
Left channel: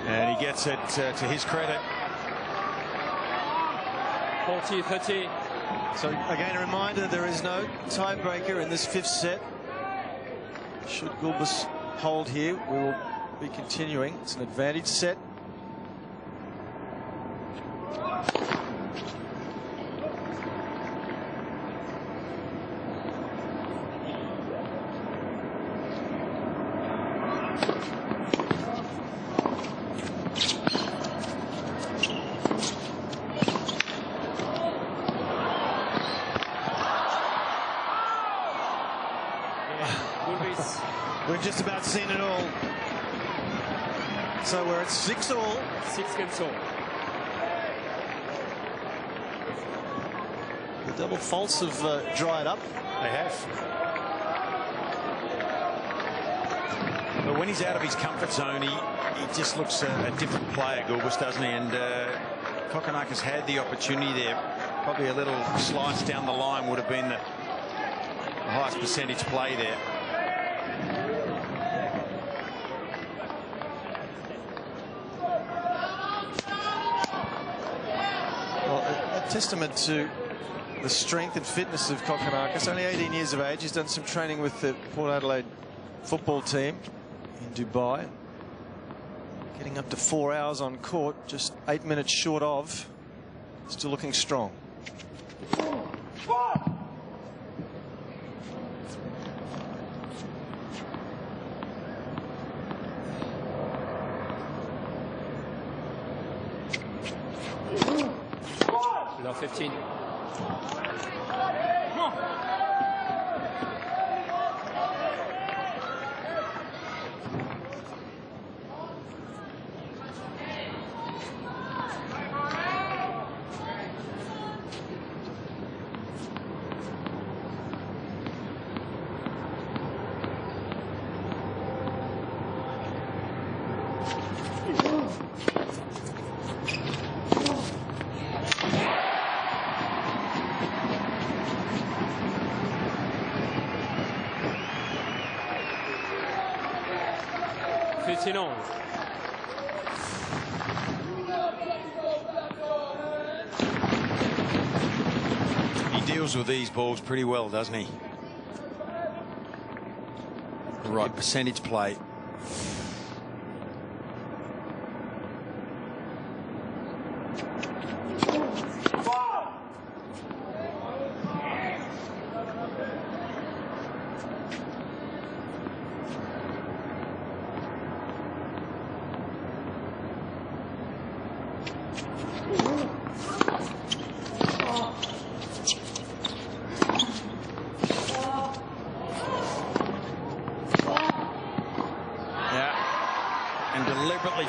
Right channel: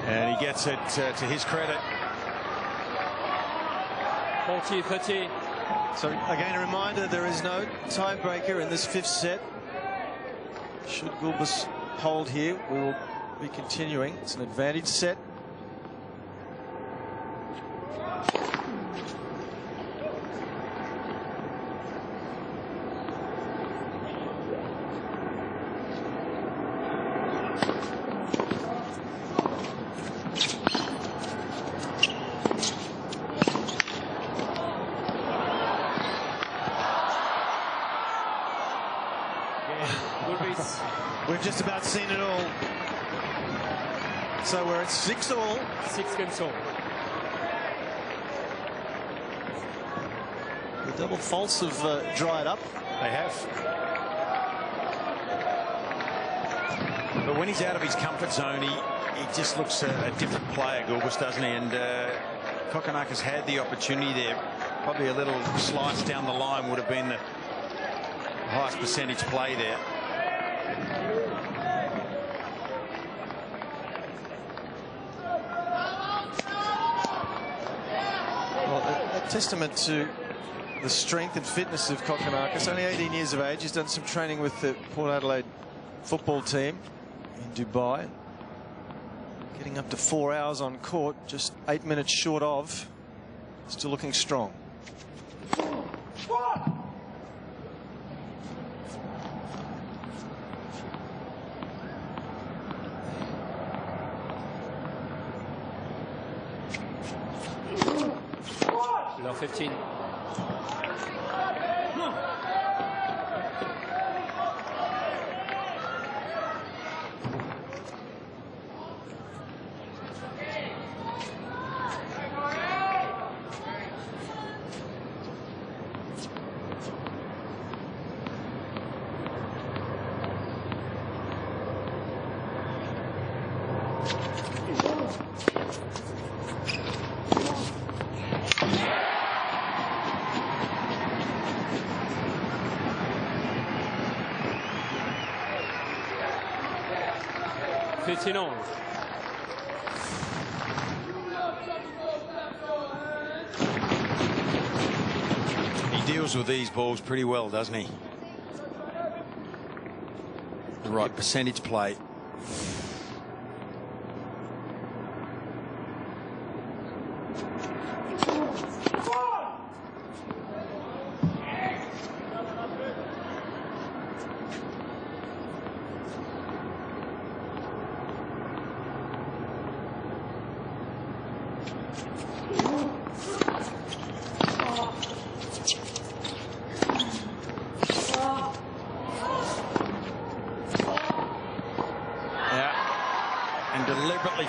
And he gets it to his credit. 40-30. So again, a reminder, there is no tiebreaker in this 5th set. Should Gulbis hold here, we will be continuing. It's an advantage set. We've just about seen it all. So we're at 6 all. 6 games all. The double faults have dried up. They have. But when he's out of his comfort zone, he just looks a different player, Gulbis, doesn't he? And Kokkinakis had the opportunity there. Probably a little slice down the line would have been the highest percentage play there. Well, a testament to the strength and fitness of Kokkinakis. Only 18 years of age. He's done some training with the Port Adelaide football team in Dubai. Getting up to 4 hours on court, just 8 minutes short of. Still looking strong. Low 15. On. He deals with these balls pretty well, doesn't he? The right percentage play.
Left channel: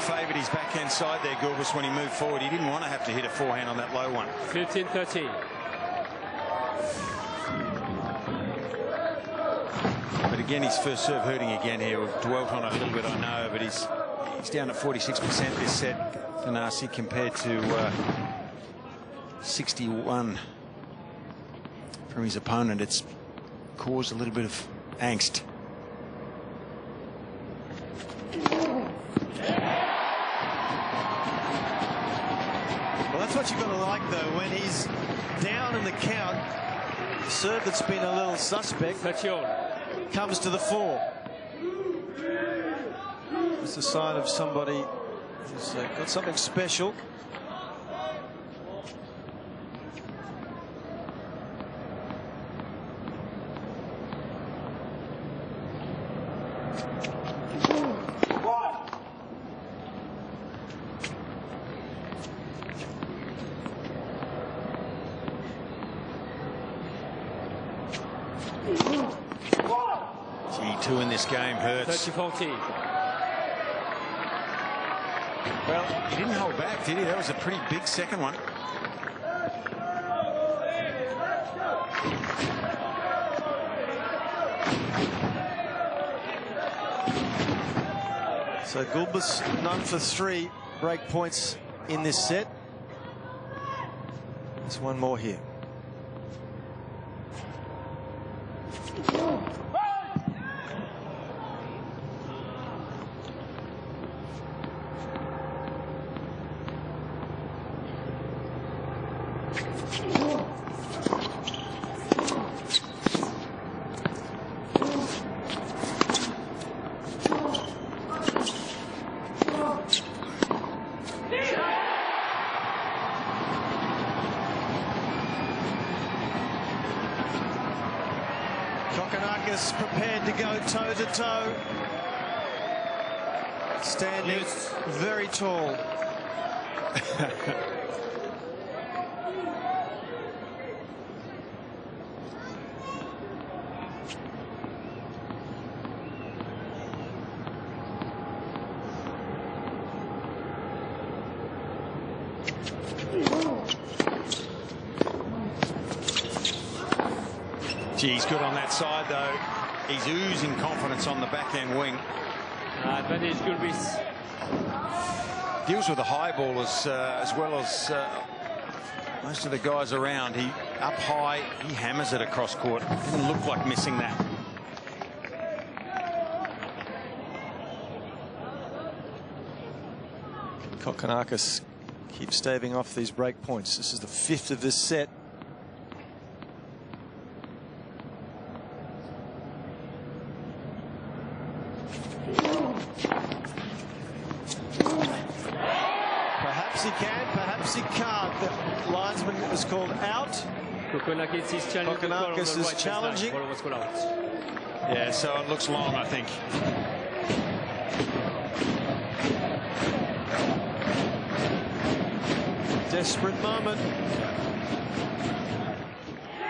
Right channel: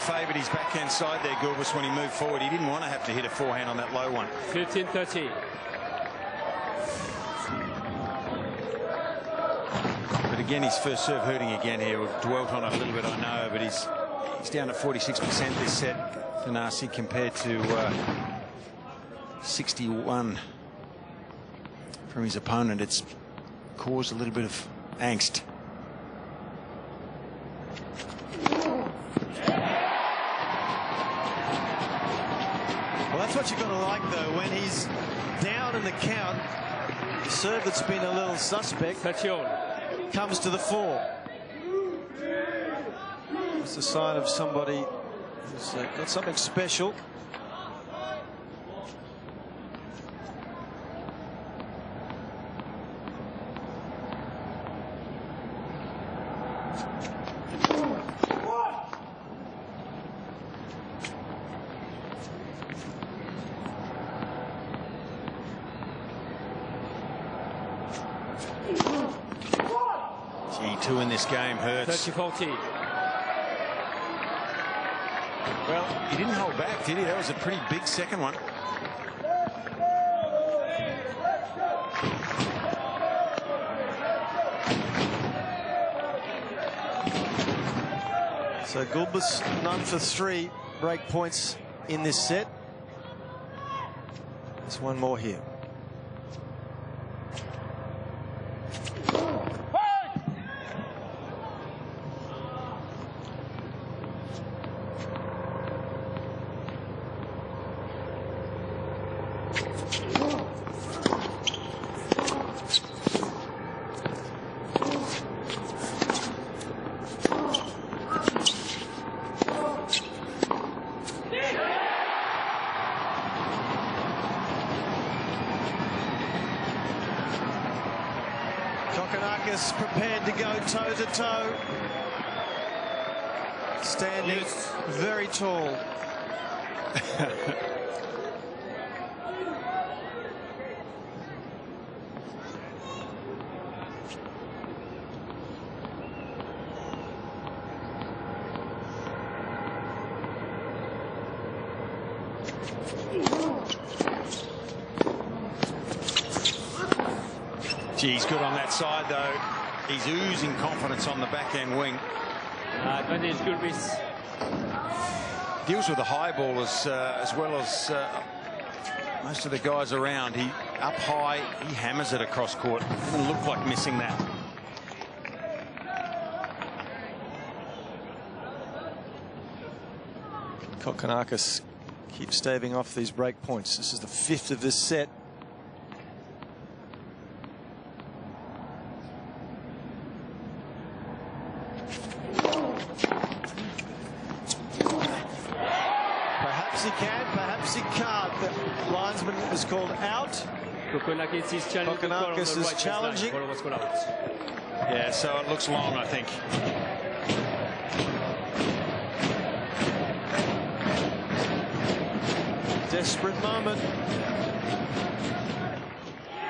Favoured his backhand side there, Gulbis, when he moved forward. He didn't want to have to hit a forehand on that low one. 15-13. But again, his first serve hurting again here. We've dwelt on it a little bit, I know, but he's down at 46% this set, Thanasi, compared to 61 from his opponent. It's caused a little bit of angst. Well, that's what you've got to like, though, when he's down in the count. The serve that's been a little suspect comes to the fore. It's a sign of somebody who's got something special. Two in this game hurts. 30-40. Well, he didn't hold back, did he? That was a pretty big second one. So Gulbis none for 3 break points in this set. There's one more here. Kokkinakis prepared to go toe-to-toe. Standing very tall. He's good on that side, though. He's oozing confidence on the backhand wing. Advantage Gulbis. Deals with the high ball as well as most of the guys around. He up high, he hammers it across court. Didn't look like missing that. Kokkinakis keeps staving off these break points. This is the 5th of this set. Perhaps he can, perhaps he can't. The linesman is called out. Kokkinakis is challenging. Kokkinakis is challenging. Yeah, so it looks long, I think. Desperate moment.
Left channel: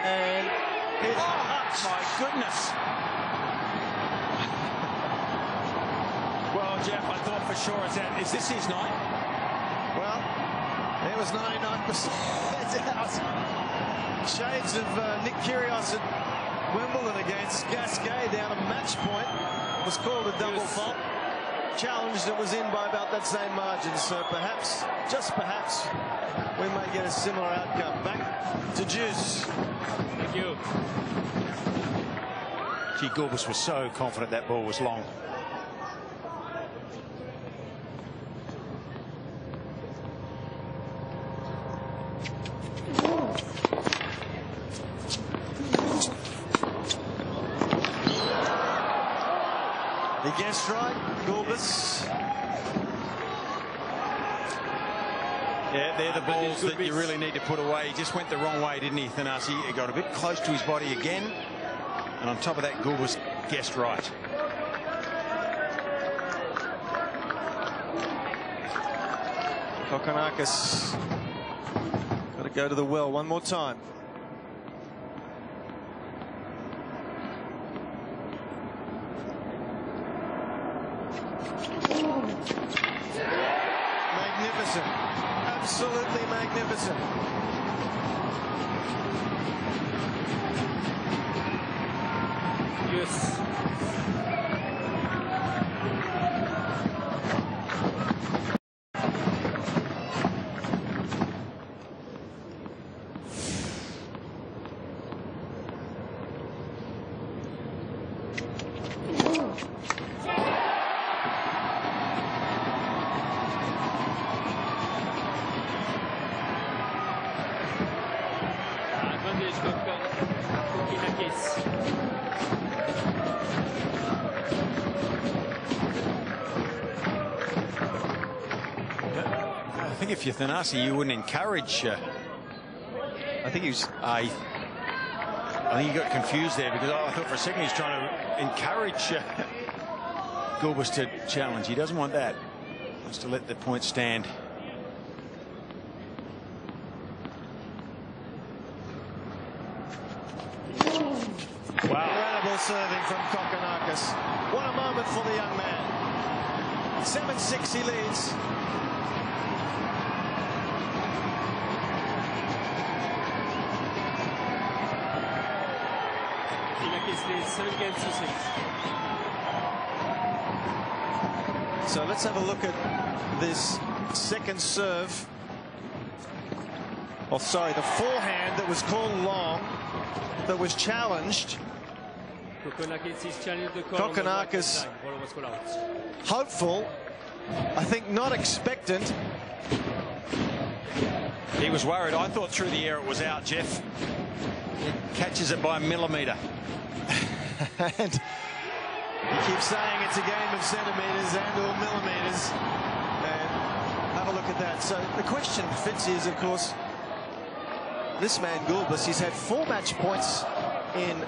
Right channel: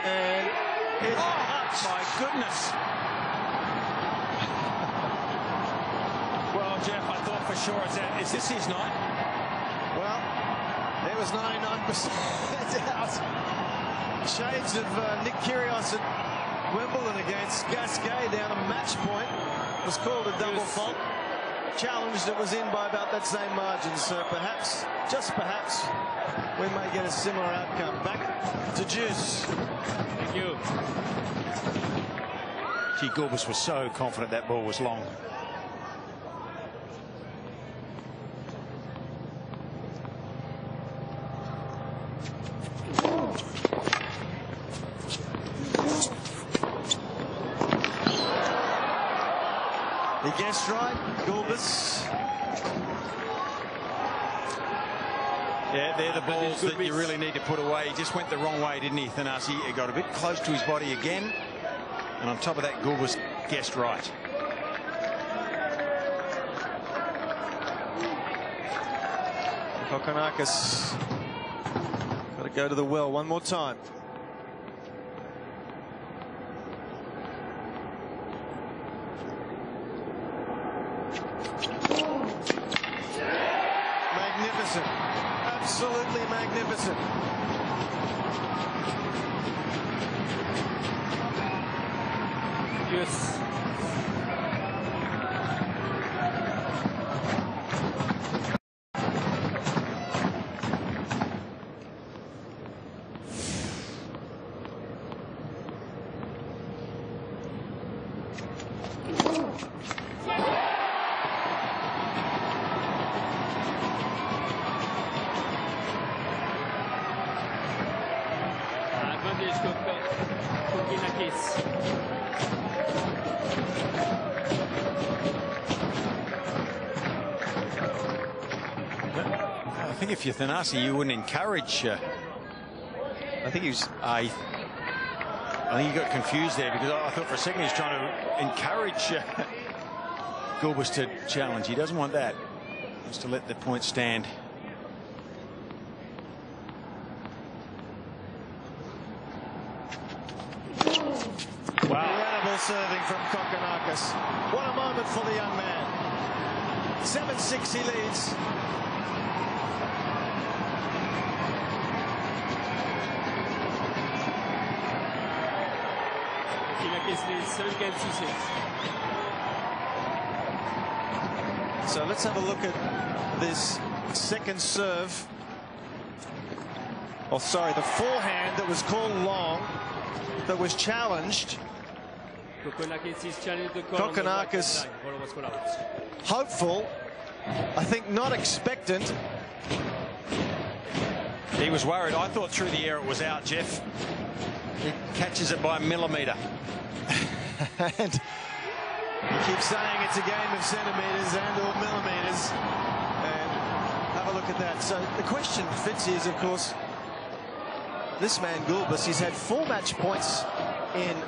And it cuts. My goodness. Well, Jeff, I thought for sure, is this his night? Well, it was 99% out. Shades of Nick Kyrgios at Wimbledon against Gasquet down a match point. Was called a double fault. Challenged, it was in by about that same margin. So perhaps, just perhaps, we may get a similar outcome. Back to Juice. Thank you. Gee, Gulbis was so confident that ball was long. He guessed right, Gulbis. Yeah, they're the balls that you really need to put away. He just went the wrong way, didn't he, Thanasi? He got a bit close to his body again. And on top of that, Gulbis guessed right. Kokkinakis got to go to the well one more time. Magnificent. Absolutely magnificent. Yes. Advantage Kokkinakis. I think if you're Thanasi, you wouldn't encourage. I think he was. I think he got confused there because I thought for a second he was trying to encourage Gulbis to challenge. He doesn't want that. He wants to let the point stand. Wow. Incredible serving from Kokkinakis. What a moment for the young man. 7-6 he leads. Kokkinakis leads 7 games to 6. So let's have a look at this second serve. Oh, sorry, the forehand that was called long, that was challenged. Kokkinakis, hopeful, I think not expectant. He was worried. I thought through the air it was out, Jeff. He catches it by a millimetre. And you keep saying it's a game of centimetres and or millimetres. And have a look at that. So the question, Fitzy, is, of course, this man Gulbis, he's had 4 match points in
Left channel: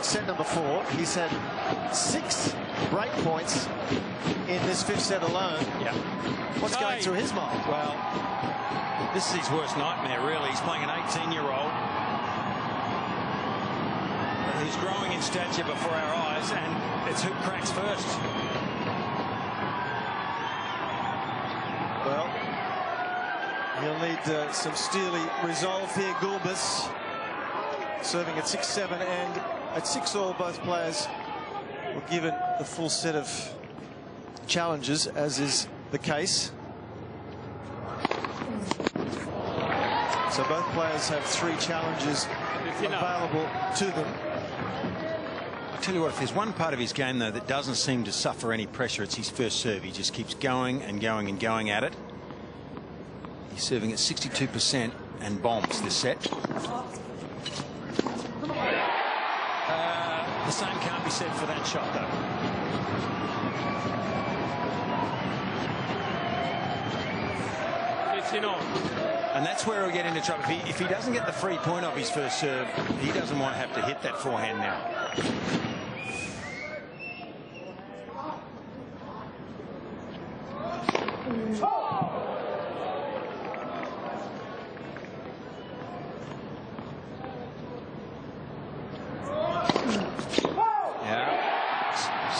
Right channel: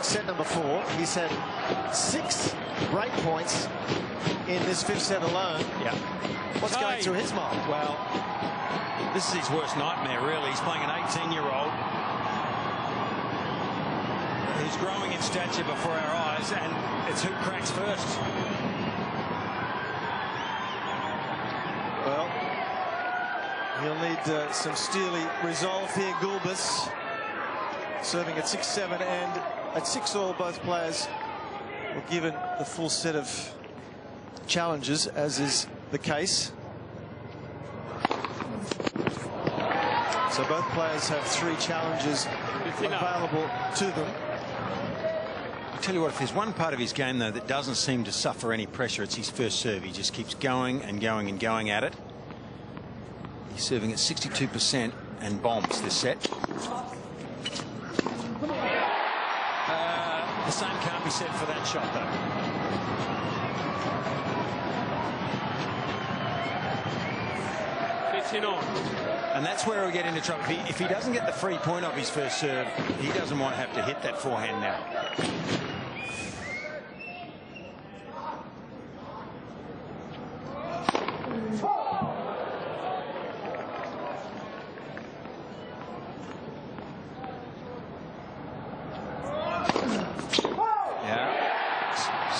set number 4. He's had 6 break points in this 5th set alone. Yeah. What's going through his mind? Well, this is his worst nightmare, really. He's playing an 18-year-old who's growing in stature before our eyes, and it's who cracks first. Well, he'll need some steely resolve here, Gulbis. Serving at 6-7, and at 6-all, both players were given the full set of challenges, as is the case. So both players have 3 challenges available to them. I'll tell you what, if there's one part of his game, though, that doesn't seem to suffer any pressure, it's his first serve. He just keeps going and going and going at it. He's serving at 62% and bombs this set. The same can't be said for that shot, though. And that's where he'll get into trouble. If he doesn't get the free point off his first serve, he doesn't want to have to hit that forehand now.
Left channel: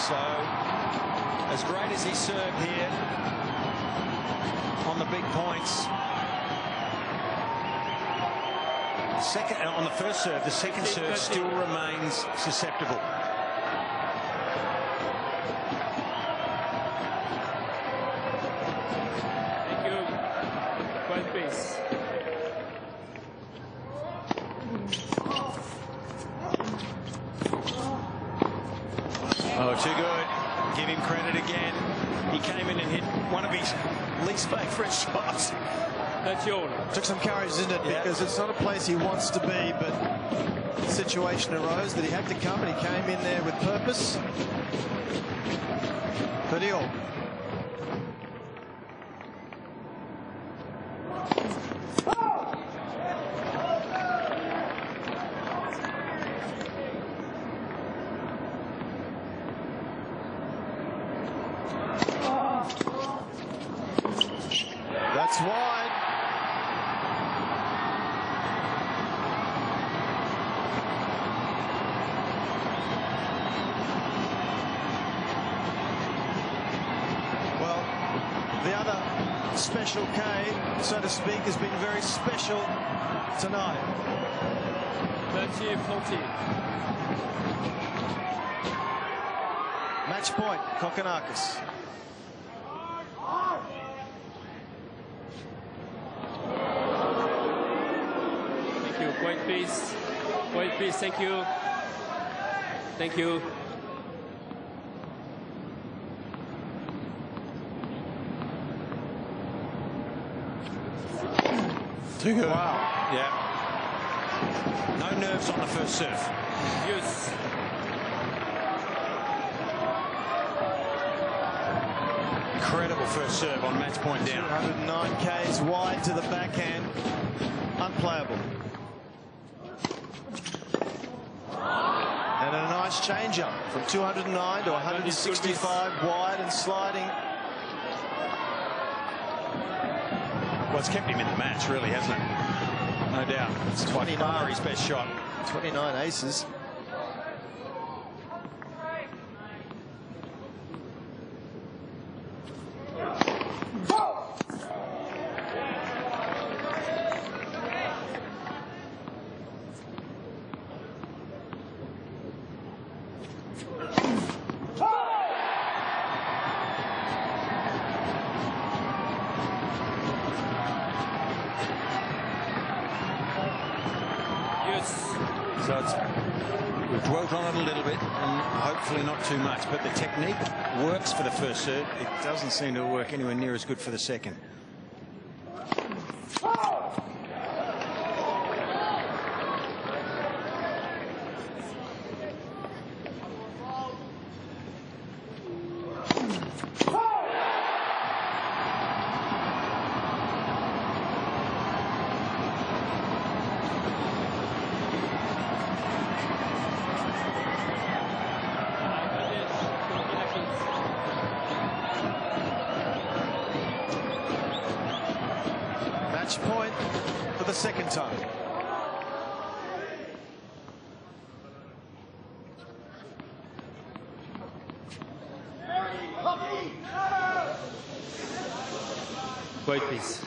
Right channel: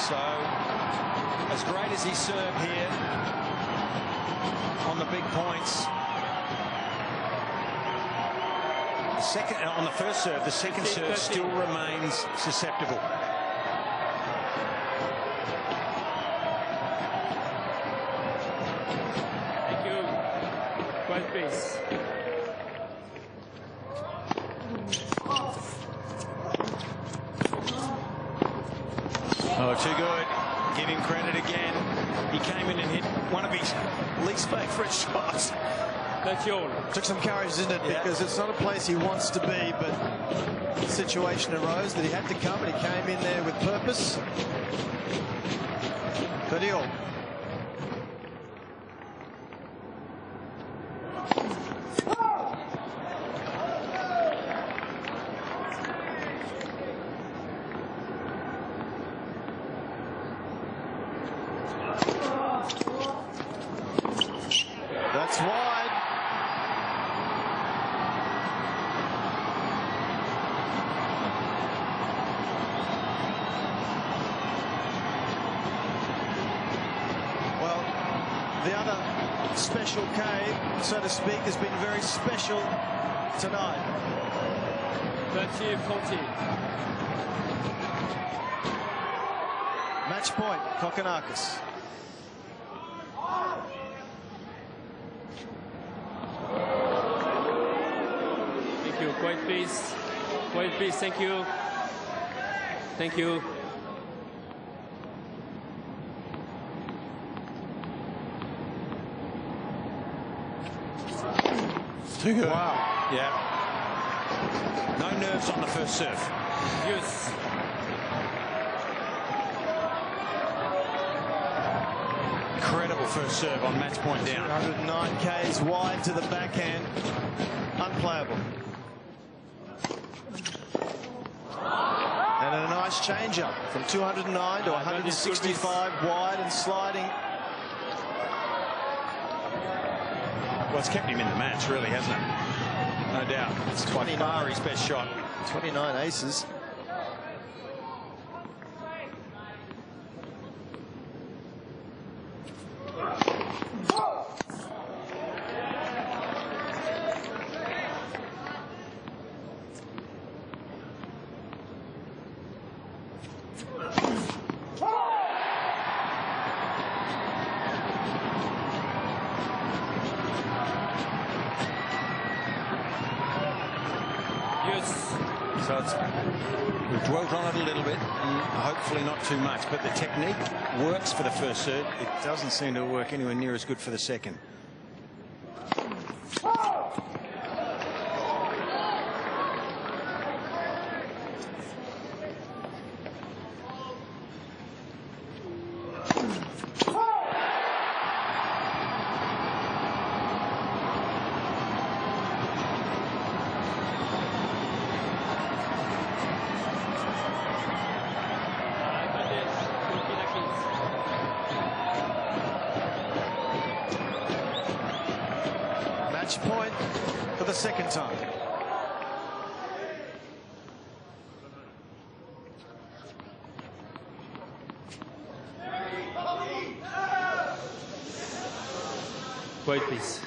So, as great as he served here on the big points, on the first serve, the second serve still remains susceptible. Thank you. Quiet pace. Oh, too good. Give him credit again. He came in and hit one of his least favourite shots. That's yours. Took some courage, didn't it? Yeah. Because it's not a place he wants to be, but the situation arose that he had to come, and he came in there with purpose. Khalil. That's wide. Well, the other special K, so to speak, has been very special tonight. 30-40. Match point, Kokkinakis. Thank you. Quiet please. Quiet please. Thank you. Thank you. Too good. Wow. Yeah. No nerves on the first serve. Yes. Incredible first serve on match point down. 209 Ks wide to the backhand. Unplayable. And a nice change up from 209 to 165 wide and sliding. Well, it's kept him in the match, really, hasn't it? No doubt. It's by far his best shot. 29 aces. Yes. So we've dwelt on it a little bit, and hopefully not too much. But the technique works for the first serve. It doesn't seem to work anywhere near as good for the second. Match point for the second time. Quiet, please.